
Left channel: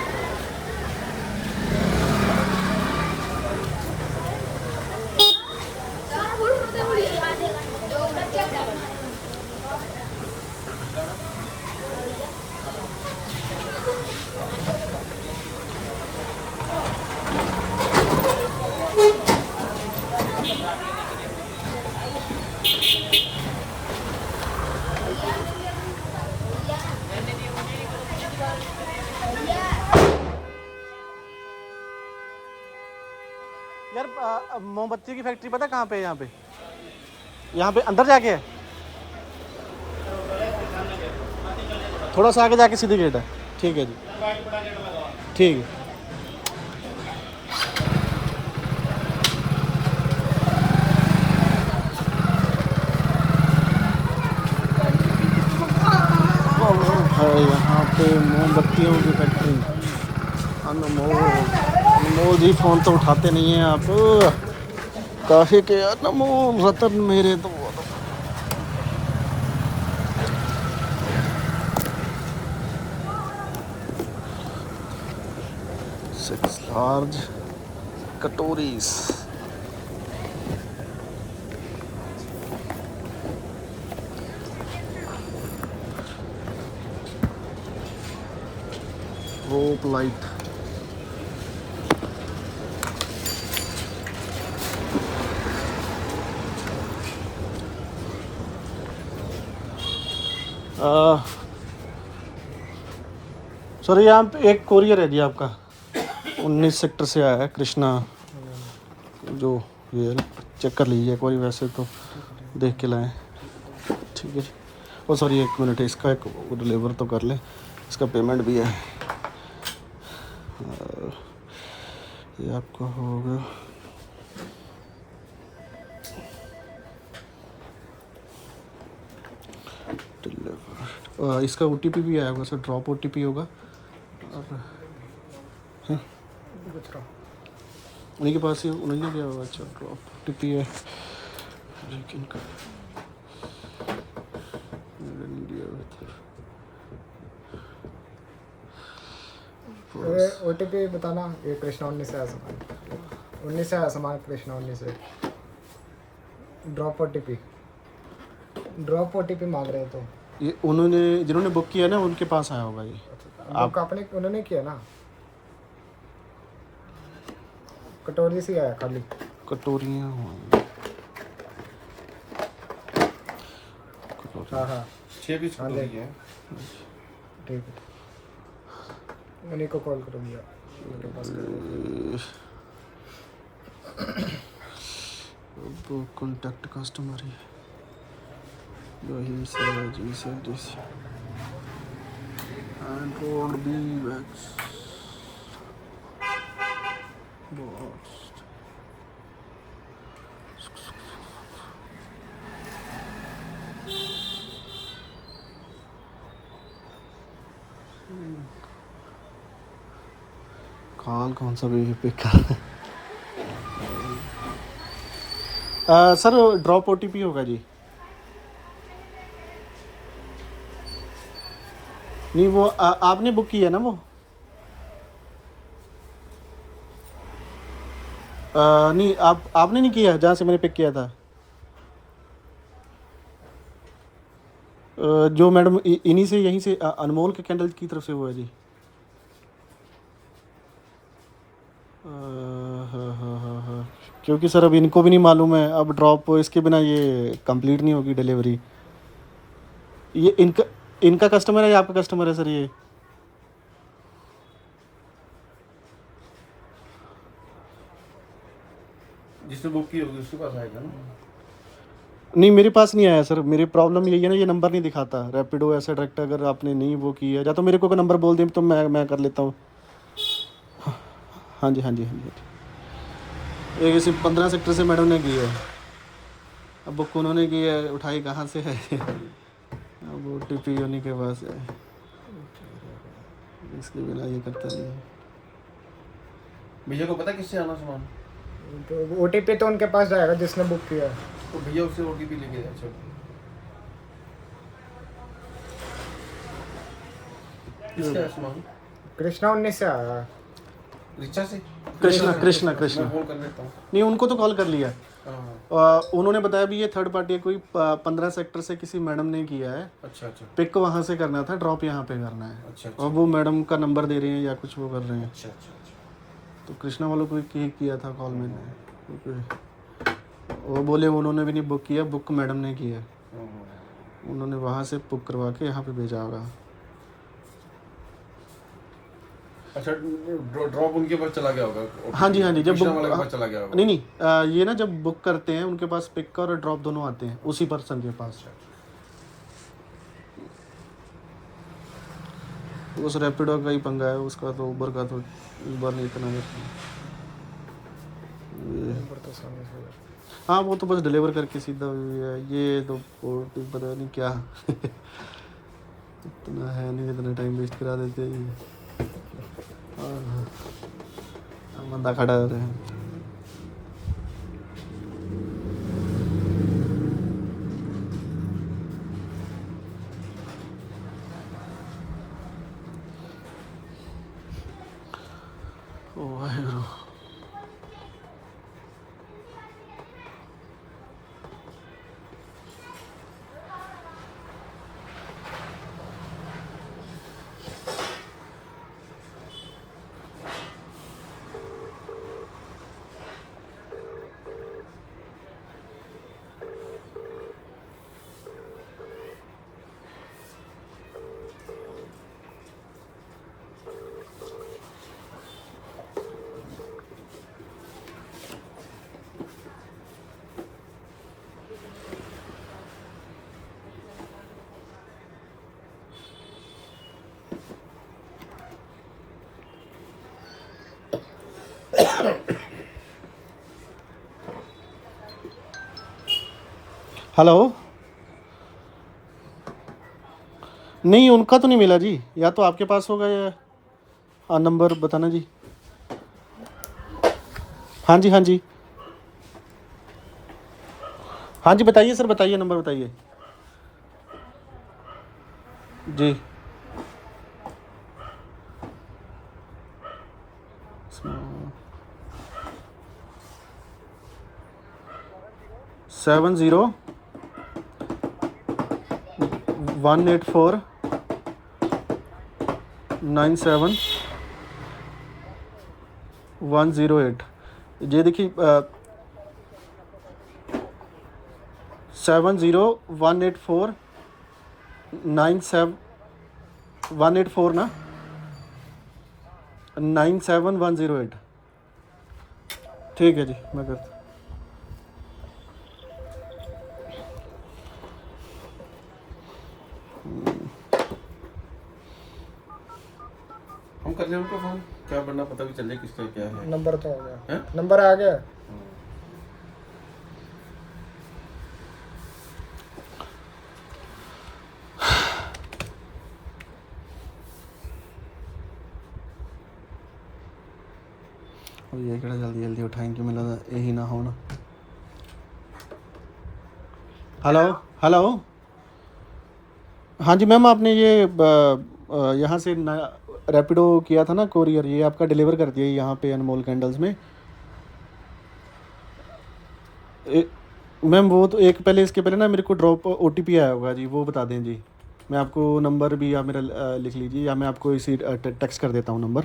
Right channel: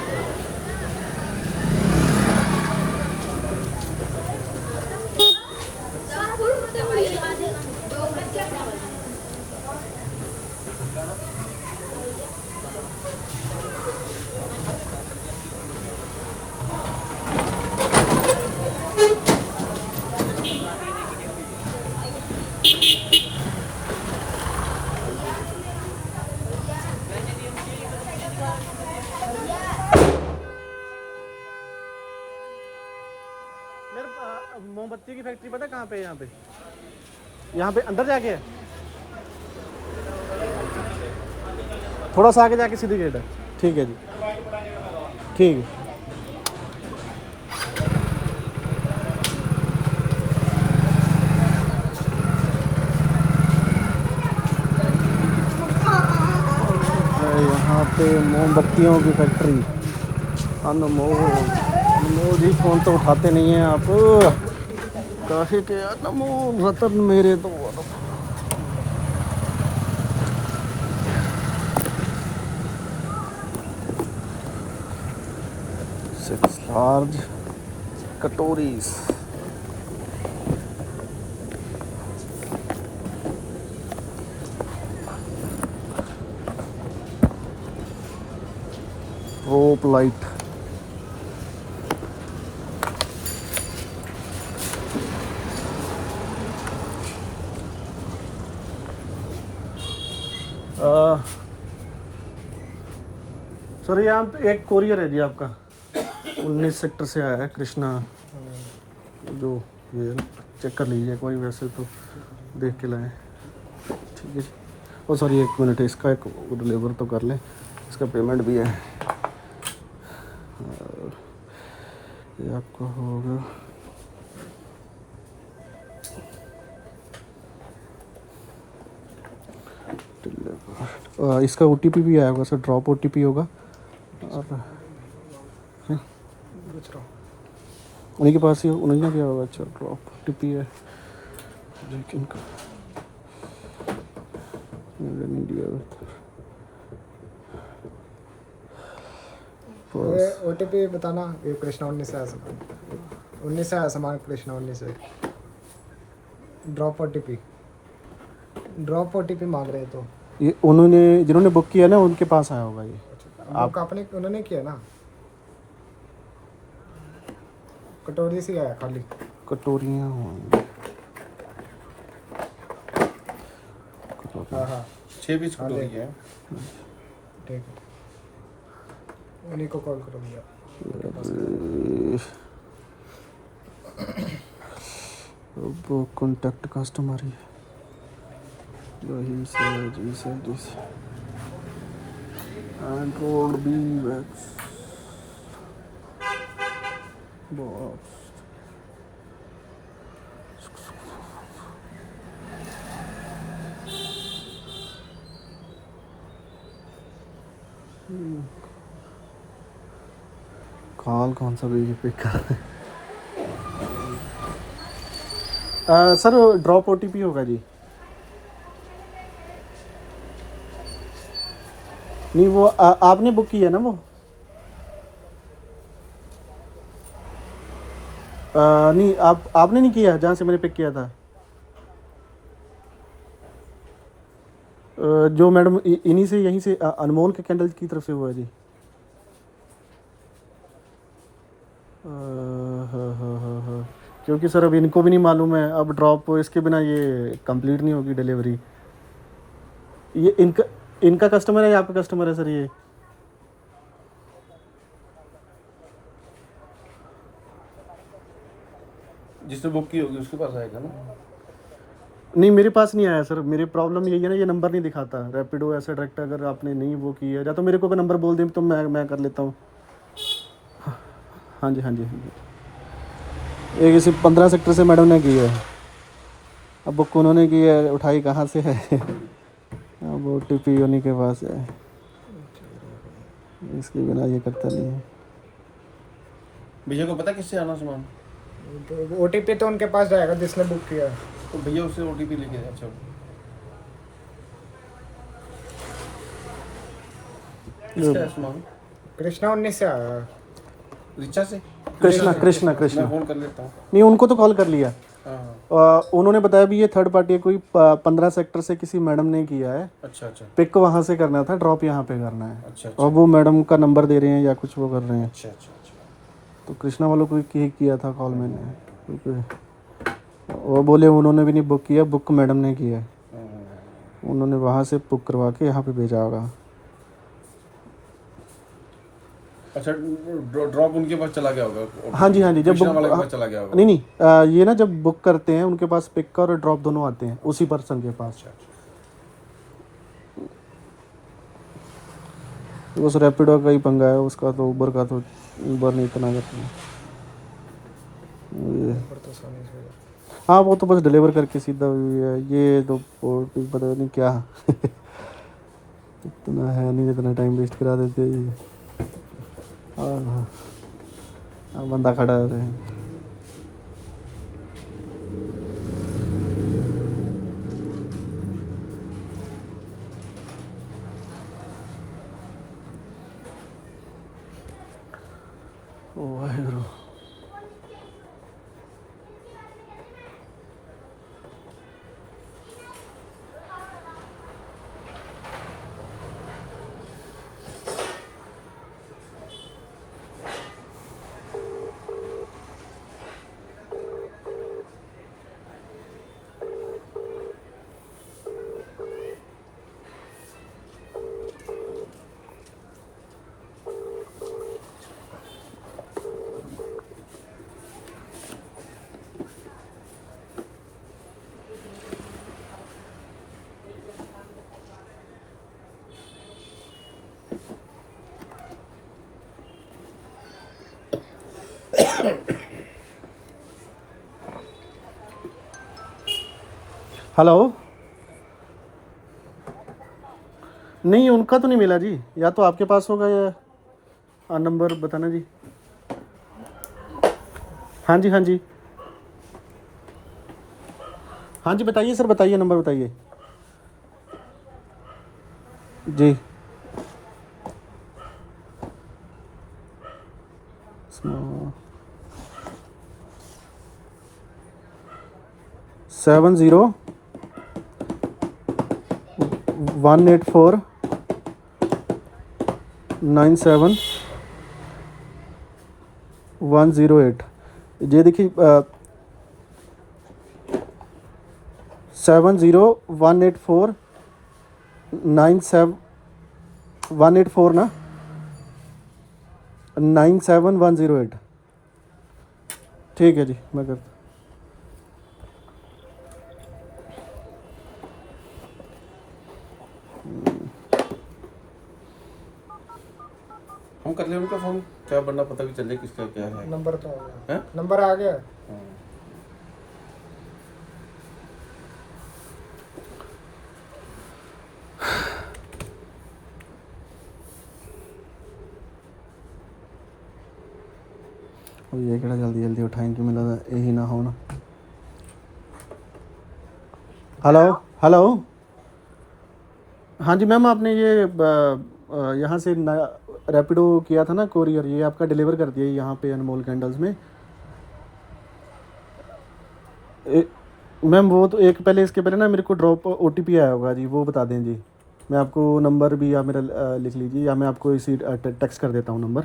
यार मोमबत्ती की फैक्ट्री पता कहाँ पे है? यहाँ पे अंदर जाके है, थोड़ा सा आगे जाके सीधी गेट है। ठीक है जी, ठीक है। है यहाँ पे मोमबत्तियों की फैक्ट्री। अनमोल, अनमोल जी फ़ोन तो उठाते नहीं हैं आप। काहे के अनमोल रतन मेरे तो। 6 large katoris. Rope light. Sir यहाँ पे एक कोरियर है जी आपका, 19 सेक्टर से आया है, कृष्णा। जो ये चेक कर लीजिए एक बार, वैसे तो देख के लाएं। ठीक है जी। ओ सॉरी, 1 मिनट, इसका एक डिलीवर तो कर लें, इसका पेमेंट भी है। ये आपका होगा डिलीवर। इसका OTP भी आया होगा सर, ड्रॉप OTP होगा। आप हैं उन्हीं के पास ही, उन्हीं ने किया होगा। अच्छा, ड्रॉप OTP है लेकिन इंडिया OTP बताना। ये कृष्णा 19 से आया सामान, 19 से आया सामान, कृष्णा 19 से। ड्रॉप OTP मांग रहे हैं तो ये उन्होंने, जिन्होंने बुक किया ना, उनके पास आया होगा ये। आप आपने, उन्होंने किया ना। कटोरी से आया खाली, कटोरियाँ होंगी। हाँ हाँ 6 पीस कटोरी है। ठीक है, उन्हीं को कॉल करो भैया। अब कॉन्टैक्ट कस्टमर ही यही से जी से this and road B wax box. Call कौन सा भी पिक कर। सर ड्रॉप OTP होगा जी। नहीं वो आपने बुक किया ना वो। नहीं, आपने नहीं किया जहाँ से मैंने पिक किया था। जो मैडम इन्हीं से, यहीं से अनमोल के कैंडल की तरफ से हुआ है जी। हाँ, क्योंकि सर अब इनको भी नहीं मालूम है, अब ड्रॉप इसके बिना ये कंप्लीट नहीं होगी डिलीवरी। ये इनका कस्टमर है या आपका कस्टमर है सर ये? जिसने बुक की होगी उसके पास आएगा ना। नहीं मेरे पास नहीं आया सर, मेरी प्रॉब्लम यही है ना, ये नंबर नहीं दिखाता रैपिडो ऐसा डायरेक्ट। अगर आपने नहीं वो की है या तो मेरे को नंबर बोल दें तो मैं कर लेता हूँ। हाँ जी हाँ जी हाँ जी। ये किसी 15 सेक्टर से मैडम ने की है। अब बुक उन्होंने की है, उठाई कहाँ से है? अब OTP उन्हीं के पास है, इसके बिना ये करता नहीं है। भैया को पता किससे आना सामान? तो OTP तो उनके पास जाएगा जिसने बुक किया है। तो भैया उससे OTP लेके जा। अच्छा किसका है सामान? कृष्णा 19 से आया। रिचा से? कृष्णा मैं फोन कर लेता हूँ। नहीं उनको तो कॉल कर लिया। हाँ उन्होंने बताया भी ये थर्ड पार्टी कोई 15 सेक्टर से किसी मैडम ने किया है। अच्छा अच्छा पिक वहाँ से करना था, ड्रॉप यहाँ पे करना है। अच्छा और वो मैडम का नंबर दे रहे हैं या कुछ वो कर रहे हैं। अच्छा अच्छा अच्छा। तो कृष्णा वालों को किया था कॉल मैंने, क्योंकि वो बोले उन्होंने भी नहीं बुक किया, बुक मैडम ने किया है। उन्होंने वहाँ से बुक करवा के यहाँ पे भेजा होगा। अच्छा ड्रॉप उनके पास चला गया होगा। हाँ जी जब कृष्णा बुक वाले के पास चला गया होगा। नहीं ये ना जब बुक करते हैं उनके पास पिक और ड्रॉप दोनों आते हैं उसी पर्सन के पास। उस रैपिडो का ही पंगा है, उसका तो उबर का तो उबर नहीं इतना करता है। हाँ वो तो बस डिलीवर करके सीधा ये तो पता नहीं क्या इतना है नहीं, इतना टाइम वेस्ट करा देते ही। हाँ बंदा खड़ा है। ओ वाहेगुरु। हेलो। नहीं उनका तो नहीं मिला जी, या तो आपके पास होगा या हाँ नंबर बताना जी। हाँ जी हाँ जी बताइए सर, बताइए नंबर बताइए जी। 70-184-97-108। ये देखिए 70-184-97-184 ना 97108। ठीक है जी मैं करता। हम कर लें उनका फोन, क्या बनना पता भी चले किसका क्या है। नंबर तो आ गया, हैं? नंबर आ गया। और ये केड़ा जल्दी उठाएंगे, मिला यही ना हो ना। हेलो हाँ जी मैम, आपने ये यहाँ से रैपिडो किया था ना कोरियर, ये आपका डिलीवर कर दिया यहाँ पे अनमोल कैंडल्स में। मैम वो तो एक पहले इसके पहले ना मेरे को ड्रॉप OTP आया होगा जी, वो बता दें जी। मैं आपको नंबर भी या मेरा लिख लीजिए या मैं आपको इसी टेक्स्ट कर देता हूँ नंबर।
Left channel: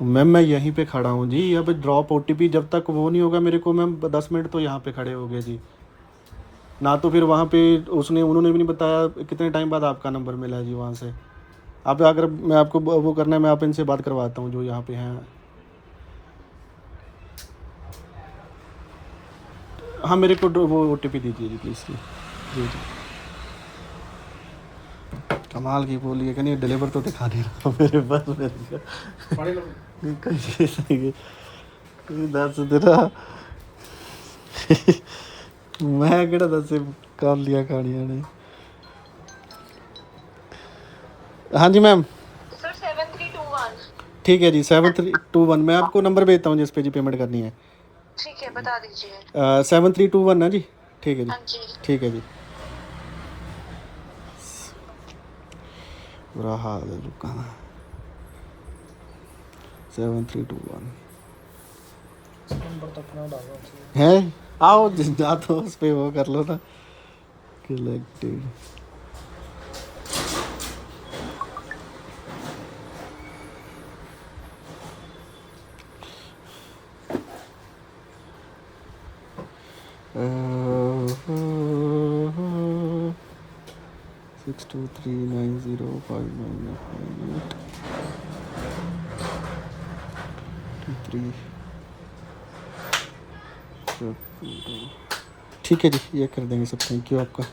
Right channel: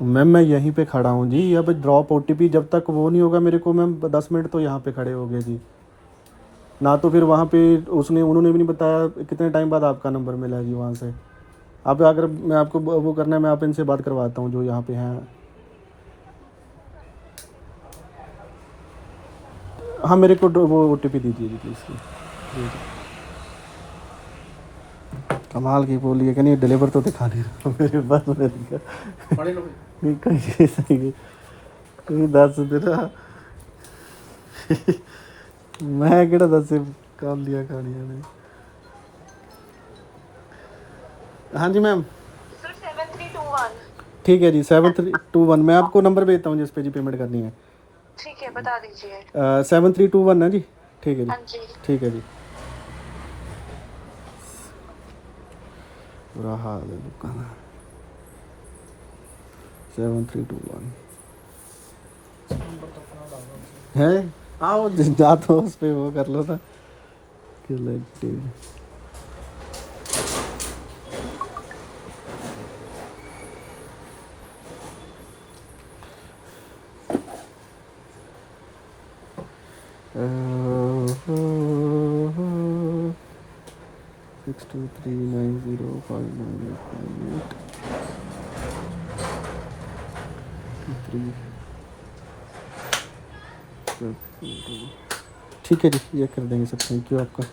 मैम मैं यहीं पे खड़ा हूँ जी, अब ड्रॉप OTP जब तक वो नहीं होगा मेरे को मैम 10 मिनट तो यहाँ पे खड़े हो गए जी। ना तो फिर वहाँ पे उन्होंने भी नहीं बताया कितने टाइम बाद आपका नंबर मिला है जी वहाँ से। आप अगर मैं आपको वो करना है, मैं आप इनसे बात करवाता हूँ जो यहाँ पे हैं। हाँ मेरे को वो OTP दीजिए जी प्लीज़ जी। जी जी कमाल की बोली है कि नहीं, डिलीवर तो दिखा नहीं रहा मेरे पास दस तेरा मैं किहड़ा दस कालियां खानियां ने। हाँ जी मैम। सर 7321। ठीक है जी 7321, मैं आपको नंबर भेजता हूँ जिस पे जी पेमेंट करनी है। ठीक है, बता दीजिए। 7321 है जी। ठीक है जी। हाँ जी। ठीक है जी। बुरा हाल है लोगों का। 7321 है। आओ जा तो उस पे वो कर लो ना, collective. Six two three nine zero five nine eight 3। ठीक है जी, ये कर देंगे सब। थैंक यू आपका।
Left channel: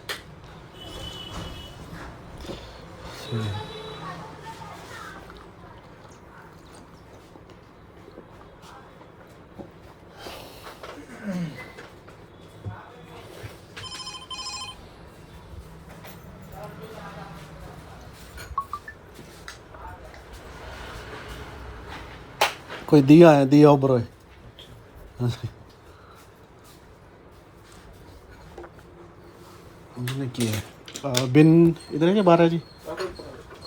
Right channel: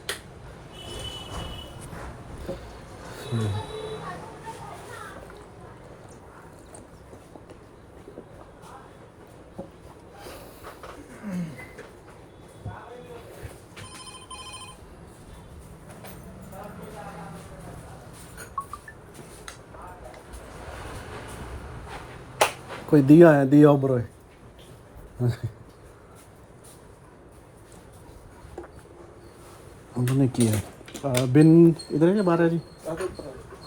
कोई दिया है, दिया उब्रो है। उन्होंने किया है। बिन इधर है क्या बाहर है जी?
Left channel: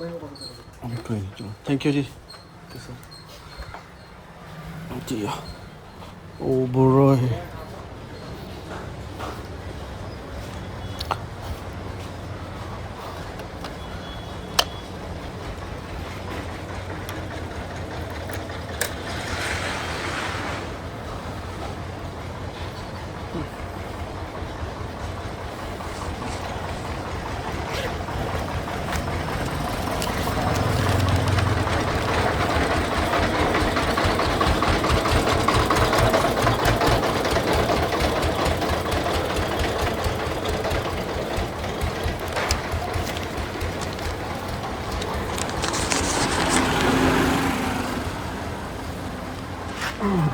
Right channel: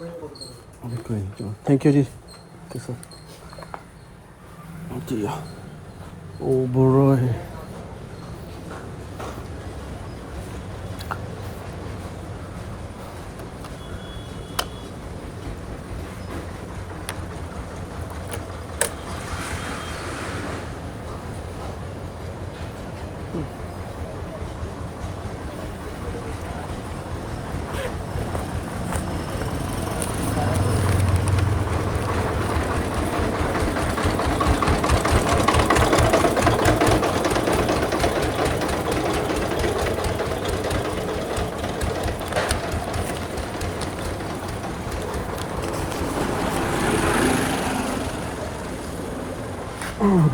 कोई नहीं, चलो थैंक यू जी। ओके सर जी। ओ बुरो है।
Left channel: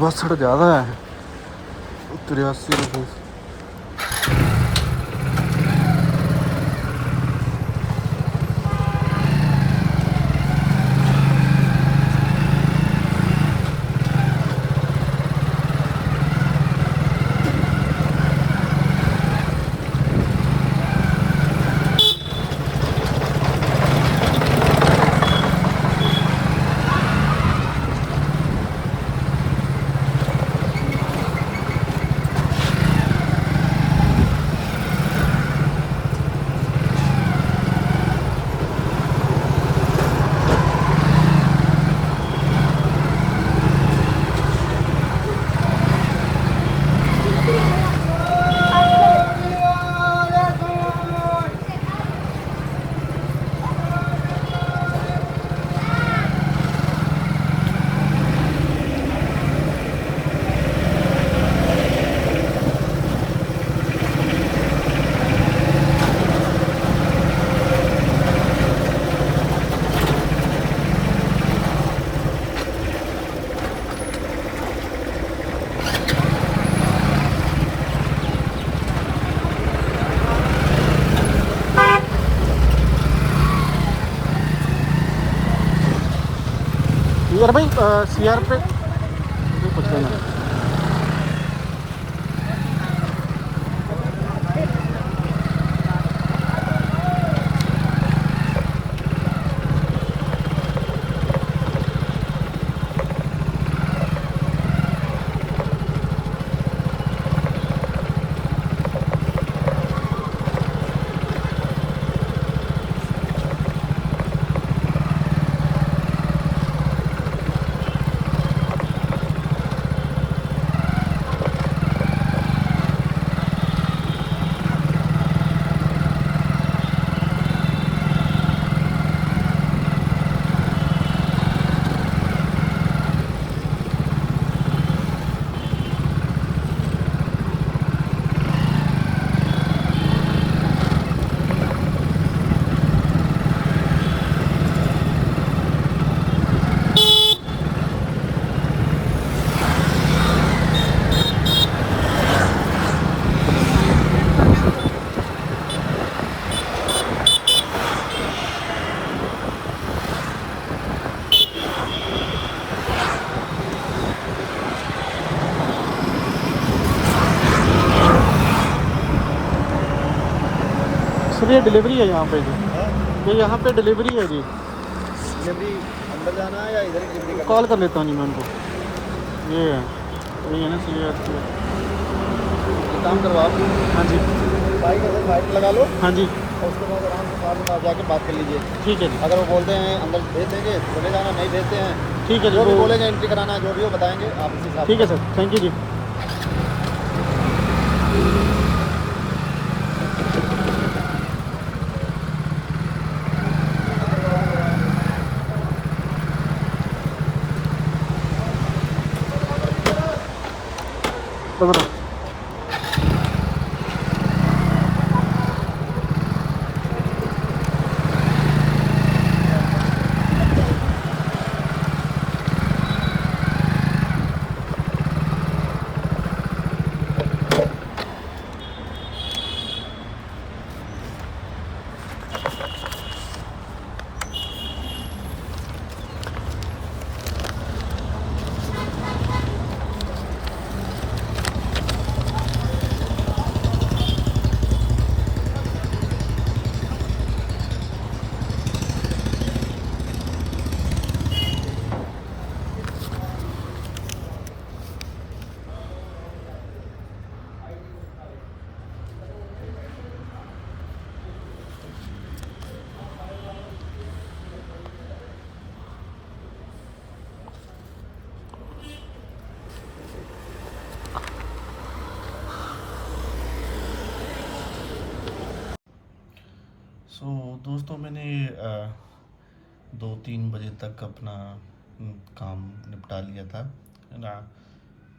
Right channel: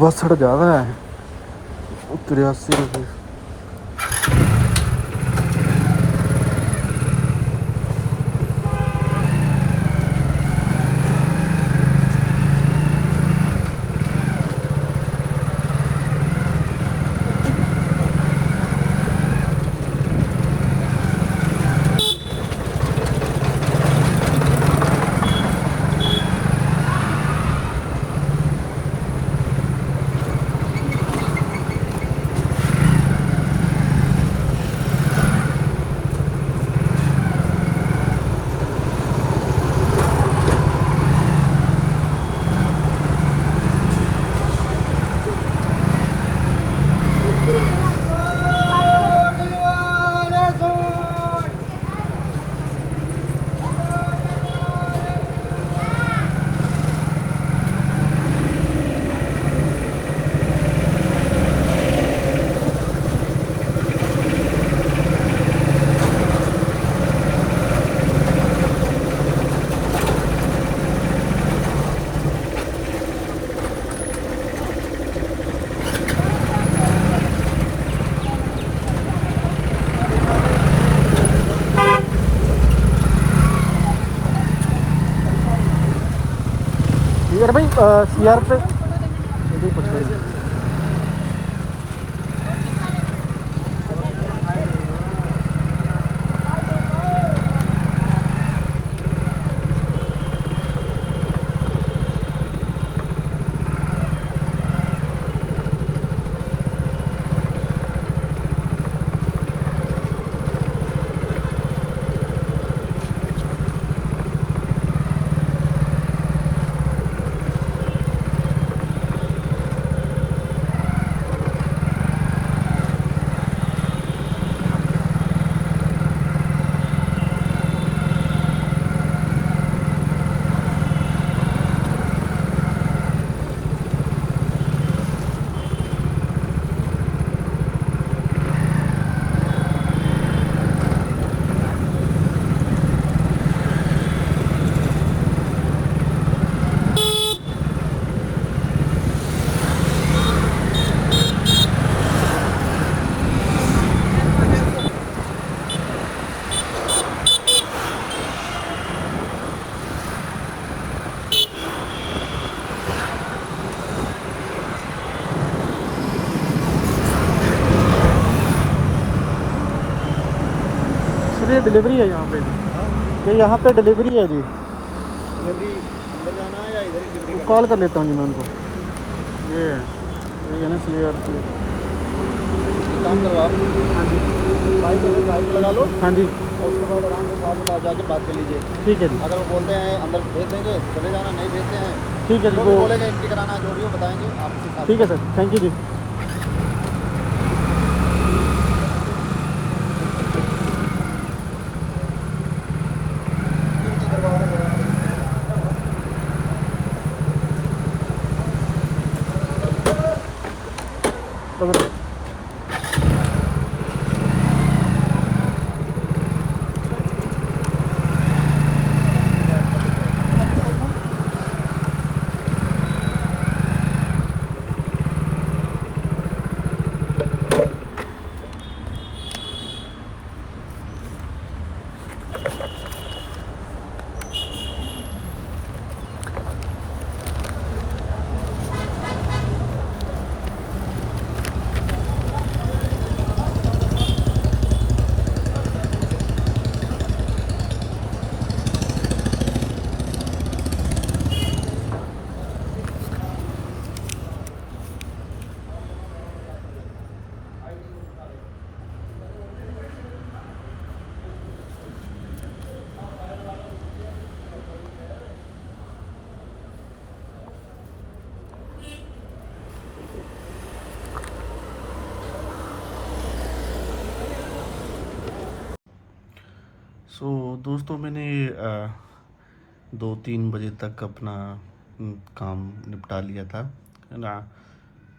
बस थोड़ा ज़्यादा है, 83 रुपये। यार भाई CR पे पूछ लेना। ये डिलीवरी है यहाँ पे जी, ये यहाँ पे डिलीवरी है जी। डिलीवरी अंदर जाना है या इधर ही डिलीवरी कॉल कर लेता हूँ जी मैं उनको। ये है ना CAR की। काम करवाओ? हाँ जी, बाइक लगा लो हाँ जी, और उसके बाद आराम से साथ में पास जाके बात कर लीजिए। ठीक है जी, अगर वो बोलते हैं अंदर भेज देंगे चले जाना, नहीं भेजते हैं ठीक है जी। जो भी वो बोलेंगे एंट्री कराना है जो भी वो बताएंगे आप उसी हिसाब से। ठीक है सर, थैंक यू जी। पकड़ो। सो दोस्तों मैंने 2-3 बजे तक अपना काम निपटा लिया था, है ना।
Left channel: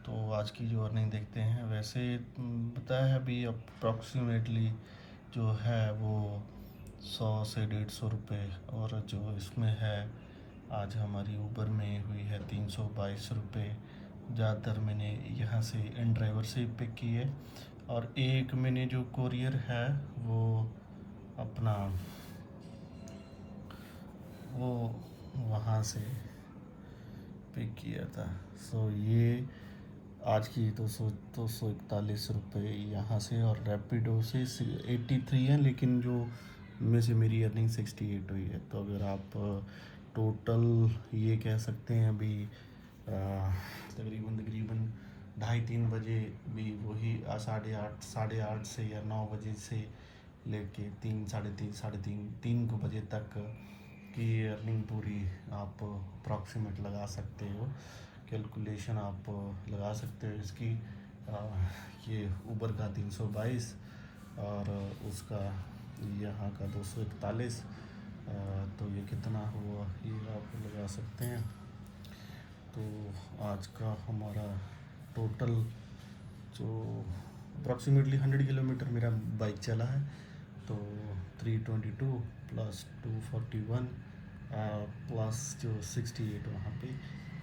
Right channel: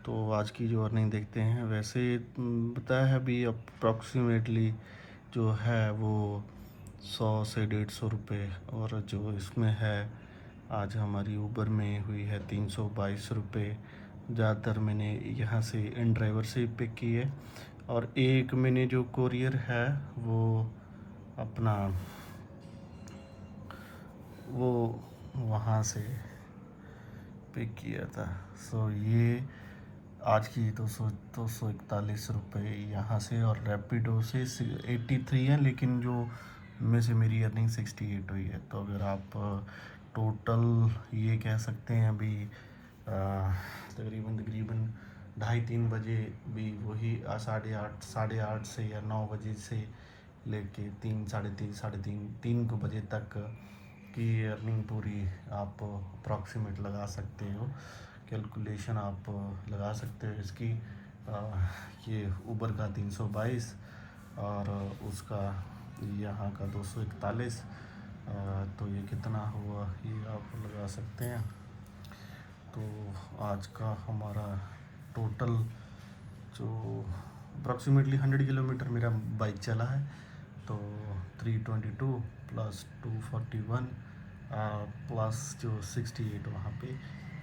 तो आज की जो अर्निंग देखते हैं, वैसे बताया है अभी अप्रॉक्सीमेटली जो है वो 100 से 150 रुपये, और जो इसमें है आज हमारी ऊबर में हुई है 322 रुपये। ज़्यादातर मैंने यहाँ से इन ड्राइवर से ही पिक की है, और एक मैंने जो कोरियर है वो अपना वो वहाँ से पिक किया था। सो ये आज की 241 रुपये यहाँ से, और रैपिडो से 83 है, लेकिन जो में से मेरी अर्निंग 68 हुई है। तो अगर आप टोटल ये कह सकते हैं अभी तकरीबन 2:30-3 बजे भी वही 8:30 से या 9 बजे से लेके 3 को बजे तक की अर्निंग पूरी आप अप्रॉक्सीमेट लगा सकते हो, कैलकुलेशन आप लगा सकते हो इसकी। ये ऊबर का 322 और उसका यहाँ का 241, तो ये कितना हुआ ये आप लगा सकते हैं। तो आज का हमारा टोटल जो अप्रॉक्सीमेटली 100 किलोमीटर मेरा बाइक चला है, तो 322 प्लस 241 प्लस जो 68 वहाँ पे,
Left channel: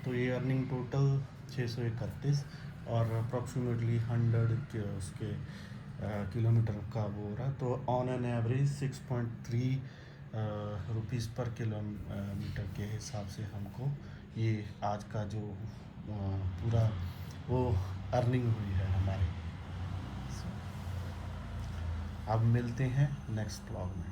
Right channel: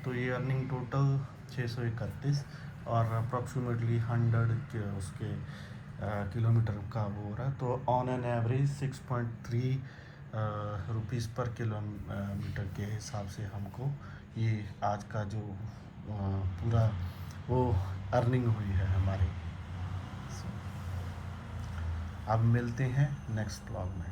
तो ये अर्निंग टोटल 631 और अप्रॉक्सीमेटली 100 के उसके किलोमीटर का वो हो रहा है। तो ऑन एन एवरेज 6.3 रुपीज़ पर किलोमीटर के हिसाब से हमको ये आज का जो पूरा वो अर्निंग हुई है हमारी। अब मिलते हैं नेक्स्ट व्लॉग में।